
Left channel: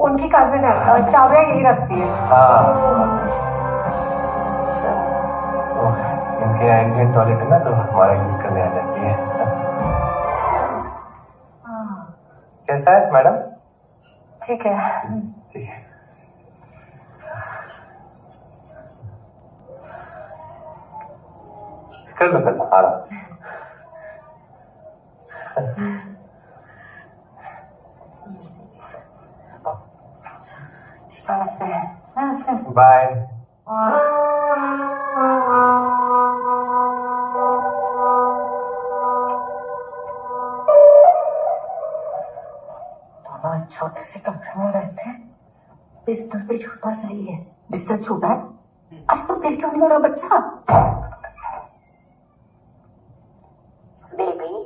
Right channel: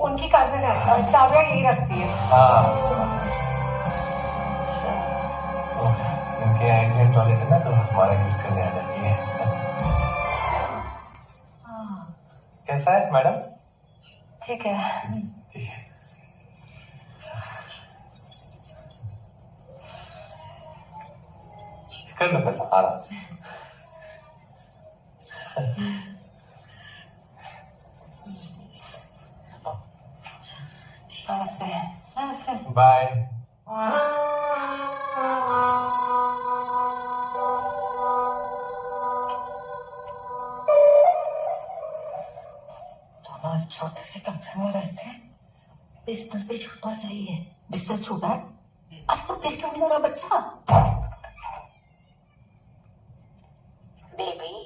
उनकी कजिन है और चाबियां यही रखती है। इनके इंडियन टॉयलेट है ना, तो हमारे यूज करने आ जाती है। कैसा है मैडम? ठीक है। ठीक है। कर लो आराम से। बाय। छोटे से कमरे में रहते हैं, बिस्तर भी छोटा सही है। बिस्तर छोटा है? अरे तो फिर क्यों नहीं हो रहा बच्चा? बेबी,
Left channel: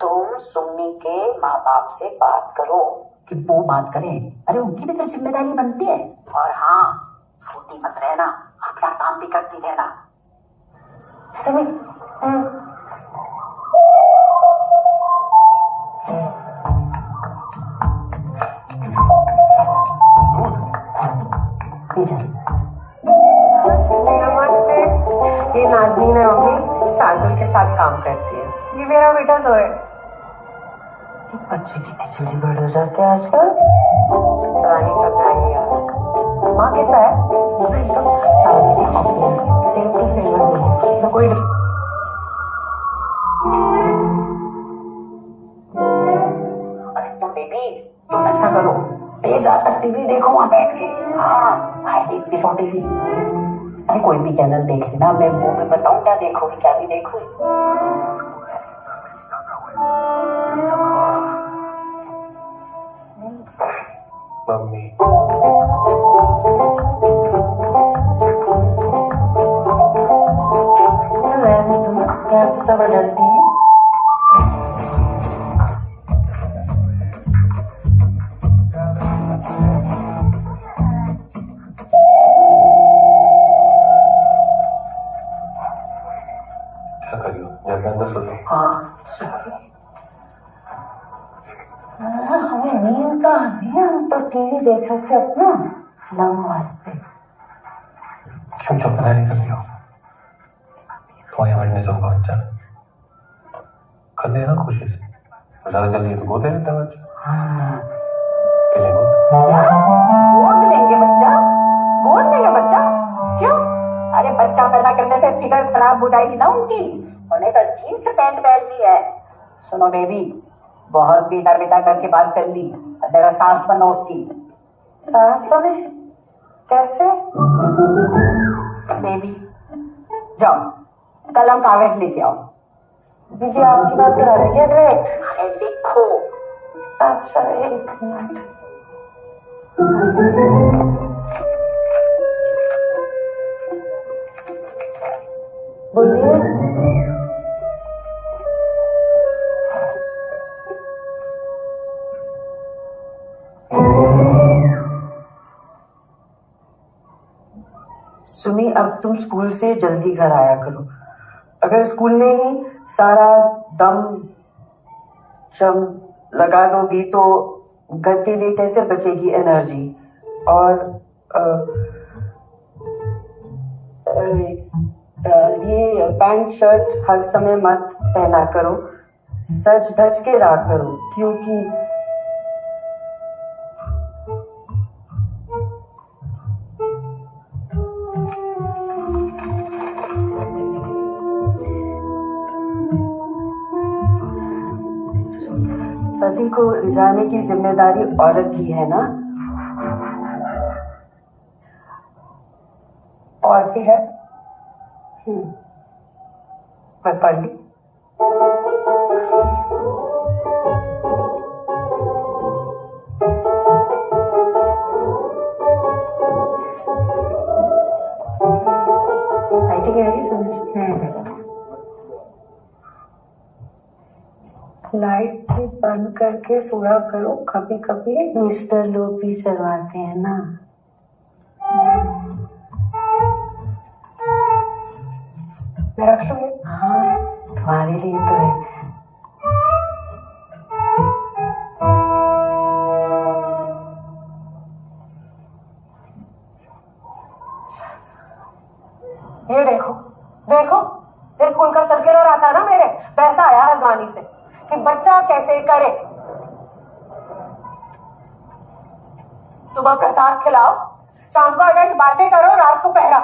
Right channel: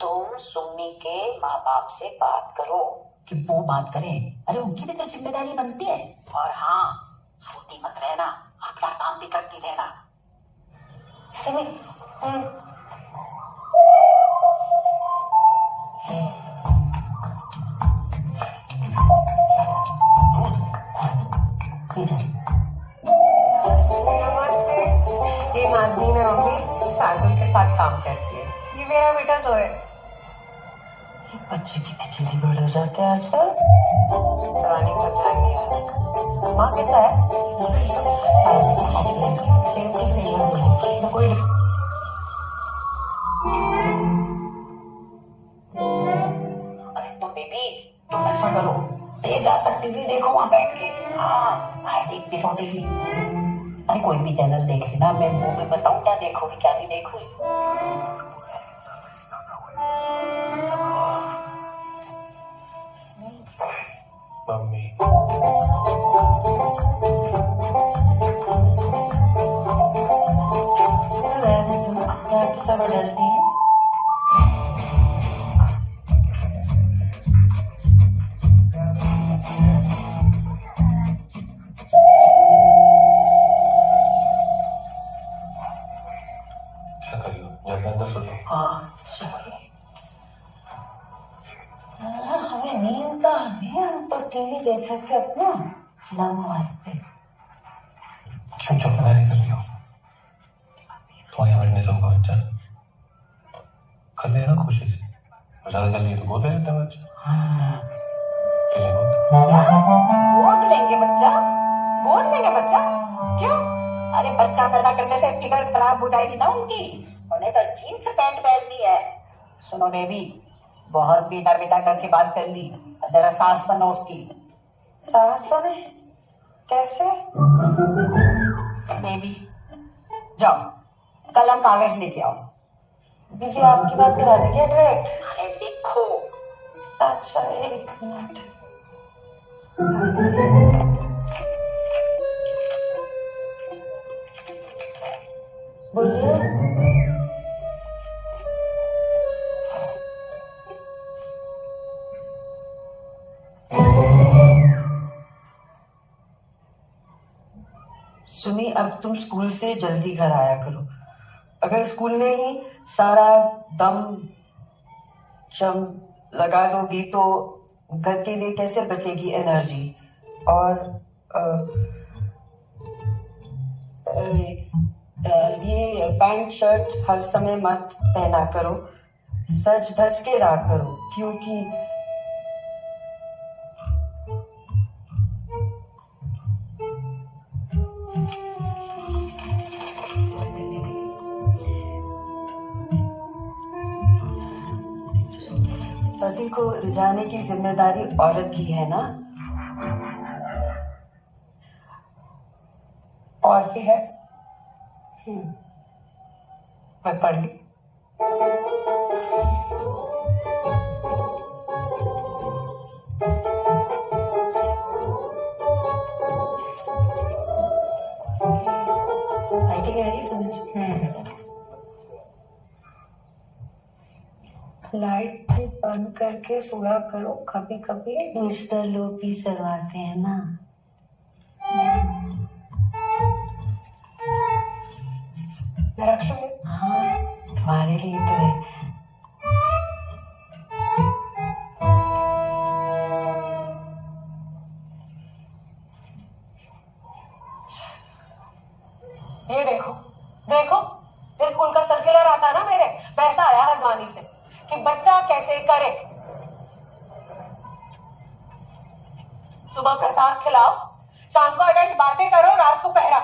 तुम सुम्मी के माँ बाप से बात करो। कि वो बात करें? अरे उनकी भी तो जिम्मेदारी बनती है। और हाँ, सोती मत रहना, आप अपना काम भी करती रहना। सुमी नमस्ते। ये नाज़नीन है मम्मी, शार्दुल के साथ काम करती है। ये मेरा बेटा जोए। ये बच्चे कितने जल्दी बड़े हो जाते हैं आजकल। पता नहीं कब जाएंगे यार। माँ कैसा है? सेम टू सेम तो कोई अरे तुम बेबी, तुम ऐसा करो, देर रात तक टीवी देखो वहां बैठ के। हाँ, आई देखती रहो टीवी। अरे कोई भी चैनल देख लेना, मैं वो मैं बताऊं क्या देखोगी क्या नहीं देखोगी। मम्मी रहने तुम यार तो सब डरती है। क्या करियो, जाके अंदर सो जाओ। हाँ हमें नींद का नहीं, हम तो टीवी देख सकते अपना लम्हा पे। क्यों चुप नहीं कर रही हो? तुम्हारी बढ़ने से होगा बच्चा, कर लेना कोशिश। ज्यादा जल्दी तो गोद ले लेता बच्चा। ले ले गोद लेंगे बच्चा? गोद लेंगे बच्चा? क्यों? अरे बच्चा पैदा करने से फिगर खराब हो जाएगी ना उनकी। उन्हें तो जीन्स पैंट पहननी है। सुनो बेबी, बहुत बेटा बेटा करके बात कर ली, जरा सास बनो उसकी। सास बने? कैसे? बेबी जाओ, कलम कागज लेके आओ। दीदी आपकी बात करा दे क्या डायरेक्ट? अरे लिखो। अच्छा एक मिनट। बोलिए। सुमी अब तुम स्कूल से जल्दी घर आया करो। अगर स्कूल में ही सारा दम जम लगा दोगी तो घर के लिए कैसे बचेगी एनर्जी। और ये पैंट शर्ट हर समय मत पहना करो, सज धज के रहा करो, क्योंकि पति को रिझाने की जिम्मेदारी औरत की है ना। और भी है। मैं पढ़ ली। राइटिंग है ही समझ। लाइट भी बंद करके सोया करो कभी कभी। मिस्टर लोग भी शर्माते हैं ना। मैं रख लूंगी। हाँ तुम्हारे लिए तो है। ये देखो देखो, इस स्कूल का सर्कुलर आता है ना मेरे, पैसा आया है गानी से कि बच्चा कैसे करे। सुबह प्रसाद खिलाओ, शाम को अटेंड बातें करो, रात को पहरा।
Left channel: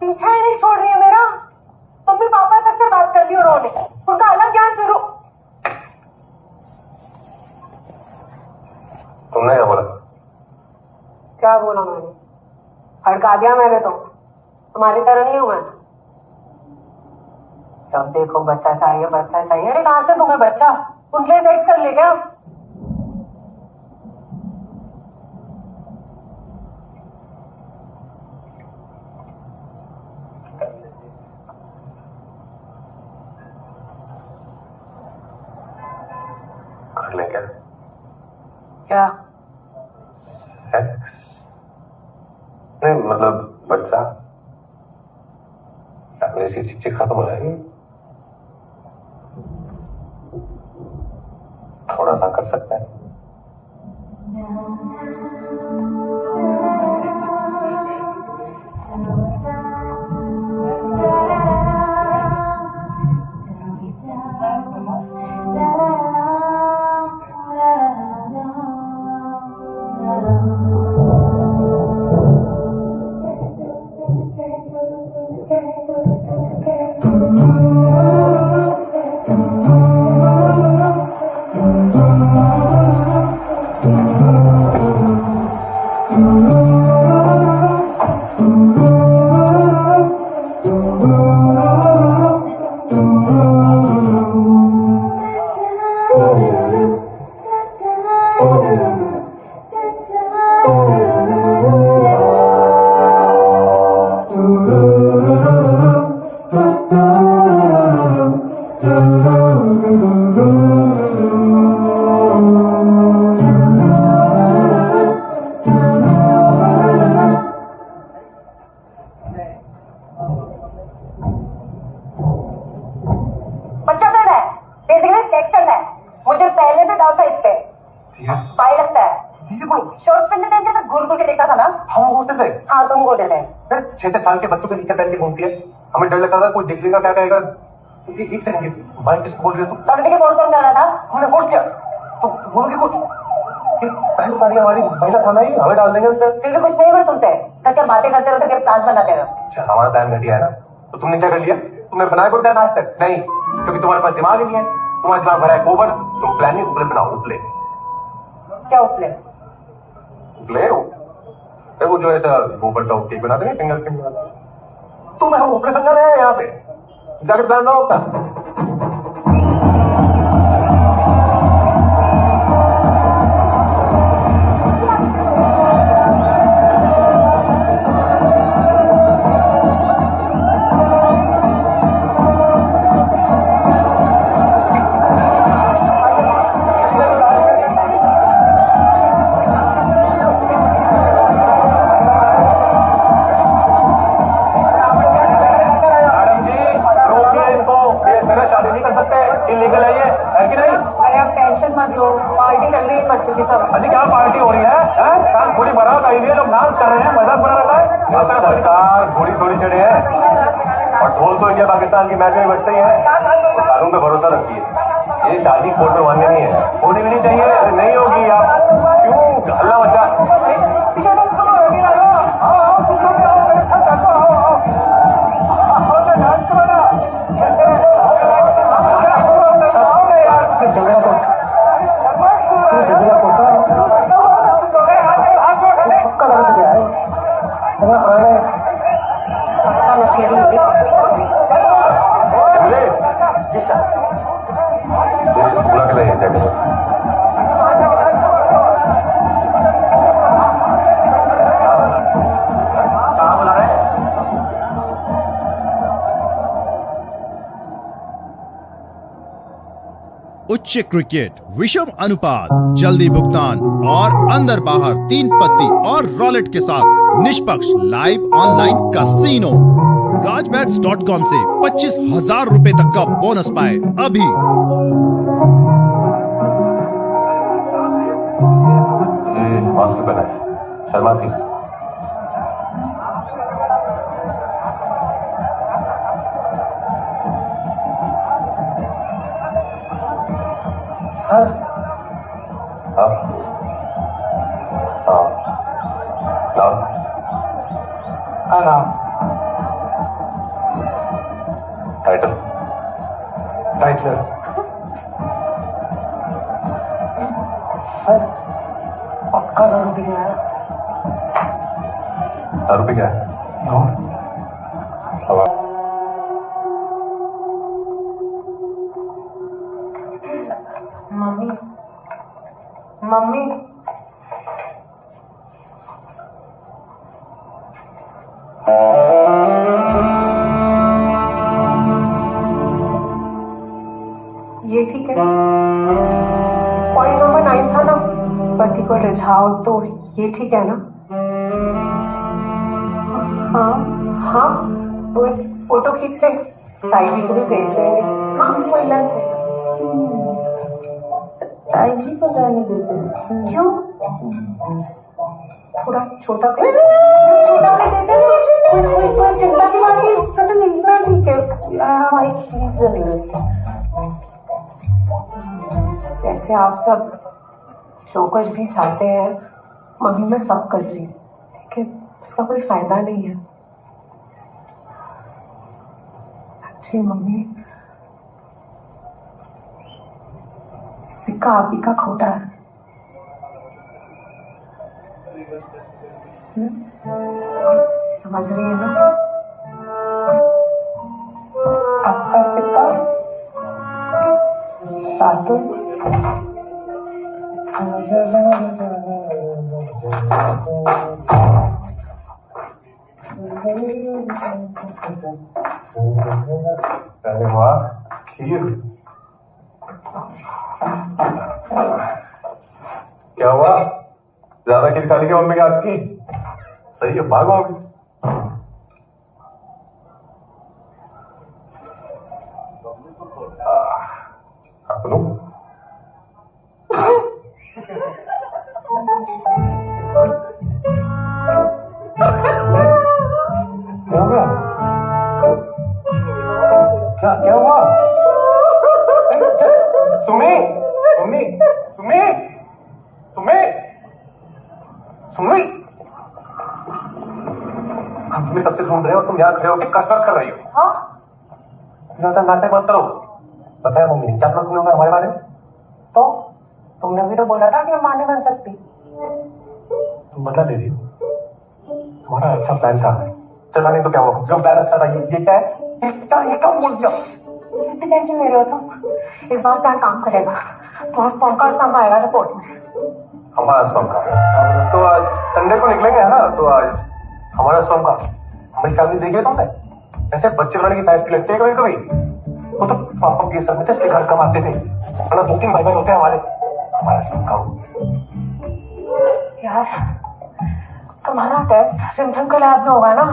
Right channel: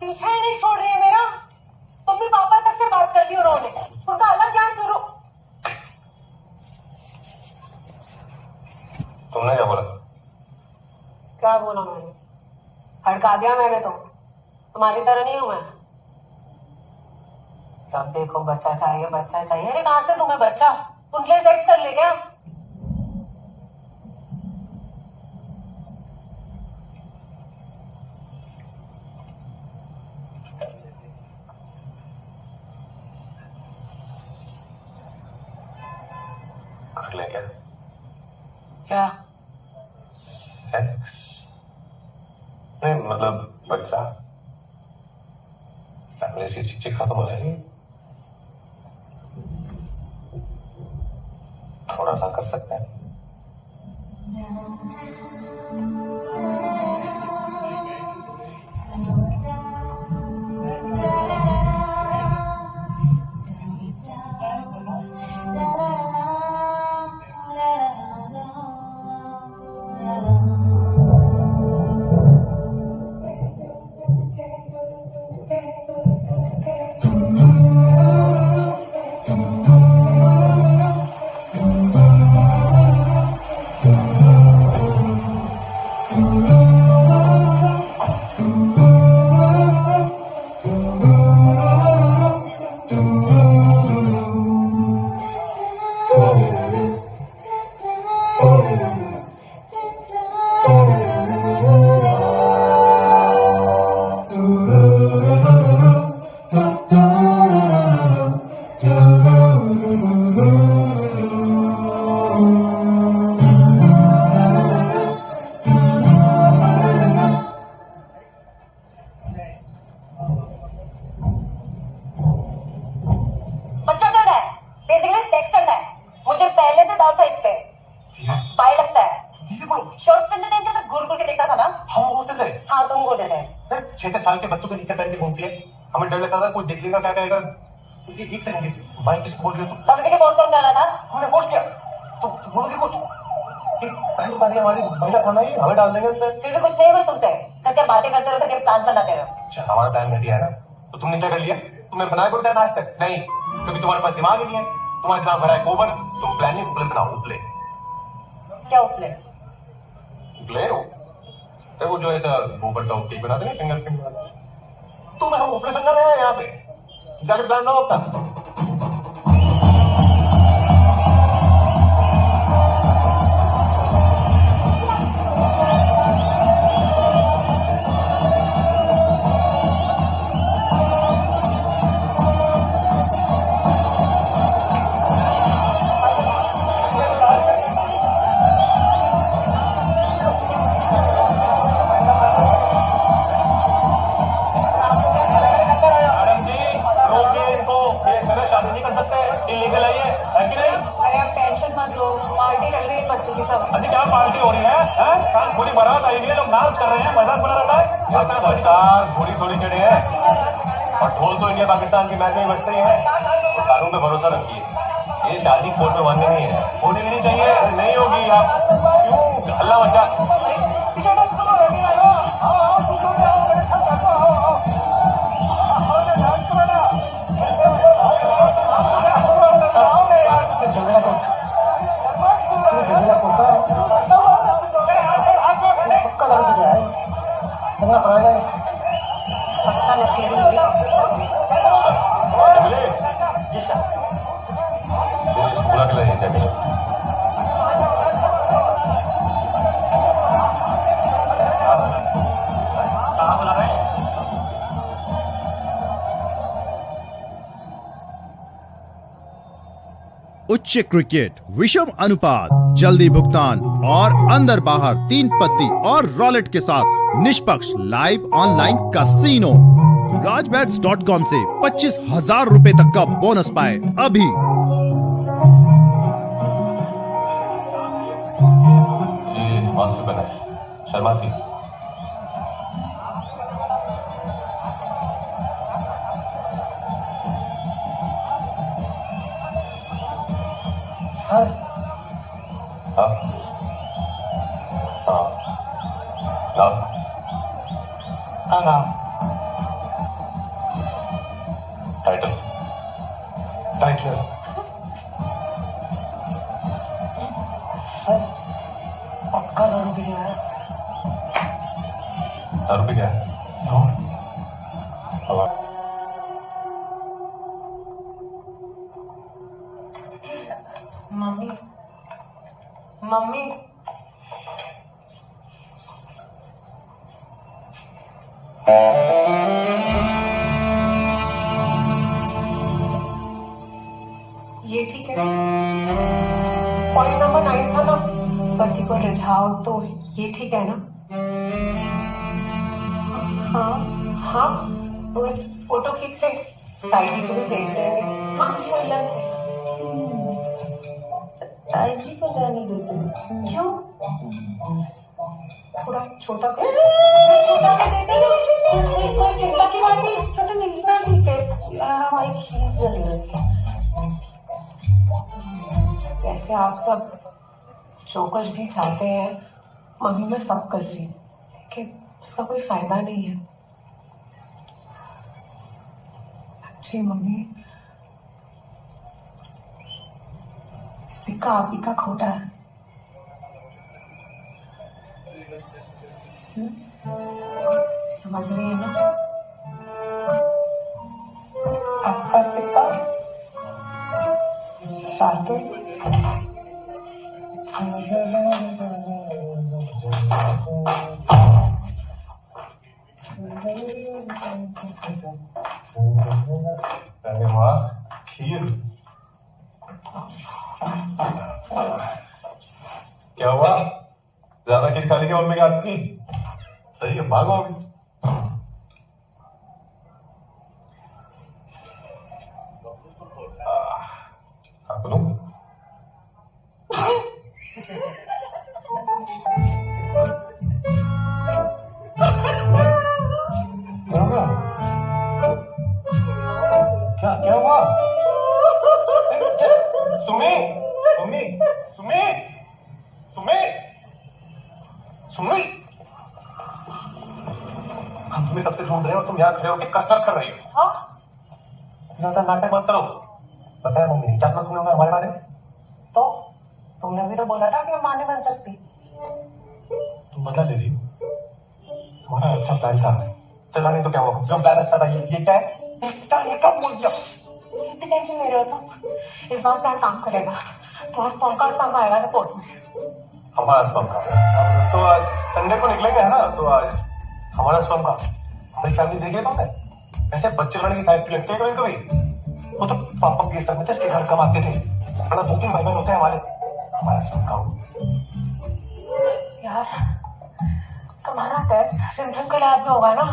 पीछा ही नहीं छोड़ रही है मेरा। मम्मी पापा तक से बात कर ली उन्होंने, उनका अलग ज्ञान शुरू। तुमने क्या बोला? क्या बोला मैंने? हड़का दिया मैंने तो। तुम्हारी तरह नहीं हूं मैं। जब देखो बच्चा चाहिए बच्चा चाहिए। अरे कहां से तुम्हें बच्चा? उनके लिए सेक्स कर ले क्या? कर ले क्या? क्या? नहीं मतलब बच्चा। इसकी चिक खत्म हो जाएगी। थोड़ा सा कर सकते हैं। साल के बच्चों के नीचे पहन के घूमती है, हमें डर लगता था कोई देख लेगा क्या कहेगा। एक सेकंड भाई किसको बोल रही हो तुम? लड़के की फोर्स कौन कर रहा था? हमने फोर्स किया तो बोलोगे कुछ? पहली बार हमारी महिला खाना ही हमें डाल देंगे अंदर। फिर भी कुछ नहीं हुआ तुमसे, क्या बातें करते रहो, क्या प्लान बनाते रहो। अच्छा हमारा प्लान घटिया है ना, तो तुमने क्या कर लिया? तुमने बनाया कोई प्लान आज तक? नहीं, क्योंकि तुम्हारे पास दिमाग ही नहीं है। तुम्हारा दिमाग भरा है गोबर। तुम प्लान नहीं उपले बनाओ। उपले क्या उपले? उपले वो जो ऐसा गोबर का केक बनाते हैं फिंगर केक बनाते हैं। तुम हम ऊपर समझा रहे हैं यहाँ पे जाके प्लान ना होता। इलीगल है ये, है कि नहीं? अरे आप टेंशन मत लो, पार्टी चल रही है बच्चों की सब। अरे क्या पार्टी हो रही है? काम पूरी बारात आई हुई है, लोग डांस कर रहे हैं, मजा बुरा रहा है। सरकार थोड़ी थोड़ी चढ़े हैं और ढोल तो इंडिया पाकिस्तान की मैच में बजते ही है। कानून पे भरोसा रखिए, ये शादी कोर्ट में मान्य नहीं है, होनी भी नहीं चाहिए। नहीं होगी, आप क्यों हल्ला मचा? जी सर। बुला के लाइए जाके। कहाँ बुला रहे हैं? उच्च क्रिकेट विषम अनुपात, जल्दी भुगतान और अंदर बाहर 3 पत्ती और रॉलेट के साथ निष्पक्ष लाइव ऑनलाइन कैसीनो। राजबैट्स.com से 25,000 रुपए तक का बोनस पाए अभी। ये मास्क पहना है, शर्माती। हाँ हाँ हाँ नाम टाइटल टाइटलर सर पक्का दारू पी गया है। दारू पी गया है? मम्मी मम्मी ये ठीक है। पॉइंट नंबर 9 था ना, पति को रिझाओ, तो ये ठीक है ना? हाँ हाँ, फोटो खींच रहे, ताई जी को भी भेज देंगे। हाँ कोई लंच है। ताई जी को रहने देते क्यों? थोड़ा छोटा कर, छोटा कर देते हैं। कोई चिंता की बात नहीं, छोटा नहीं, ठीक है। हमारी खीर जल रही है। वैसे आप सब जो कुछ भी चाहते हैं मम्मी मैं सब कर रही हूँ, लेकिन उसका कोई फायदा नहीं है। जी मम्मी, सिक्का आप ही का खोटा है। समझ रही है ना? आपका सिक्का शार्दुल अरे वाह, खीर। क्या हुआ, ज्यादा खीर खा ली क्या मम्मी के हाथ की? सही है, भागो अभी। आपको क्या हो गया? क्या हुआ? सुमी, सुमी, सुमी, सुमी, सुमी। हम तुम्हें कब से ढूंढ रहे हो, तुम यहाँ खड़े होकर कसरत कर रही हो। हाँ? ज्यादा नाटक मत करो। पता है मम्मी ने क्या तुमने होगा हमारे बारे में? तो तुमने भी तो बोला था कि मैं मां नहीं बन सकती। तुम बदला ले रही हो। तुम्हारा अच्छा प्लान था, चला नहीं तो क्या हुआ? जो प्लान अच्छा था ये क्या है? इतनी टेंशन ले रहे हो तुम? इस बार प्लान काम करेगा। तुम्हारा स्पर्म का काम आएगा रिपोर्ट में। हमारा स्पर्म का तो आज संडे को निकलेंगे है ना, तो आज हमारा स्पर्म का हमारी फैमिली देखी है तुमने? ऐसे बच्चे लाने की फैक्ट्री लगती है कभी कभी। वो तो पापा के सब में थे, इसलिए घर कमाते थे, वरना 2-3 भाई बहन होते हैं हमारे। हमारा स्पर्म का यार तुम्हारा टेस्ट रिमझिम के लैब में होगा ना?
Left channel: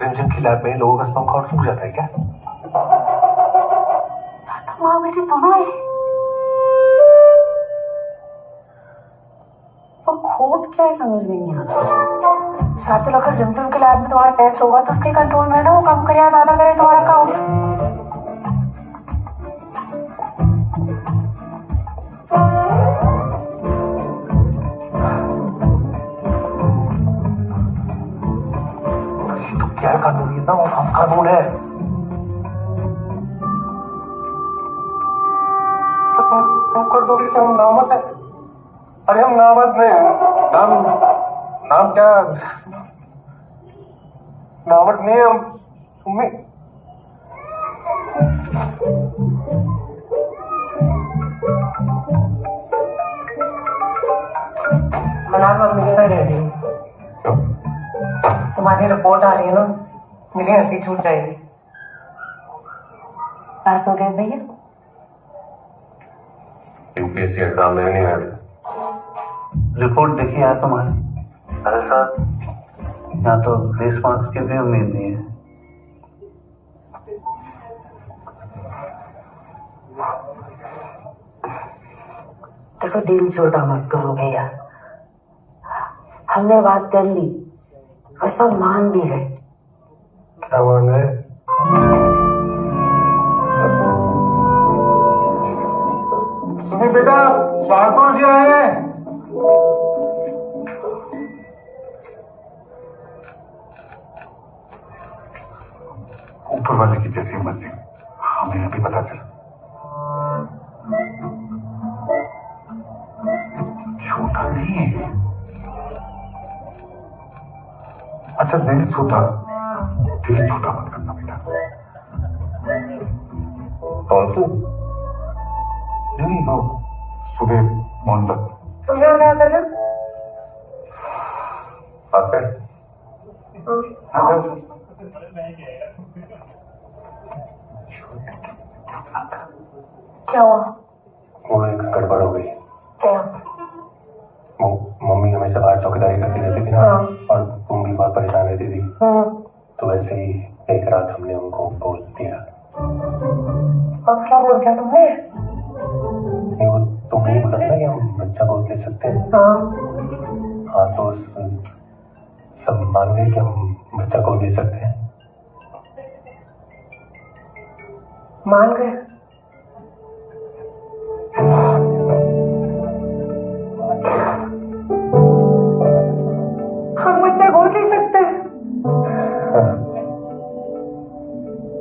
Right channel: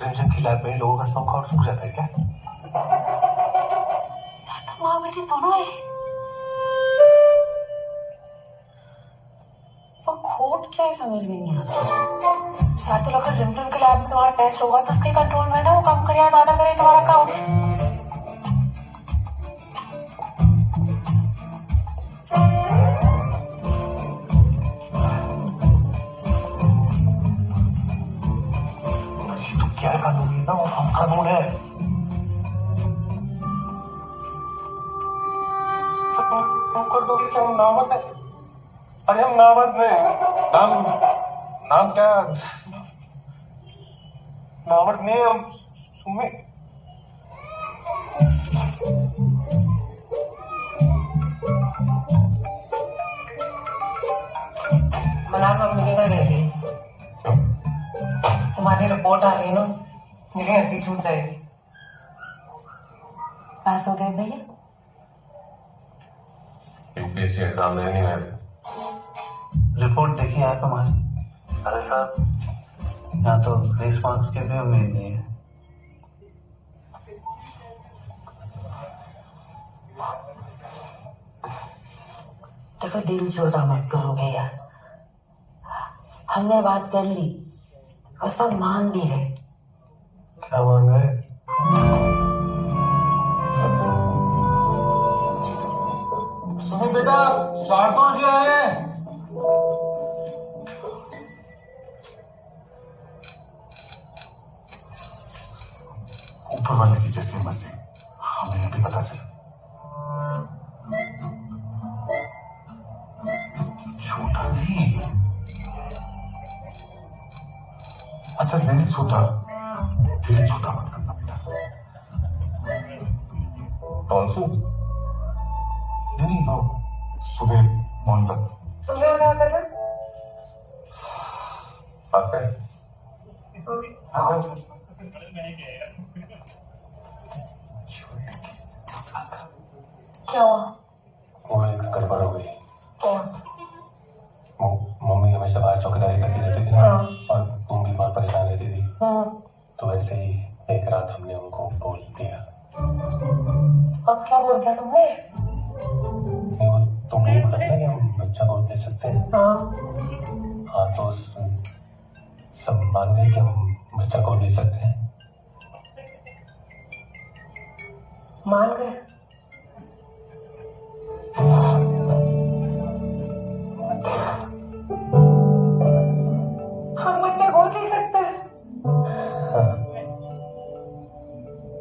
रिमझिम की लैब में लोगों का स्पर्म काउंट सूख जाता है क्या? तुम माँ बेटी दोनों ही। वो खोट क्या है समझ में नहीं आता। शायद अगर रिमझिम के लैब में तुम्हारा टेस्ट होगा तो उसके कंट्रोल में है ना, वो कम करे या ज्यादा करे तुम्हारा काउंट। क्या कानून है ना, वो हम कानून है। तो तुम कर दोगे कि हम नामर्द है? अरे हम नामर्द में नाम क्या, नामर्द नहीं है हम। सुमी मनान मम्मी के घर रह रही हूँ। तुम्हारी रिपोर्ट आ रही है ना, मेरी हंसी छूट जाएगी। पास हो गए भैया? यूपीएससी एग्जाम देने नहीं गए। रिपोर्ट देखी है तुम्हारी? अरे सर, यहाँ तो 20 मार्क्स की भी उम्मीद नहीं है। देखो दिल छोटा मत करो भैया, हमने बात कर ली और सब मान भी गए। क्या मान गए? सुनी बेटा, शार्दुल जी आए हैं। ऊपर वाले की जैसी मर्जी, हमें अभी पता चला। छोटा नहीं है। अच्छा दिल छोटा मत करना बेटा। कौन सी? नहीं वो सुबह मोहब्बत। तुम यहाँ क्या कर रहे हो? क्या हुआ? वो एक गड़बड़ हो गई। क्या? वो मम्मी हमेशा बाहर चौकीदारी करती रहती थी ना, हाँ। और तुम भी बहुत परेशान रहती थी। तो वैसे ही एक रात हमने उनको बोल दिया। अब क्या बोल दिया तुमने? नहीं, वो तुमने ही बोला था कि हम बच्चा गोद ले सकते हैं। हाँ, तो सब मान गए कि हम बच्चा गोद ले सकते हैं। मान गए? हम बच्चा गोद ले सकते हैं?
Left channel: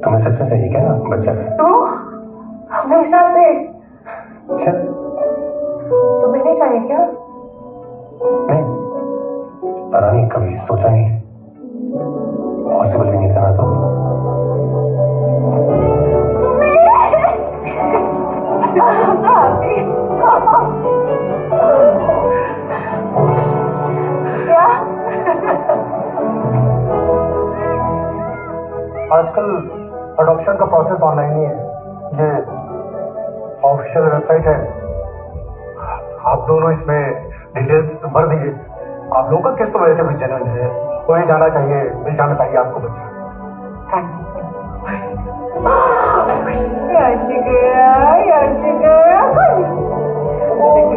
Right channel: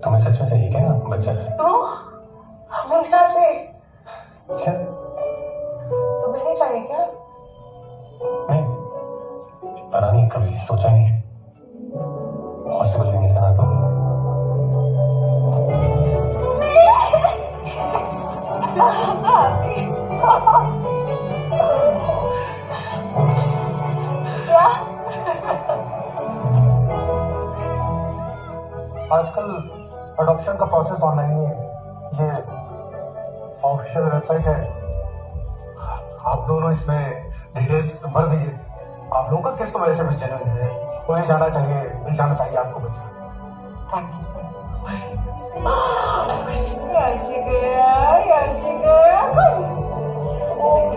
तुम्हें सच में चाहिए क्या बच्चा? तो हमेशा से? अच्छा, तुम्हें नहीं चाहिए क्या? नहीं, पता नहीं, कभी सोचा नहीं, पॉसिबल भी नहीं था ना। तो आजकल अडॉप्शन का प्रोसेस ऑनलाइन ही है। ये ऑफिशियल वेबसाइट है, आप दोनों इसमें डिटेल्स भर दीजिए। आप लोगों का केस तो वैसे भी जेन्युइन है, वही जाना चाहिए, मिल जाना चाहिए आपको बच्चा। Thank you sir.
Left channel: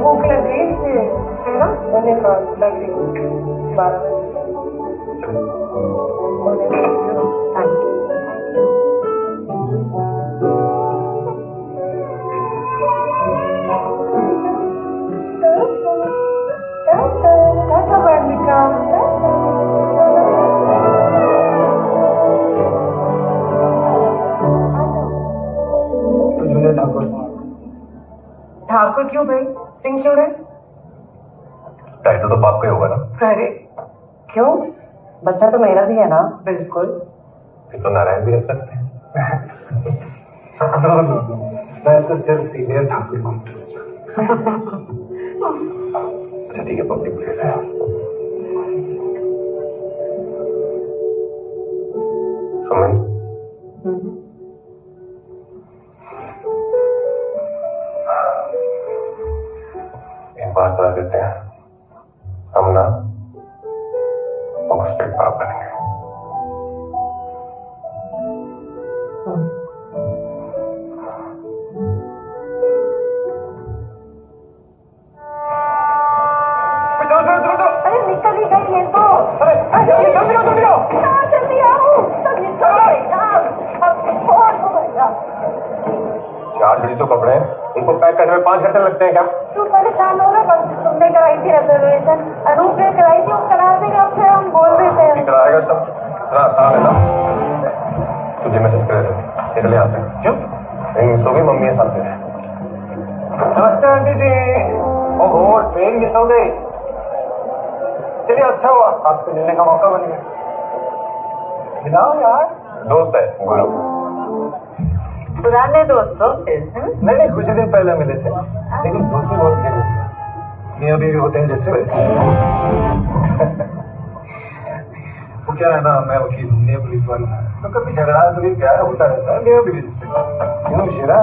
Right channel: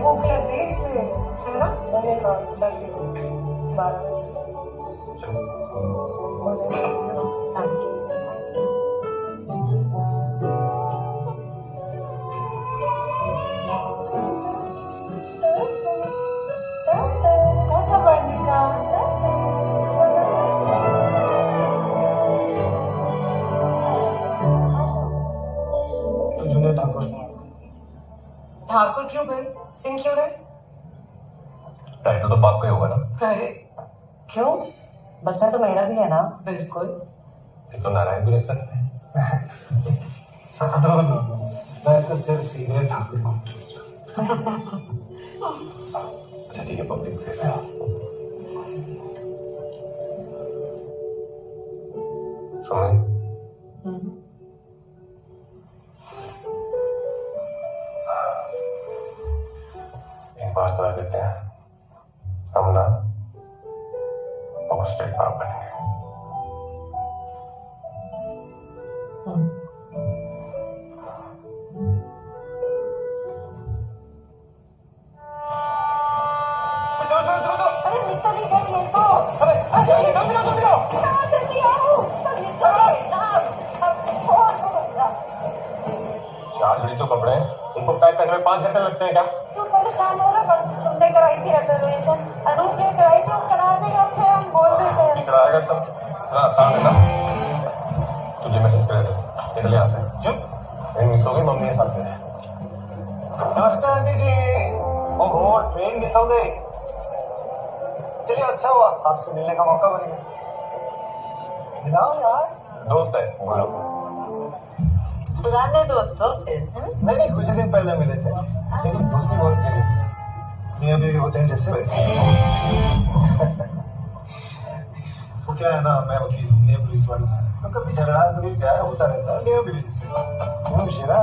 भूख लग गई इसे, है ना? मैंने लग गई 12 बजे। Thank you. टाटा बालिका। जूनियर ठाकुर। ठाकुर क्यों भाई? सिंह क्यों रहे? टाइटल तो बाप का ही होगा ना। अरे क्यों? बच्चा तो मेरा भी है ना। बिल्कुल। ये तो नारायण भी रख सकते हैं। नो, मैं तो सिर्फ सीनियर ठाकुर को इंटरेस्ट। अच्छा ठीक है, पब्लिक प्लेस है। सुमन, एक बात बता देते हैं, हम ना पोस्टेड बाप बनेंगे। अरे निकल ही गई है तो। अरे जल्दी आओ। हाँ जल्दी आओ। सब निकल गई ना। अब फोन हो गया। 4 जोड़ी तो कपड़े हैं, उनको पैक करने में 5 घंटे लगते हैं क्या? क्यों परेशान हो रहा? कल से तुमने कराई थी रिजर्वेशन, अनूप ने कराई थी, वो करा देगा, फिर हम बोल देते हैं। कराएगा सब। इतना आसान है ना? तुझे मैसेज कर देते, निकले यहाँ से। क्यों? मिस हो गई, मम्मी है साथ में। नमस्ते आंटी जी। ओहो, ट्रेन मिस हो गई। चलिए अच्छा हुआ, आपसे मिलने का मौका बन गया। मिलाओ यार। दोस्त है गुरु। पुराने दोस्तों नहीं, कुछ दिन पहले मिले थे, लेकिन दोस्ती बहुत गहरी। मियां बीवी होते हैं जैसे वैसे। वो क्या है ना, मैं वकील हूँ, ये पुलिस वाला, तो कभी झगड़ा कभी प्यार होता रहता है मियां बीवी जैसे। क्यों शेरा?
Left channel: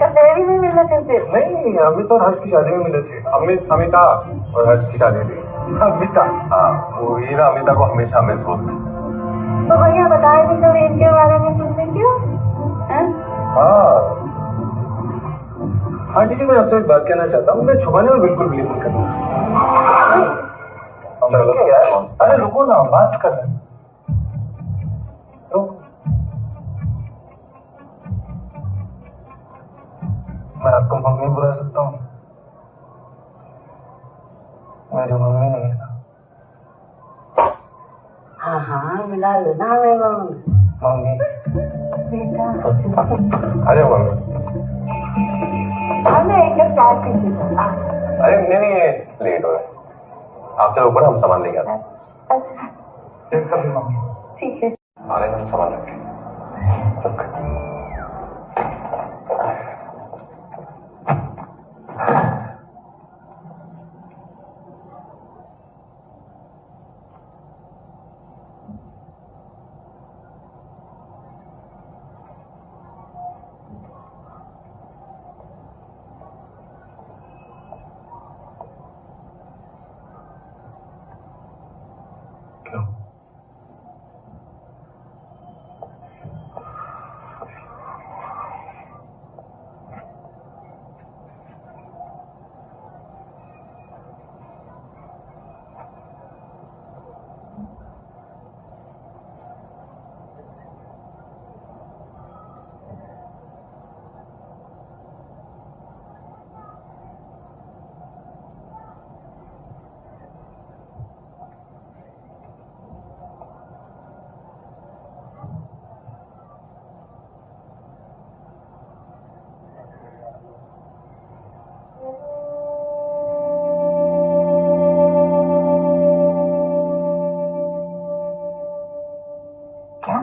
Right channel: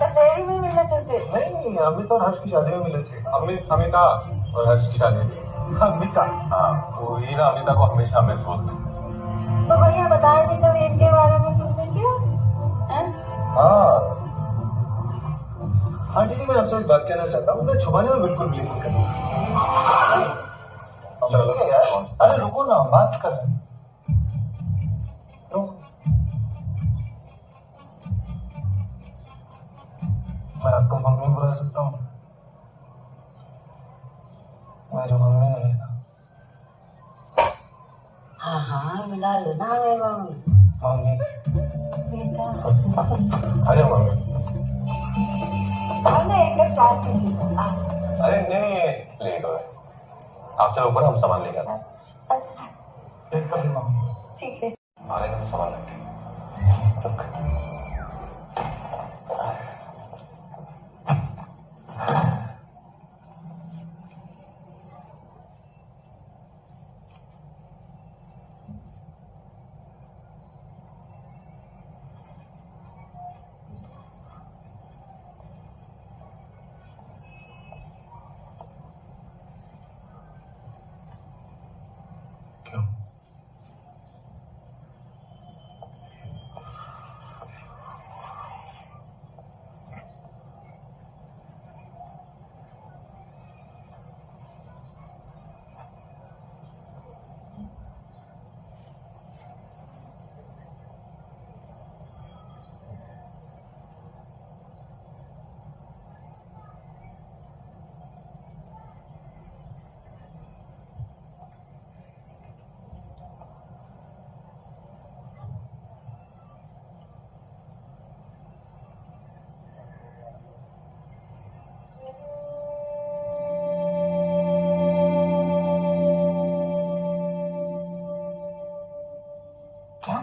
कचहरी में मिले थे फिर? नहीं, अमित और हर्ष की शादी में मिले थे। अमिता और हर्ष की शादी थी। अमिता? हाँ, वो ही ना अमिता को हमेशा अमित बोलते। तो भैया बताए नहीं कभी इनके बारे में तुमने? क्यों? हाँ आंटी जी, मैं आपसे एक बात कहना चाहता हूँ, मैं छुपाने में बिल्कुल बिलीव नहीं करता। चलो यार, अरे रुको ना, बात कर रहे हैं। मैं आपको मम्मी बुला सकता हूँ? मेरी मम्मी नहीं है ना। हाँ हाँ मिला लो ना हमें मम्मी। बेटा आ जाओ मम्मी। हमने एक कप चाय पी ली। अरे नहीं, ये लेट हो रहा है। आप चलो ऊपर, हम सामान लेके आते हैं। अच्छा एक कप मम्मी। ठीक है। आ रहे हैं, हम सामान रखें। क्या?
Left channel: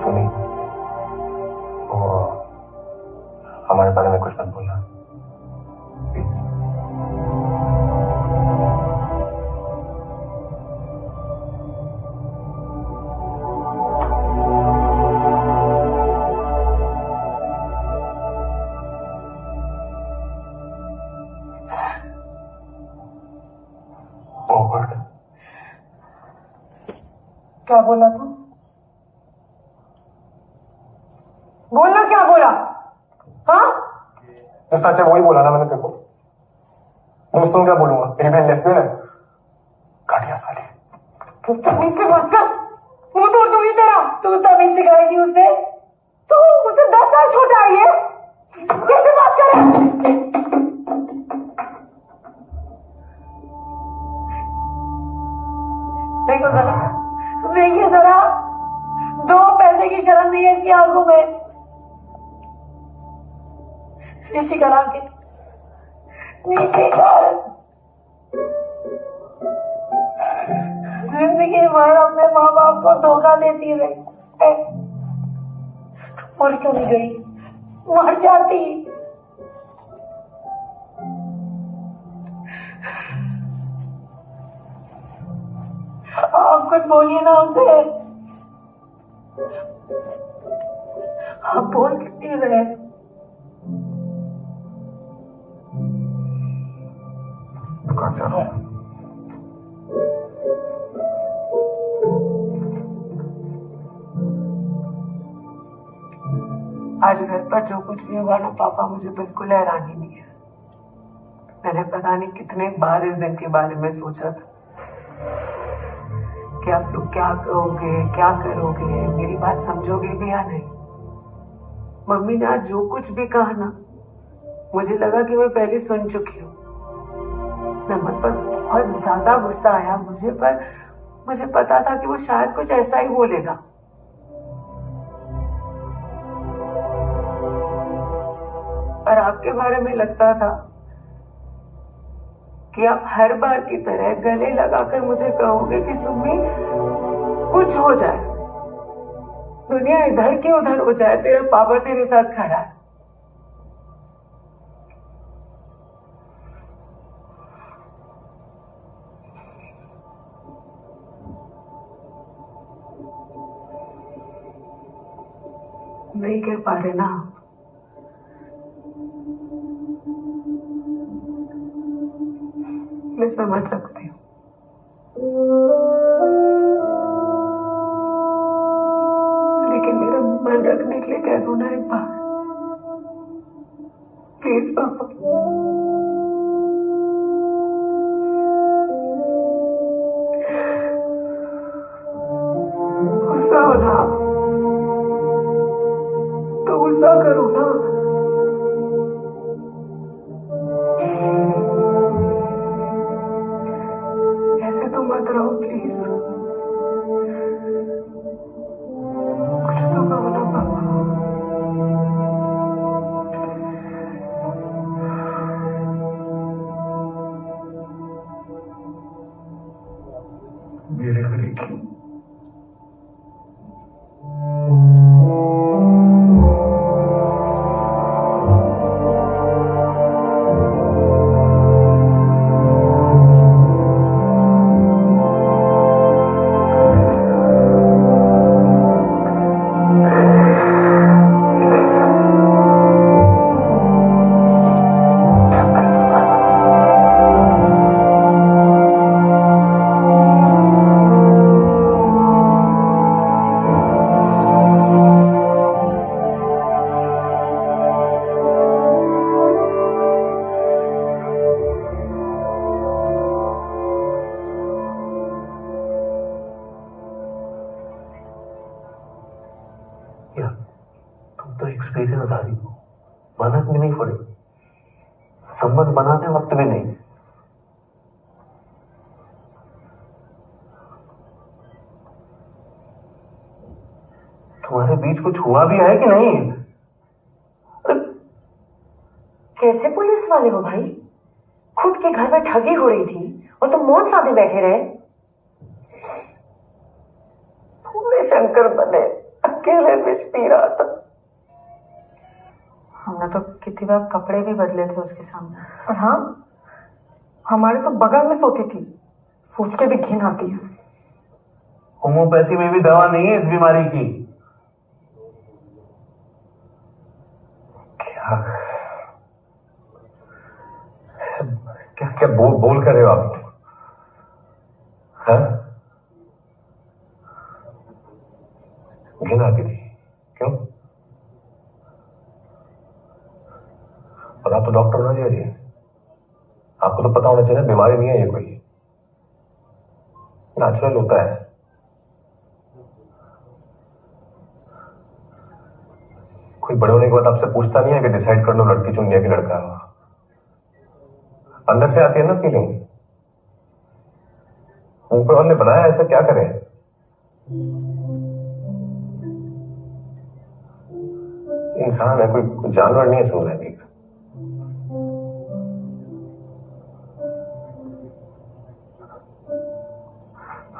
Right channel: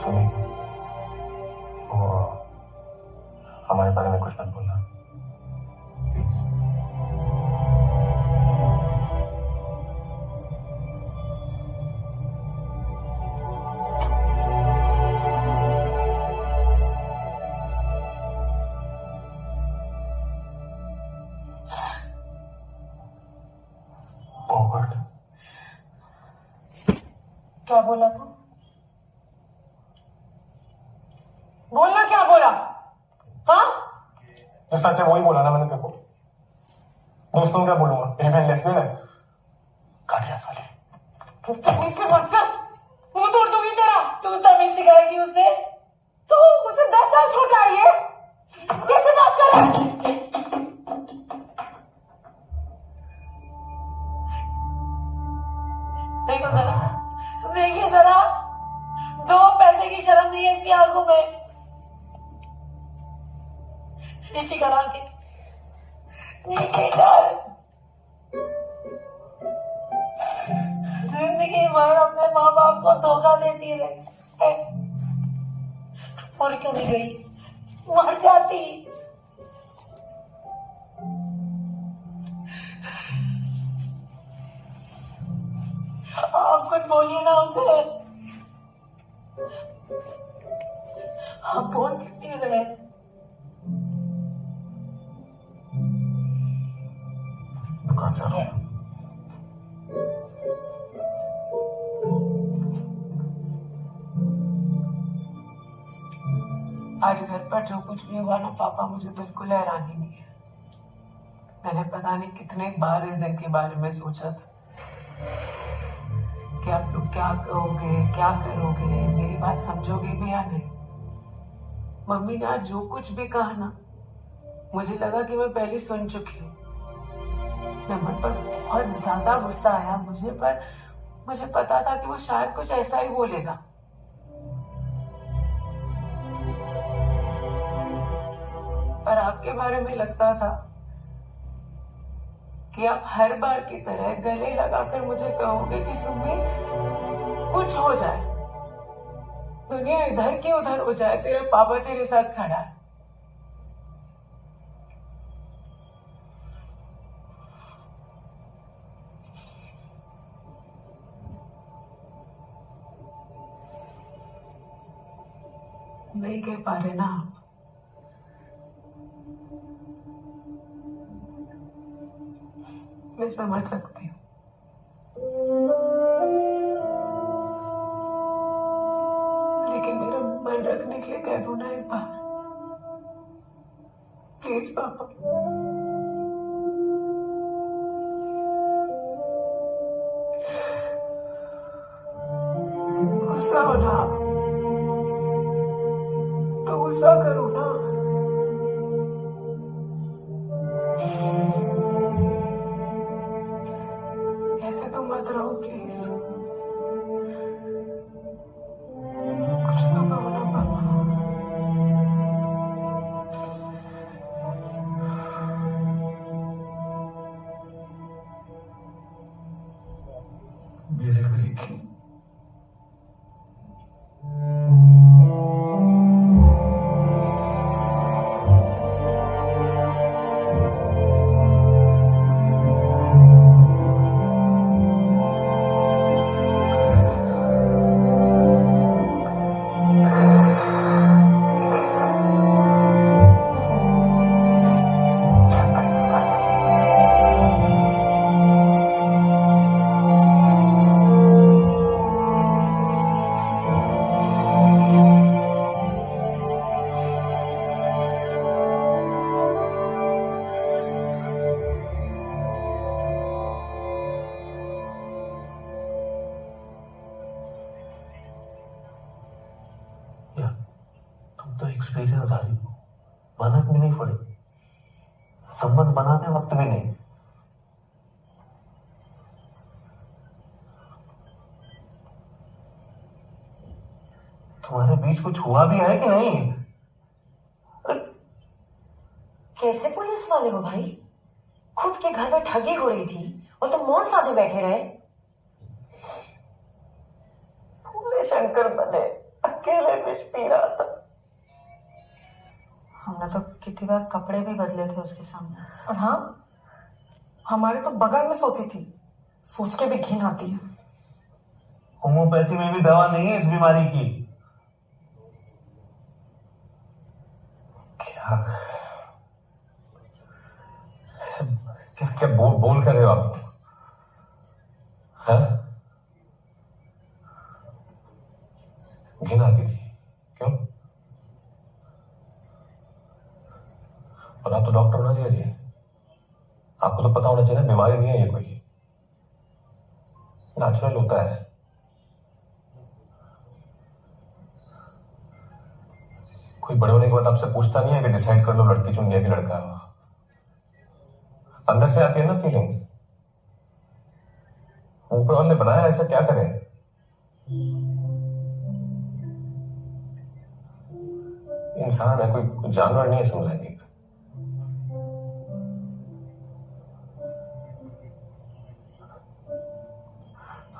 सुनी, वो हमारे बारे में कुछ मत बोलना प्लीज। क्या बोला तू? बोलना, क्या बोला? हाँ, जो सच है वही बोला ना मैंने तेरे को। दोस्तों क्या बोलूंगा, मेरी बहन लेस्बियन है। घटिया साली। तू तमीज से बात कर, मुंह तोड़ दूंगी तेरा। तू तमीज सिखाएगी उसे? तू मुझसे 10 साल छोटा है, ये कैसे बात करे? देखो जरा, देखिए जरा, 2 पैसे की शर्म नहीं है इसकी आंखों में। नीचे कर आके, नीचे कर। जिंदगी भर अपने माँ बाप को धोखा देती रही, मर क्यों नहीं गई? मर जाती। आप कुछ बोलिए ना उसे। आप बोल क्यों नहीं रहे? दुकान जा रहा है। आज घर पर जो कुछ भी हुआ ना पापा, मुझे बिल्कुल हैरानी नहीं है। मैंने पता नहीं कितने बार इस दिन के बारे में सोचा था कि आप लोग क्या कहोगे, क्या करोगे, मेरी बात समझोगे भी या नहीं। मम्मी ने आज जो कुछ भी कहा ना, मुझे लगा कि मैं पहले सुन चुकी हूँ। मैं मन पर बहुत ज्यादा गुस्सा आया मुझे, पर मुझे पता था कि वो शायद कुछ ऐसा ही बोलेगा। पर आपके बारे में लगता था कि आप हर बार की तरह गले लगाकर मुझे कहोगे कि सुमी कुछ हो जाए, दुनिया इधर की उधर हो जाए, तेरा पापा तेरे साथ खड़ा है। नहीं कह पा रहे ना आप? मैं समझ सकती हूँ, लेकिन मेरा मन रखने के लिए कह दो ना एक बार, प्लीज पापा। गुस्सा हो ना आप, तो गुस्सा करो ना। ऐसे तो मत रहो प्लीज, कुछ तो कहो ना पापा। मेरे घर एक ही या तुम तो एक्सपीरियंस आदमी हो, मेहनत भी नहीं पड़े, संबंध बनाने वक्त भी नहीं। तुम्हारे बीच कुछ हुआ भी है कि नहीं? कैसे पुलिस वाले हो भाई? खुद के घर में ठगी हो रही थी और तुम मौन साधे बैठे रहे। भोले शंकर बने, अकेले विष पी रहा था। हमने तो कितनी बार कपड़े भी बदले थे उसके सामने। और हाँ, हमारे तो बगल में सोती थी, सोच के भी घिन आती है। होम्योपैथी में भी दवा नहीं है इस बीमारी की। क्या क्या बोल कर रहे हो आप? हाँ? घिन आती थी? क्यों? और आप तो डॉक्टर होना चाहिए जी, आपको तो पता होना चाहिए बीमारी नहीं है ये, कोई नेचुरल होता है। कोई बड़े होने के बाद आपसे पूछता नहीं है कि डिसाइड कर लो लड़की चुन लिया कि लड़का है। अंदर से आती है ना फीलिंग, ऊपर वाले ने बनाया ऐसा, क्या करें? इंसान है, कोई जानवर नहीं है समझाने का।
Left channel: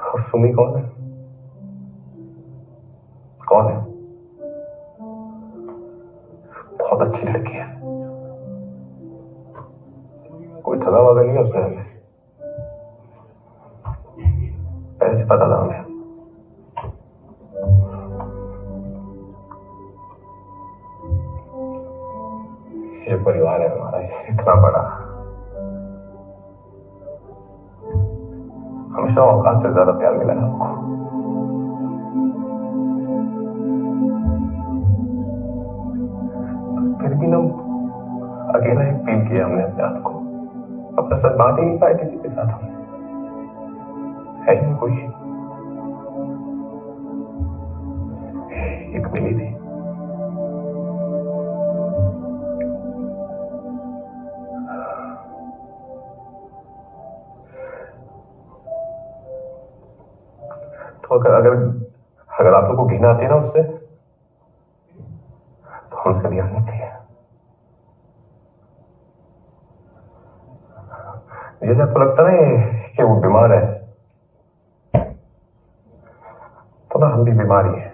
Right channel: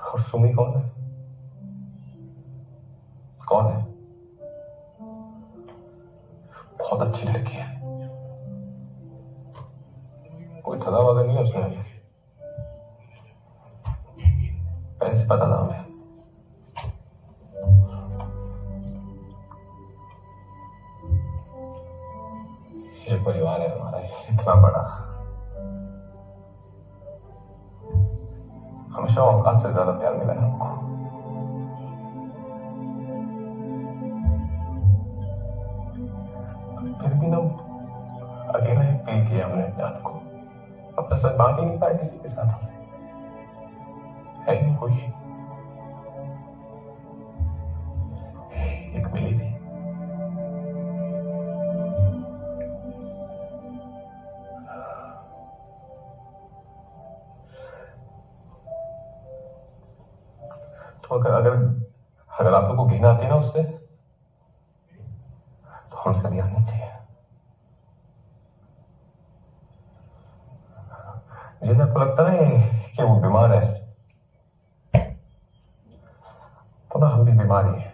और सुमी कौन है? कौन है? बहुत अच्छी लड़की है, कोई ठगा वगा नहीं है उसने, पहले से पता था हमें। ये परिवार है हमारा, इतना बड़ा, हमेशा औकात से ज्यादा प्यार मिला है आपको। फिर भी ना अकेला ही फील किया हमने अपने आप को, अपना सच बांट ही नहीं पाए किसी के साथ। हमने है ही नहीं कोई, एक मिली थी, तो अगर आप लोग को घिन आती है ना उससे, तो हमसे भी आनी चाहिए। जिन्हें आपको लगता ना कि वो बीमार है, तो ना हम भी बीमारी है।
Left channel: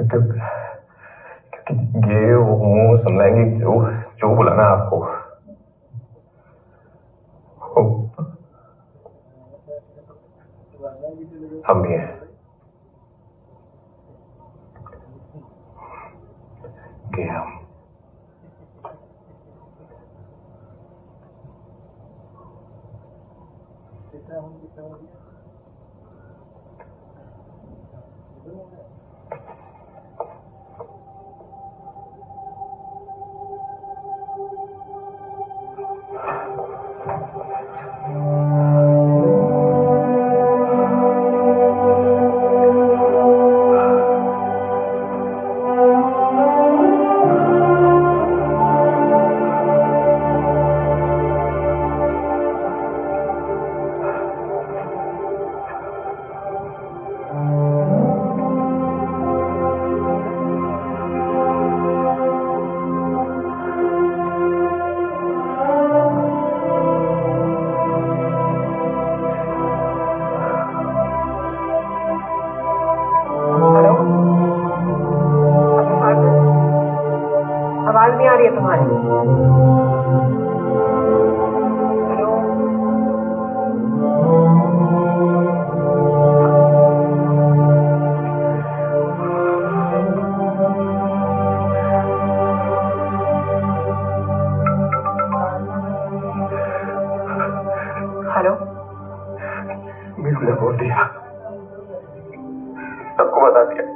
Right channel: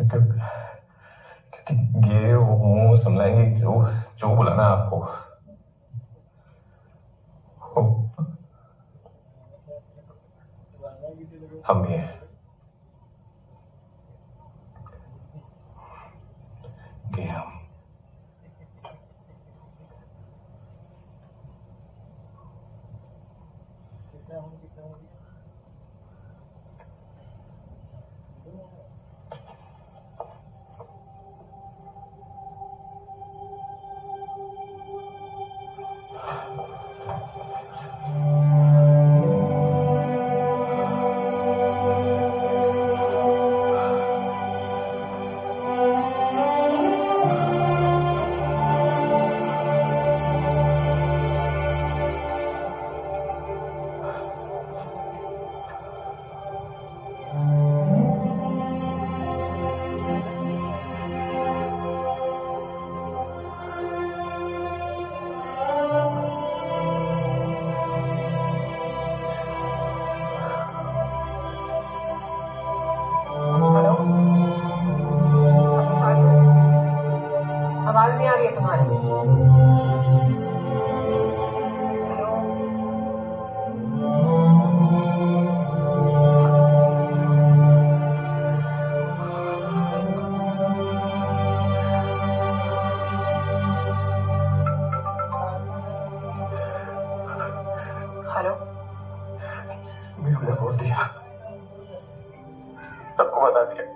क्योंकि गे होमो समलैंगिक जो बुलाना आपको, हम भी हैं। गे हम आवाज नहीं आ रही है तुम्हारी। हेलो, हेलो, मीनू ने बोल दिया, सबको बता दिया।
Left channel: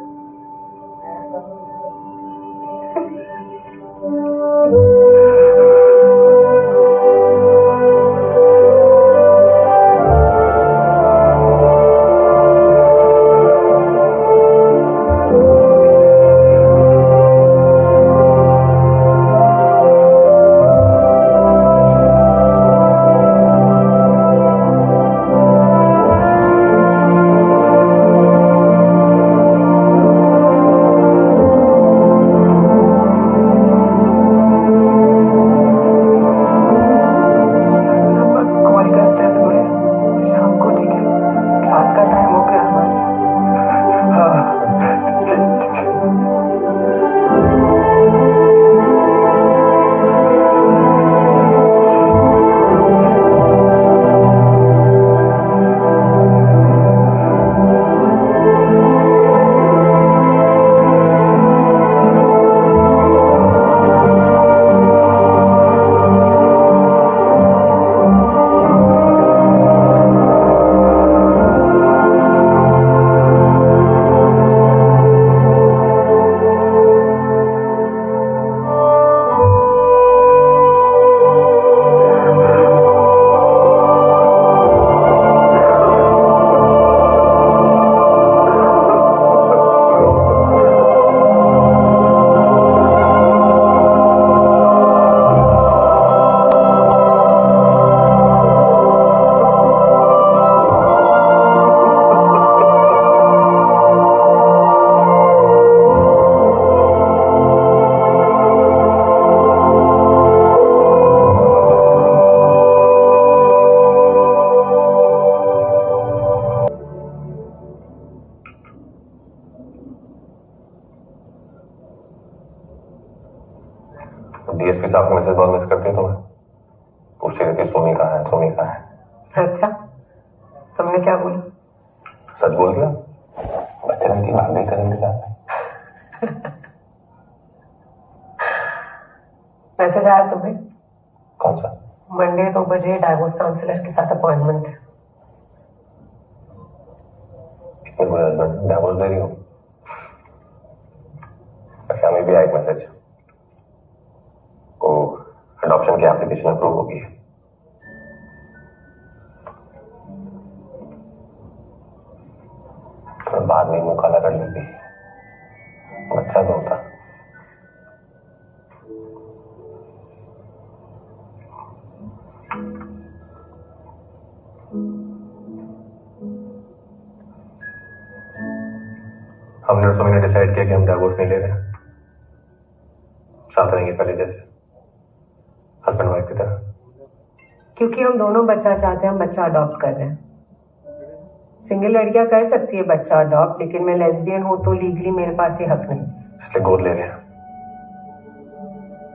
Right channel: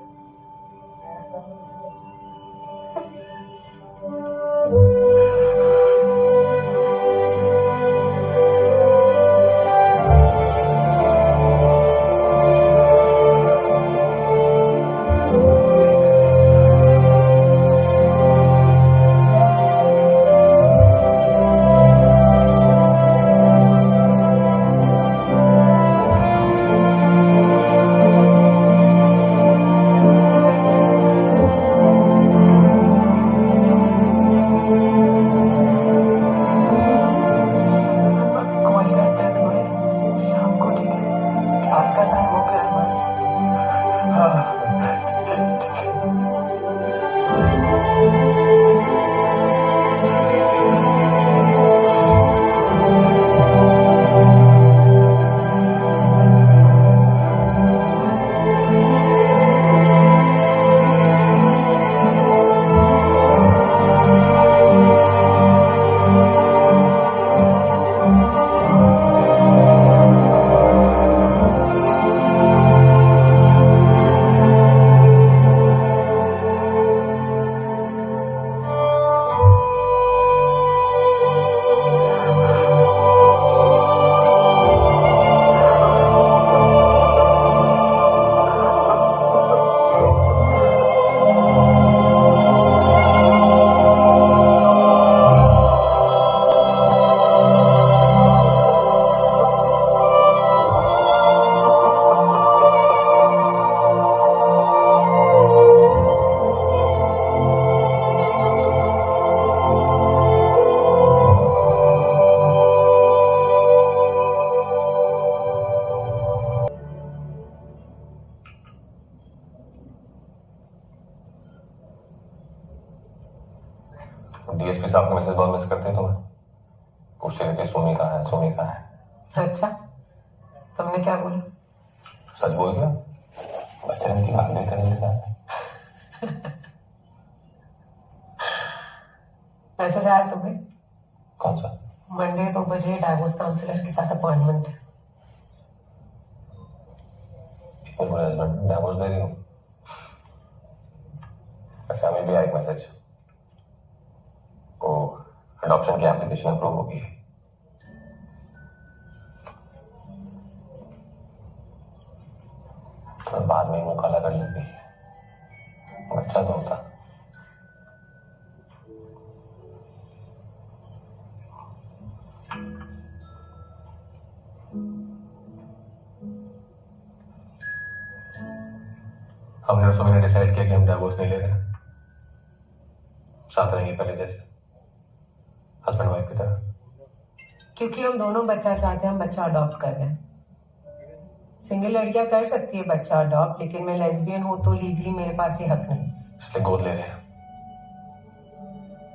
डीएसपी साहब का मैसेज बहुत मिस करती है तुम्हें? पूछती रहती सुमी कहाँ है, सुमी कहाँ है। अच्छा, तुमने क्या बोला? सच बोल दिया, बच्चन की भाभी कदम के साथ। मैसेज आया तुम्हें? कौन सा? मंडे 2 बजे डाइवोर्स काउंसलर के साथ अपॉइंटमेंट है। इतने बुरे हस्बैंड डाइवोर्स दे रही हो? अच्छा, हमें भी आया एक मैसेज, वो अडॉप्शन की एप्लीकेशन अप्रूव हो गई है। तो बाद में मुंह काला कर लेती, बच्चा तो होता। हमने और सुमी ने डिसाइड किया कि हम डाइवोर्स नहीं ले रहे, साथ रहेंगे पहले जैसे, हस्बैंड वाइफ की तरह। क्योंकि हम दोनों बच्चा चाहते हैं, हम बच्चा अडॉप्ट कर रहे हैं। सिंगल लड़कियां कर सकती है बच्चा अडॉप्ट, लेकिन मैं लेस्बियन हूं तो लीगली मेरे पास ये हक नहीं। इसलिए गोद ले लिया।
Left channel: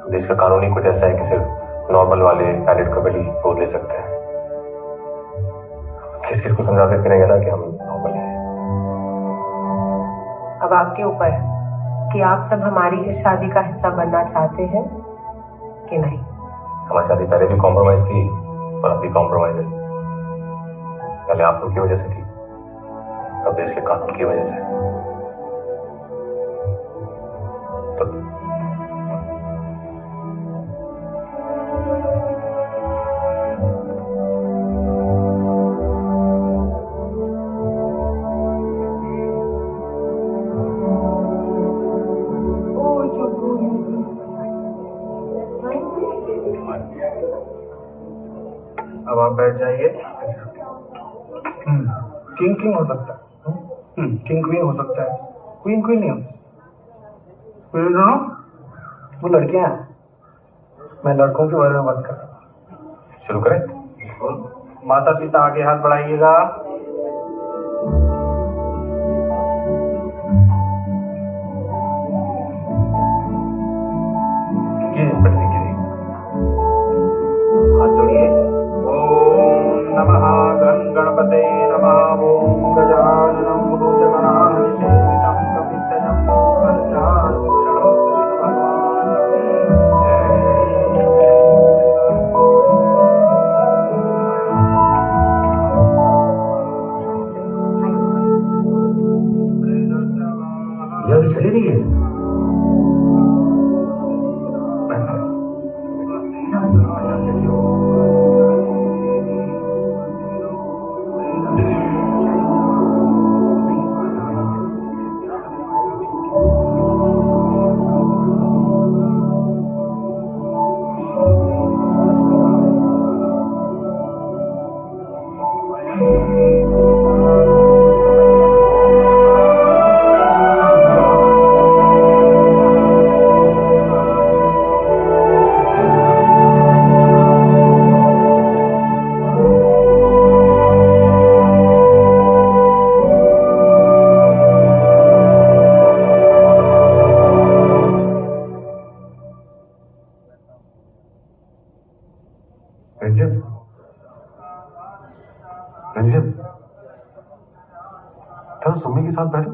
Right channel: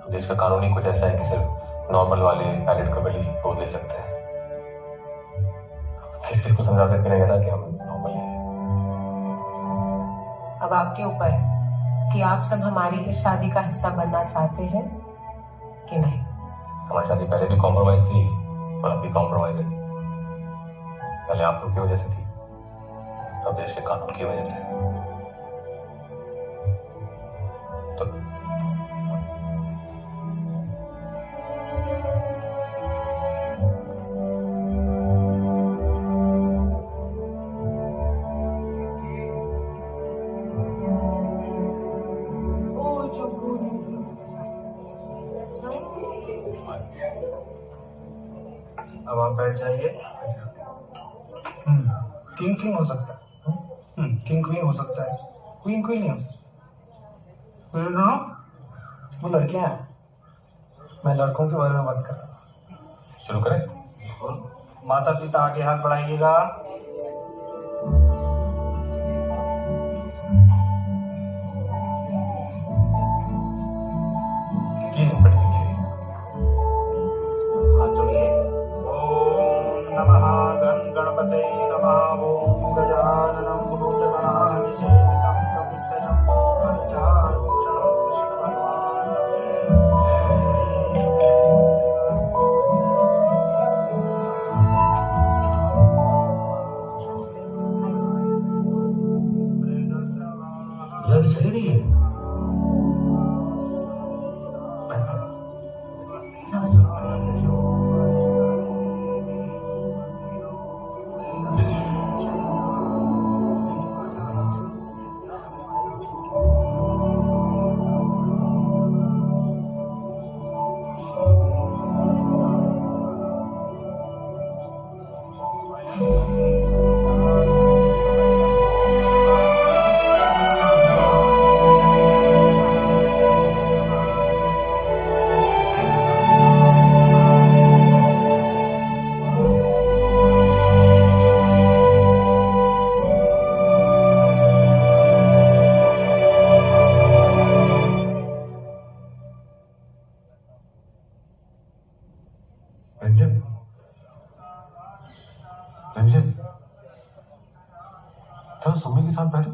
देश का कानून ही कुछ ऐसा है कि सिर्फ नॉर्मल वाले वैलिड कपल ही गोद ले सकते हैं। किस किस को समझाते फिरेंगे ना कि हम नॉर्मल हैं। अब आपके ऊपर है कि आप सब हमारी इस शादी का हिस्सा बनना चाहते हैं कि नहीं। हमारी शादी पहले भी कॉम्प्रोमाइज थी और अब भी कॉम्प्रोमाइज है। पहले आप लोग की वजह से थी, अब देश के कानून की वजह से। तो अब आप बैठ जाइए। किंग किंग हो सकता है, किंग क्वीन हो सकता है, क्वीन क्वीन नहीं हो सकता। ये दोनों वो लड़कियां हैं, मैं लड़कों के बारे में बात कर रहा हूँ। शुरू करें? माता पिता आगे हाथ बढ़ाइएगा। हाथ जोड़िए। ओम नमः गणपते नमः। ओम गजाननं भूतगणाधिसेवितं कपित्थजम्बो फलचारुभक्षणं ये अभी चली रही है। तो सुमी के साथ बैठो।